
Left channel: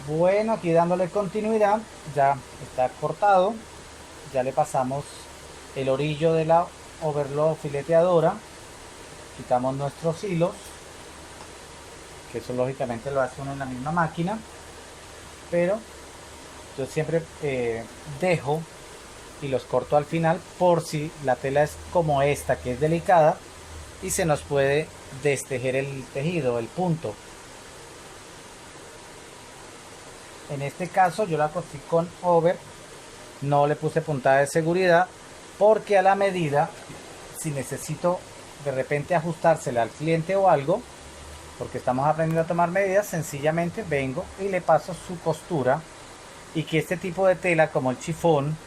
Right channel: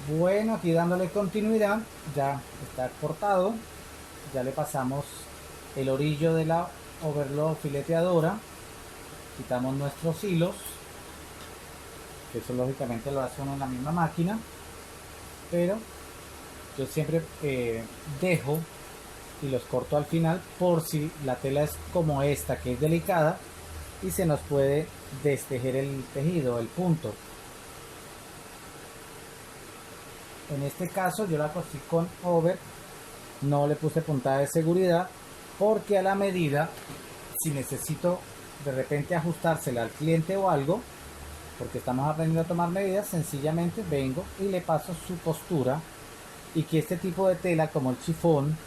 Bueno, aquí dándole continuidad, ya está cortado. Ya le pasamos el orillo de la overlock fileteadora. Quitamos nuestros hilos, que eso lógicamente lo hace uno en la misma máquina, pero yo siempre dejo y los corto al final por si la tela es como esta, que es delicada y se nos puede destejer el tejido, el punto. En este caso yo la cosí con over, no le puse puntada de seguridad porque a la medida, si necesito de repente ajustársela al cliente o algo, porque estamos aprendiendo a tomar medidas, sencillamente vengo y le paso su costura, y que este tipo de tela como el chifón,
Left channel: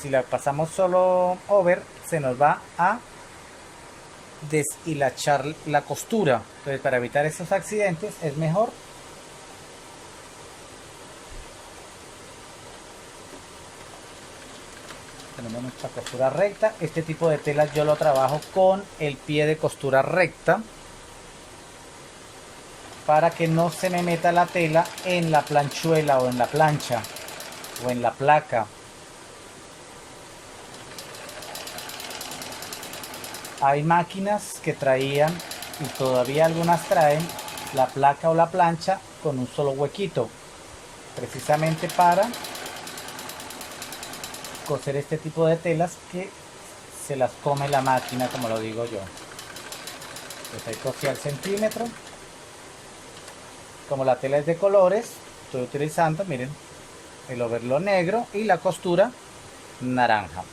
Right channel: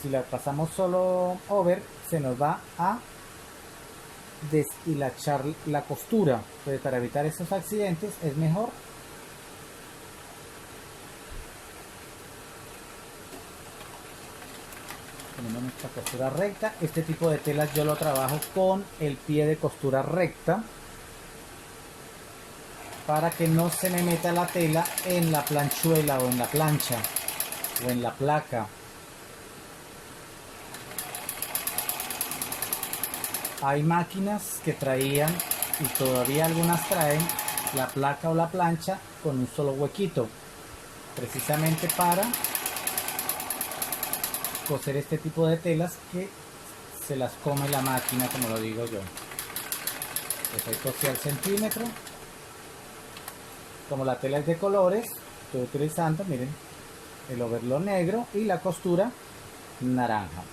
si la pasamos solo over, se nos va a deshilachar la costura. Entonces, para evitar esos accidentes es mejor tenemos nuestra costura recta. Este tipo de telas yo lo trabajo con el pie de costura recta para que no se me meta la tela en la planchuela o en la plancha o en la placa. Hay máquinas que traían, y todavía algunas traen, la placa o la plancha con un solo huequito. precisamente para coser este tipo de telas que se las come la máquina, como lo digo yo. Pues ahí cosí al centímetro. Como la tela es de colores, estoy utilizando, miren, el overlock negro y la costura naranja.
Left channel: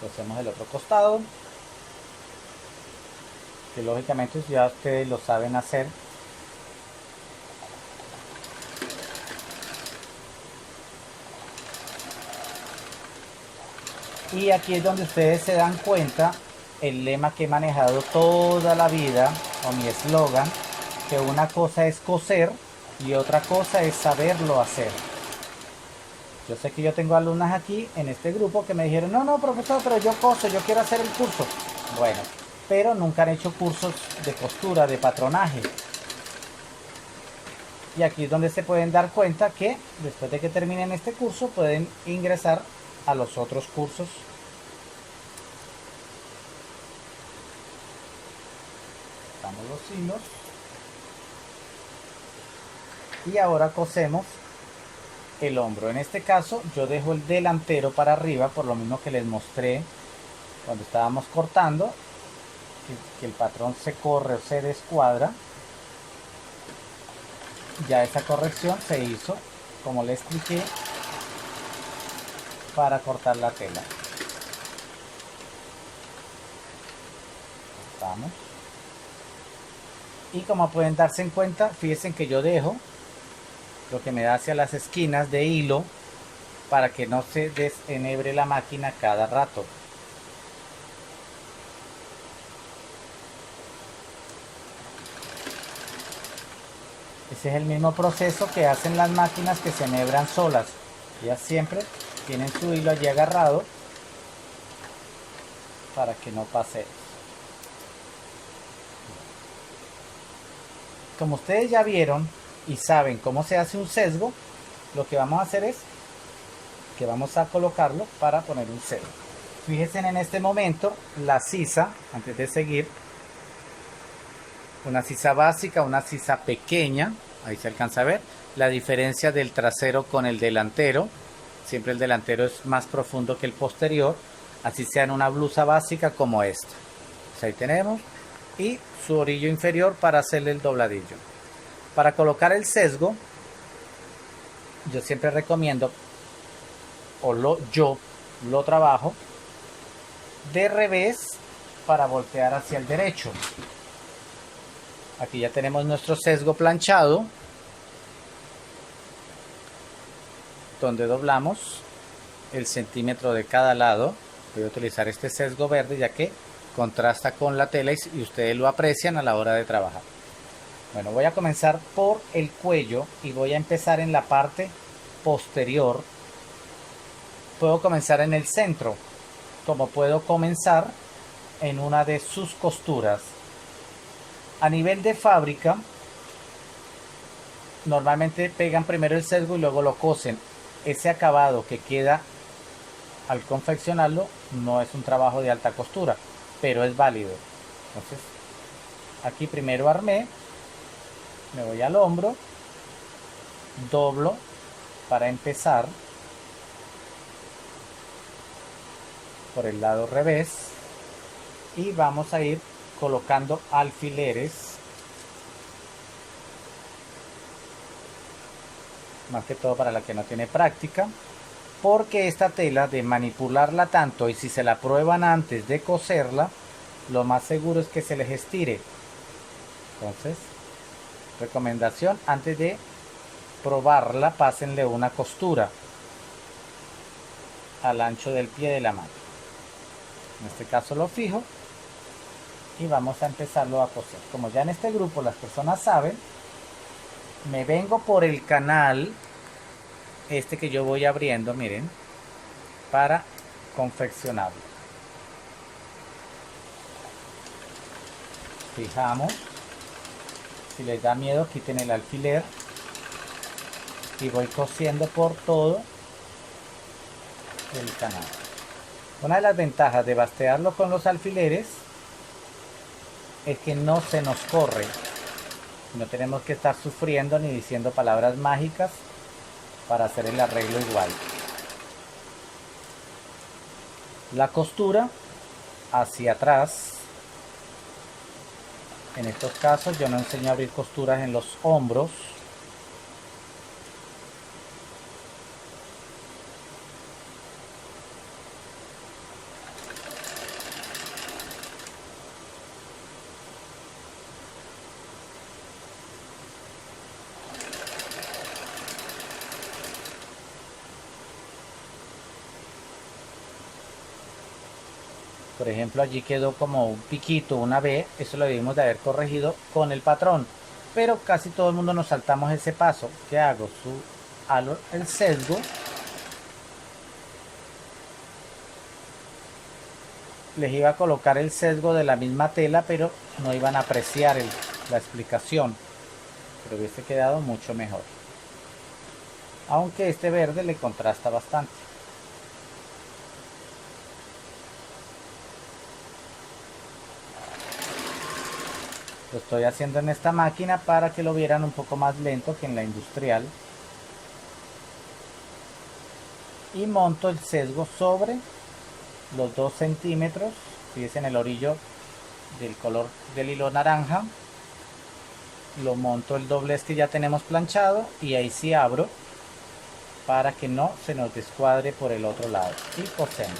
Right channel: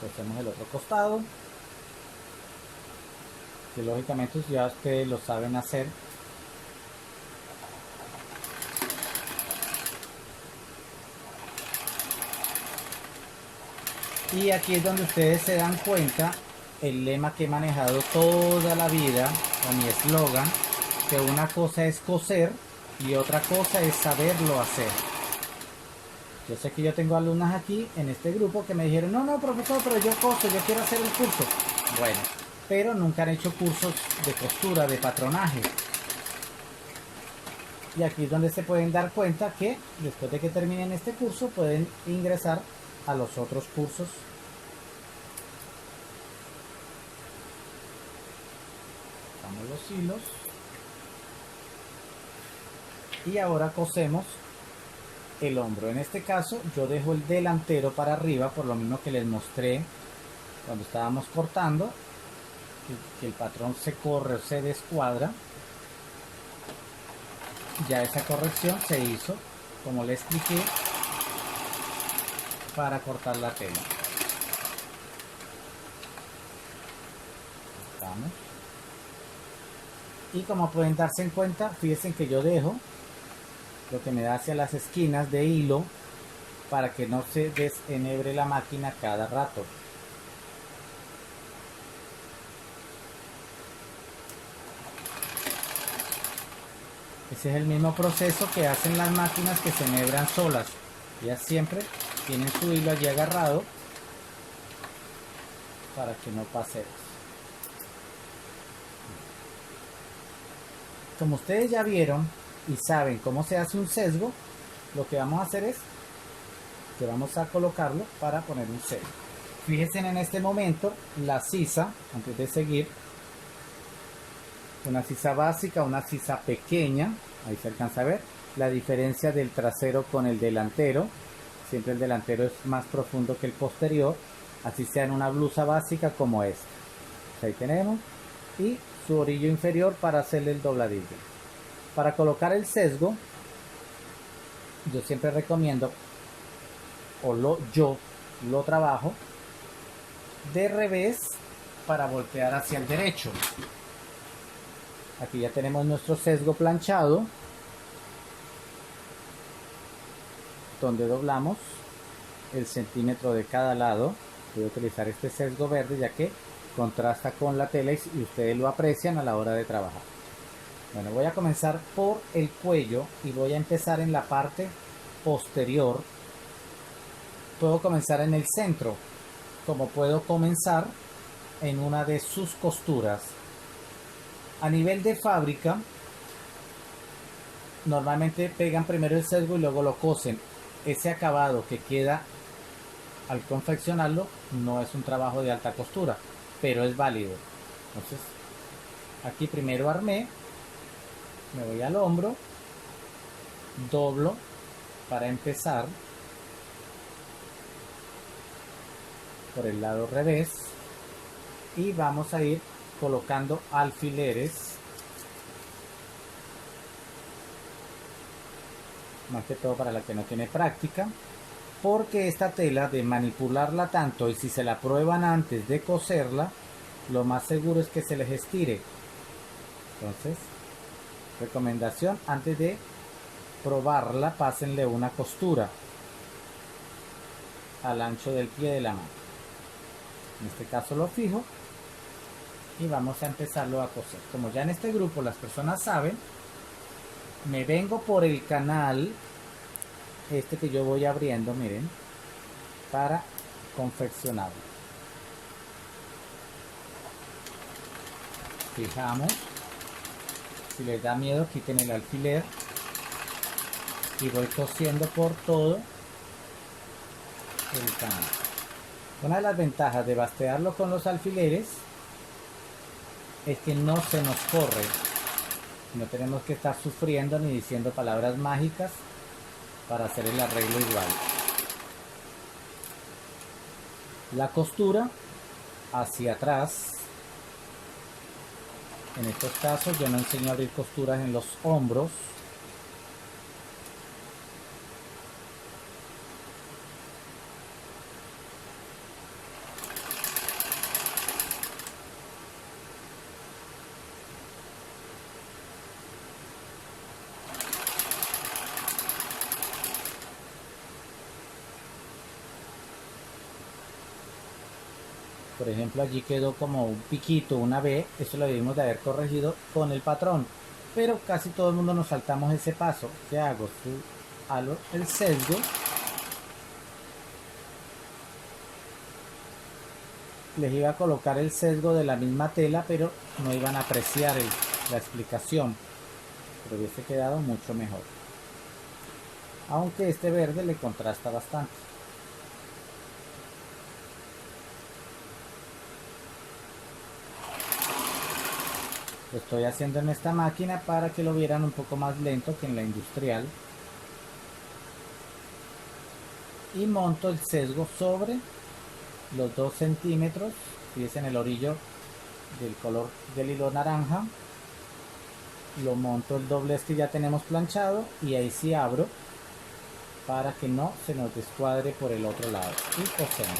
Cosemos el otro costado, que lógicamente ya ustedes lo saben hacer. Y aquí es donde ustedes se dan cuenta el lema que he manejado toda la vida, o mi eslogan, que una cosa es coser y otra cosa es saberlo hacer. Yo sé que yo tengo alumnas aquí en este grupo que me dijeron, no, profesor, pero yo coso, yo quiero hacer el curso. Bueno, pero nunca han hecho cursos de costura, de patronaje. Y aquí es donde se pueden dar cuenta que después de que terminen este curso pueden ingresar a los otros cursos. Damos los hilos. Y ahora cosemos el hombro. En este caso yo dejo el delantero para arriba, por lo mismo que les mostré cuando estábamos cortando, que el patrón se corre o se descuadra. Ya esa corrección se hizo, como les expliqué, para cortar la tela. Vamos. Y como pueden darse en cuenta, fíjense que yo dejo lo que me da hacia las esquinas de hilo para que no se desenebre la máquina cada rato. Ese es el mismo proceso que hacen las máquinas que se enhebran solas. Ellas siempre tienen su hilo allí agarrado para que no pase eso. Como ustedes ya vieron y saben cómo se hace un sesgo, lo que vamos a hacer es que vamos a colocarlo para poner un sesgo. Fíjense en este momento la sisa, antes de seguir, una sisa básica, una sisa pequeña, ahí se alcanza a ver la diferencia del trasero con el delantero. Siempre el delantero es más profundo que el posterior, así sea en una blusa básica como esta. Pues ahí tenemos, y su orillo inferior para hacerle el dobladillo. Para colocar el sesgo, yo siempre recomiendo, yo lo trabajo de revés para voltear hacia el derecho. Aquí ya tenemos nuestro sesgo planchado, donde doblamos el centímetro de cada lado. Voy a utilizar este sesgo verde ya que contrasta con la tela y ustedes lo aprecian a la hora de trabajar. Bueno, voy a comenzar por el cuello y voy a empezar en la parte posterior. Puedo comenzar en el centro, como puedo comenzar en una de sus costuras. A nivel de fábrica, normalmente pegan primero el sesgo y luego lo cosen. Ese acabado que queda al confeccionarlo no es un trabajo de alta costura, pero es válido. Entonces, aquí primero armé, me voy al hombro, doblo para empezar por el lado revés y vamos a ir colocando alfileres, más que todo para la que no tiene práctica, porque esta tela de manipularla tanto y si se la prueban antes de coserla, lo más seguro es que se les estire. Entonces, recomendación, antes de probarla, pásenle una costura al ancho del pie de la máquina. En este caso lo fijo y vamos a empezarlo a coser. Como ya en este grupo las personas saben, me vengo por el canal este que yo voy abriendo, miren, para confeccionarlo. Fijamos. Si les da miedo, quiten el alfiler y voy cosiendo por todo el canal. Una de las ventajas de bastearlo con los alfileres es que no se nos corre. No tenemos que estar sufriendo ni diciendo palabras mágicas para hacer el arreglo igual. La costura hacia atrás. En estos casos yo no enseño a abrir costuras en los hombros. Por ejemplo, allí quedó como un piquito, una B, eso lo debimos de haber corregido con el patrón. Pero casi todo el mundo nos saltamos ese paso. ¿Qué hago? Halo el sesgo. Les iba a colocar el sesgo de la misma tela, pero no iban a apreciar la explicación. Pero hubiese quedado mucho mejor. Aunque este verde le contrasta bastante. Lo estoy haciendo en esta máquina para que lo vieran un poco más lento que en la industrial. Y monto el sesgo sobre los 2 centímetros. Fíjense en el orillo del color del hilo naranja. Lo monto el doblez que ya tenemos planchado y ahí sí abro para que no se nos descuadre por el otro lado. Y cosemos.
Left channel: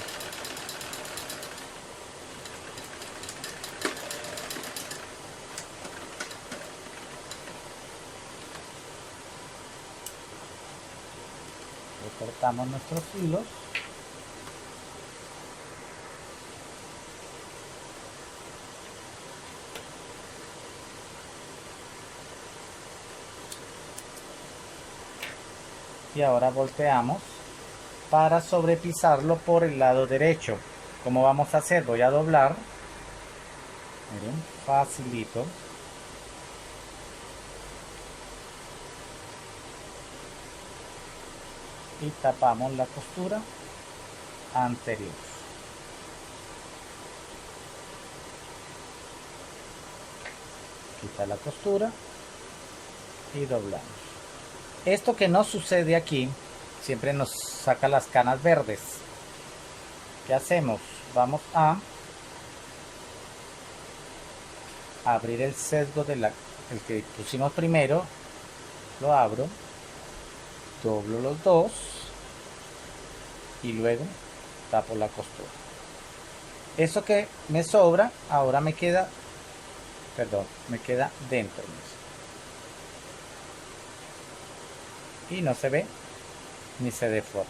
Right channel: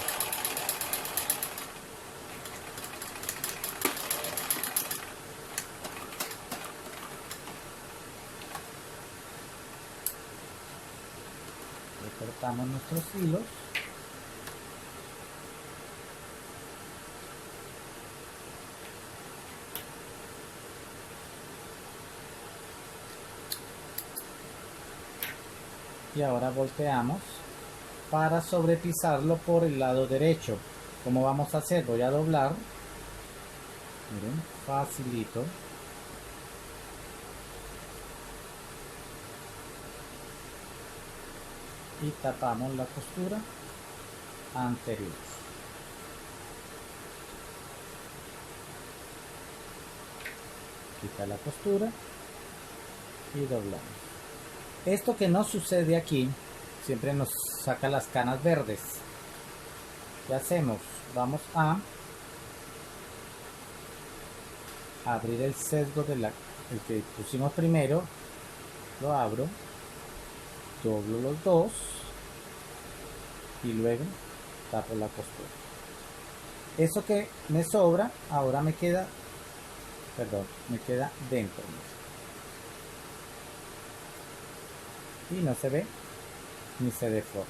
Cortamos nuestros hilos. Y ahora volteamos para sobrepisarlo por el lado derecho. ¿Cómo vamos a hacer? Voy a doblar. Miren, facilito. Y tapamos la costura anterior. Quita la costura y doblamos. Esto que no sucede aquí siempre nos saca las canas verdes. ¿Qué hacemos? Vamos a abrir el sesgo el que pusimos primero. Lo abro, doblo los dos y luego tapo la costura. Eso que me sobra ahora me queda dentro y no se ve ni se deforma.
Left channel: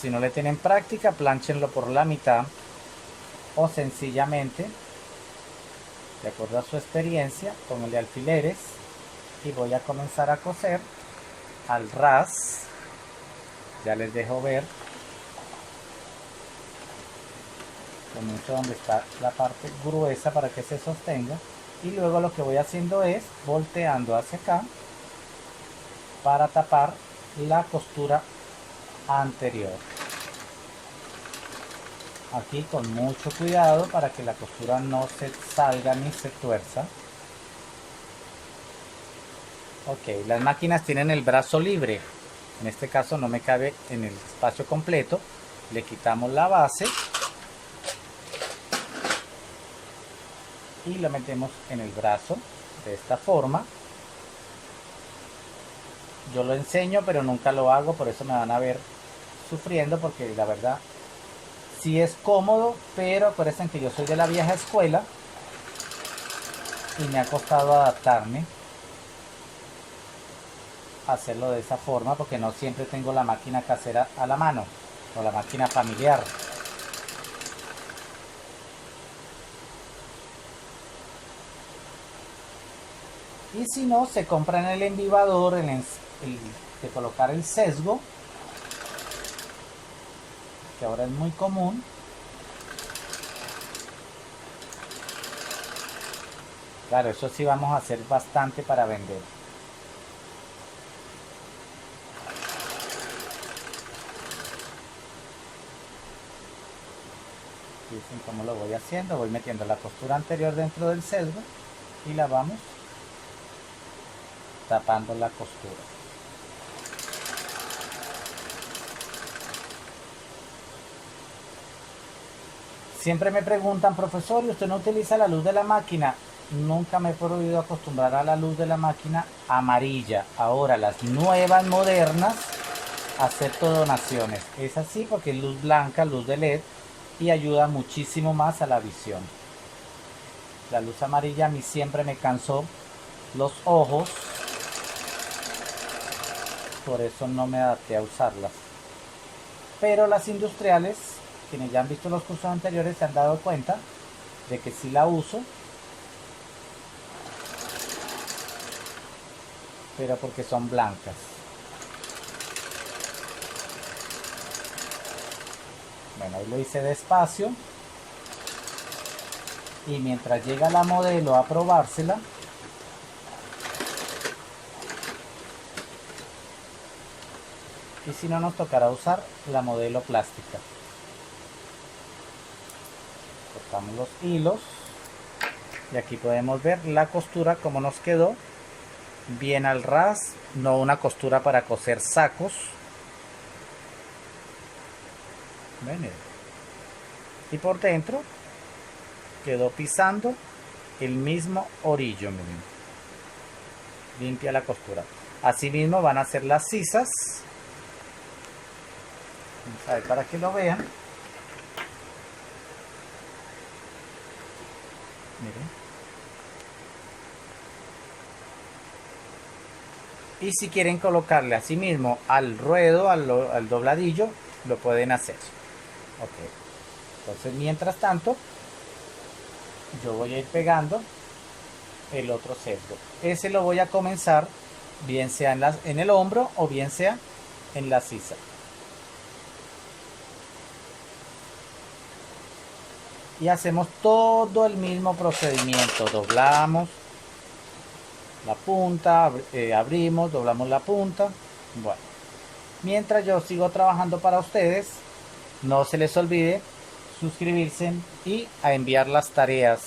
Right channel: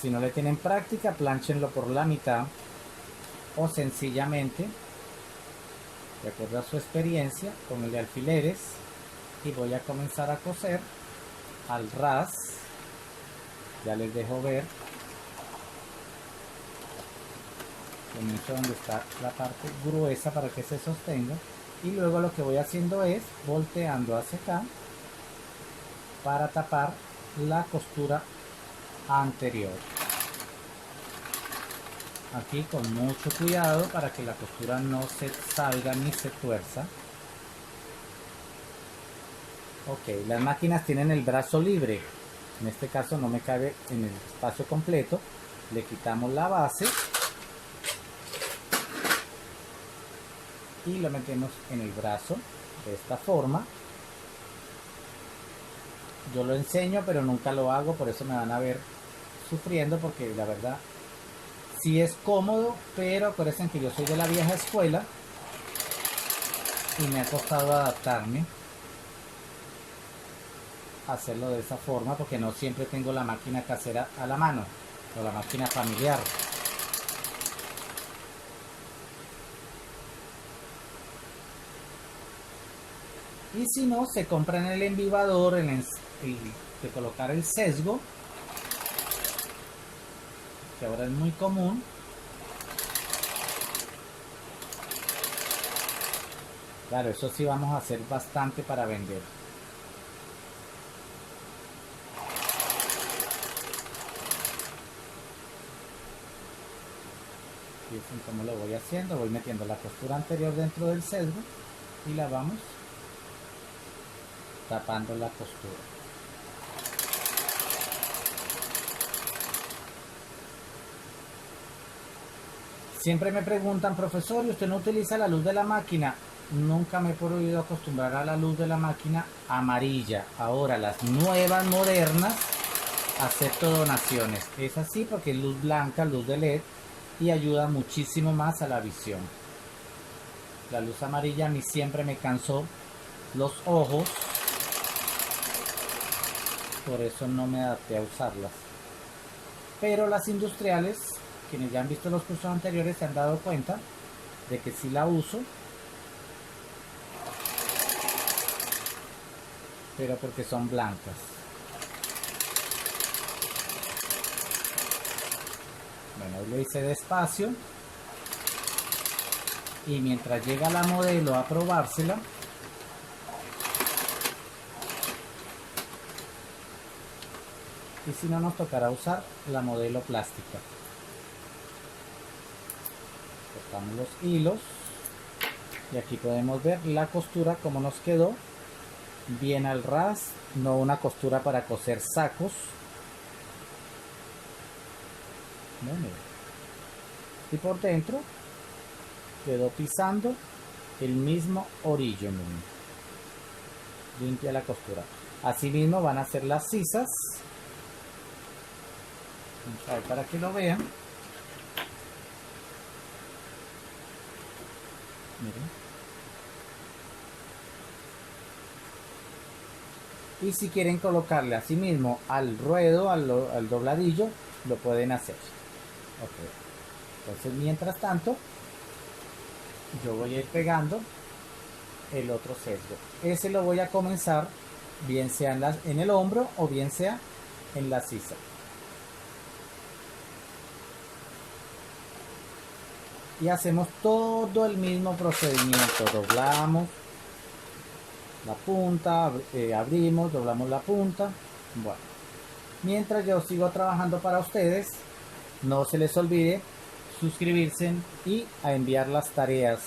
Si no le tienen práctica, planchenlo por la mitad o sencillamente, de acuerdo a su experiencia, pónganle alfileres y voy a comenzar a coser al ras. Ya les dejo ver. Comienzo donde está la parte gruesa para que se sostenga y luego lo que voy haciendo es volteando hacia acá para tapar la costura anterior. Aquí con mucho cuidado para que la costura no se salga ni se tuerza. Ok, las máquinas tienen el brazo libre. En este caso no me cabe en el espacio completo. Le quitamos la base y lo metemos en el brazo de esta forma. Yo lo enseño pero nunca lo hago, por eso me van a ver sufriendo, porque la verdad sí es cómodo, pero acuérdense que yo soy de la vieja escuela y me ha costado adaptarme a hacerlo de esa forma, porque no siempre tengo la máquina casera a la mano o la máquina familiar. Y si no, se compra en el embibador de colocar el sesgo, que ahora es muy común. Claro, eso sí vamos a hacer bastante para vender. Fíjense cómo lo voy haciendo. Voy metiendo la costura anterior dentro del sesgo y la vamos tapando la costura. Siempre me preguntan, profesor, ¿y usted no utiliza la luz de la máquina? Nunca me he podido acostumbrar a la luz de la máquina amarilla. Ahora las nuevas modernas acepto donaciones. Es así porque es luz blanca, luz de LED, y ayuda muchísimo más a la visión. La luz amarilla a mí siempre me cansó los ojos, por eso no me adapté a usarlas. Pero las industriales, quienes ya han visto los cursos anteriores, se han dado cuenta de que si la uso, pero porque son blancas. Bueno, hoy lo hice despacio y mientras llega la modelo a probársela, y si no, nos tocará usar la modelo plástica. Cortamos los hilos y aquí podemos ver la costura como nos quedó, bien al ras, no una costura para coser sacos. ¿Ven? Y por dentro quedó pisando el mismo orillo, miren. Limpia la costura. Así mismo van a hacer las sisas. Vamos a ver para que lo vean. Miren. Y si quieren colocarle así mismo al ruedo, al dobladillo, lo pueden hacer. Ok. Entonces, mientras tanto, yo voy a ir pegando el otro sesgo. Ese lo voy a comenzar, bien sea en el hombro o bien sea en la sisa. Y hacemos todo el mismo procedimiento. Doblamos la punta, abrimos, doblamos la punta. Bueno, mientras yo sigo trabajando para ustedes, no se les olvide suscribirse y a enviar las tareas.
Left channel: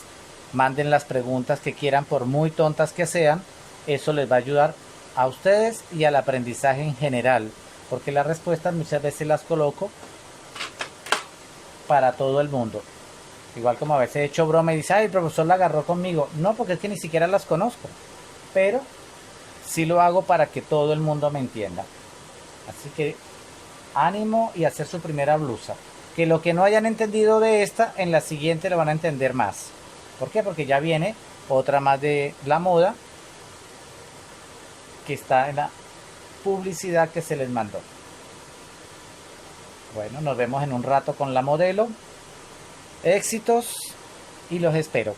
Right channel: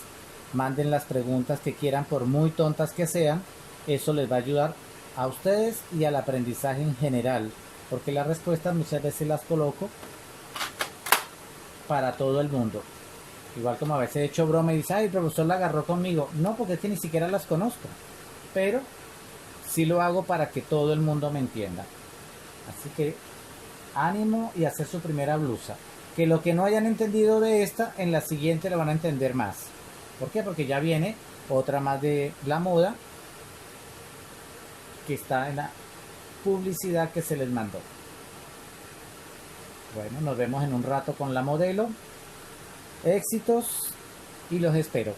Manden las preguntas que quieran, por muy tontas que sean. Eso les va a ayudar a ustedes y al aprendizaje en general, porque las respuestas muchas veces las coloco para todo el mundo. Igual como a veces he hecho broma y dice, ay, el profesor la agarró conmigo. No, porque es que ni siquiera las conozco. Pero sí lo hago para que todo el mundo me entienda. Así que ánimo y hacer su primera blusa. Que lo que no hayan entendido de esta, en la siguiente lo van a entender más. ¿Por qué? Porque ya viene otra más de la moda que está en la publicidad que se les mandó. Bueno, nos vemos en un rato con la modelo. Éxitos y los espero.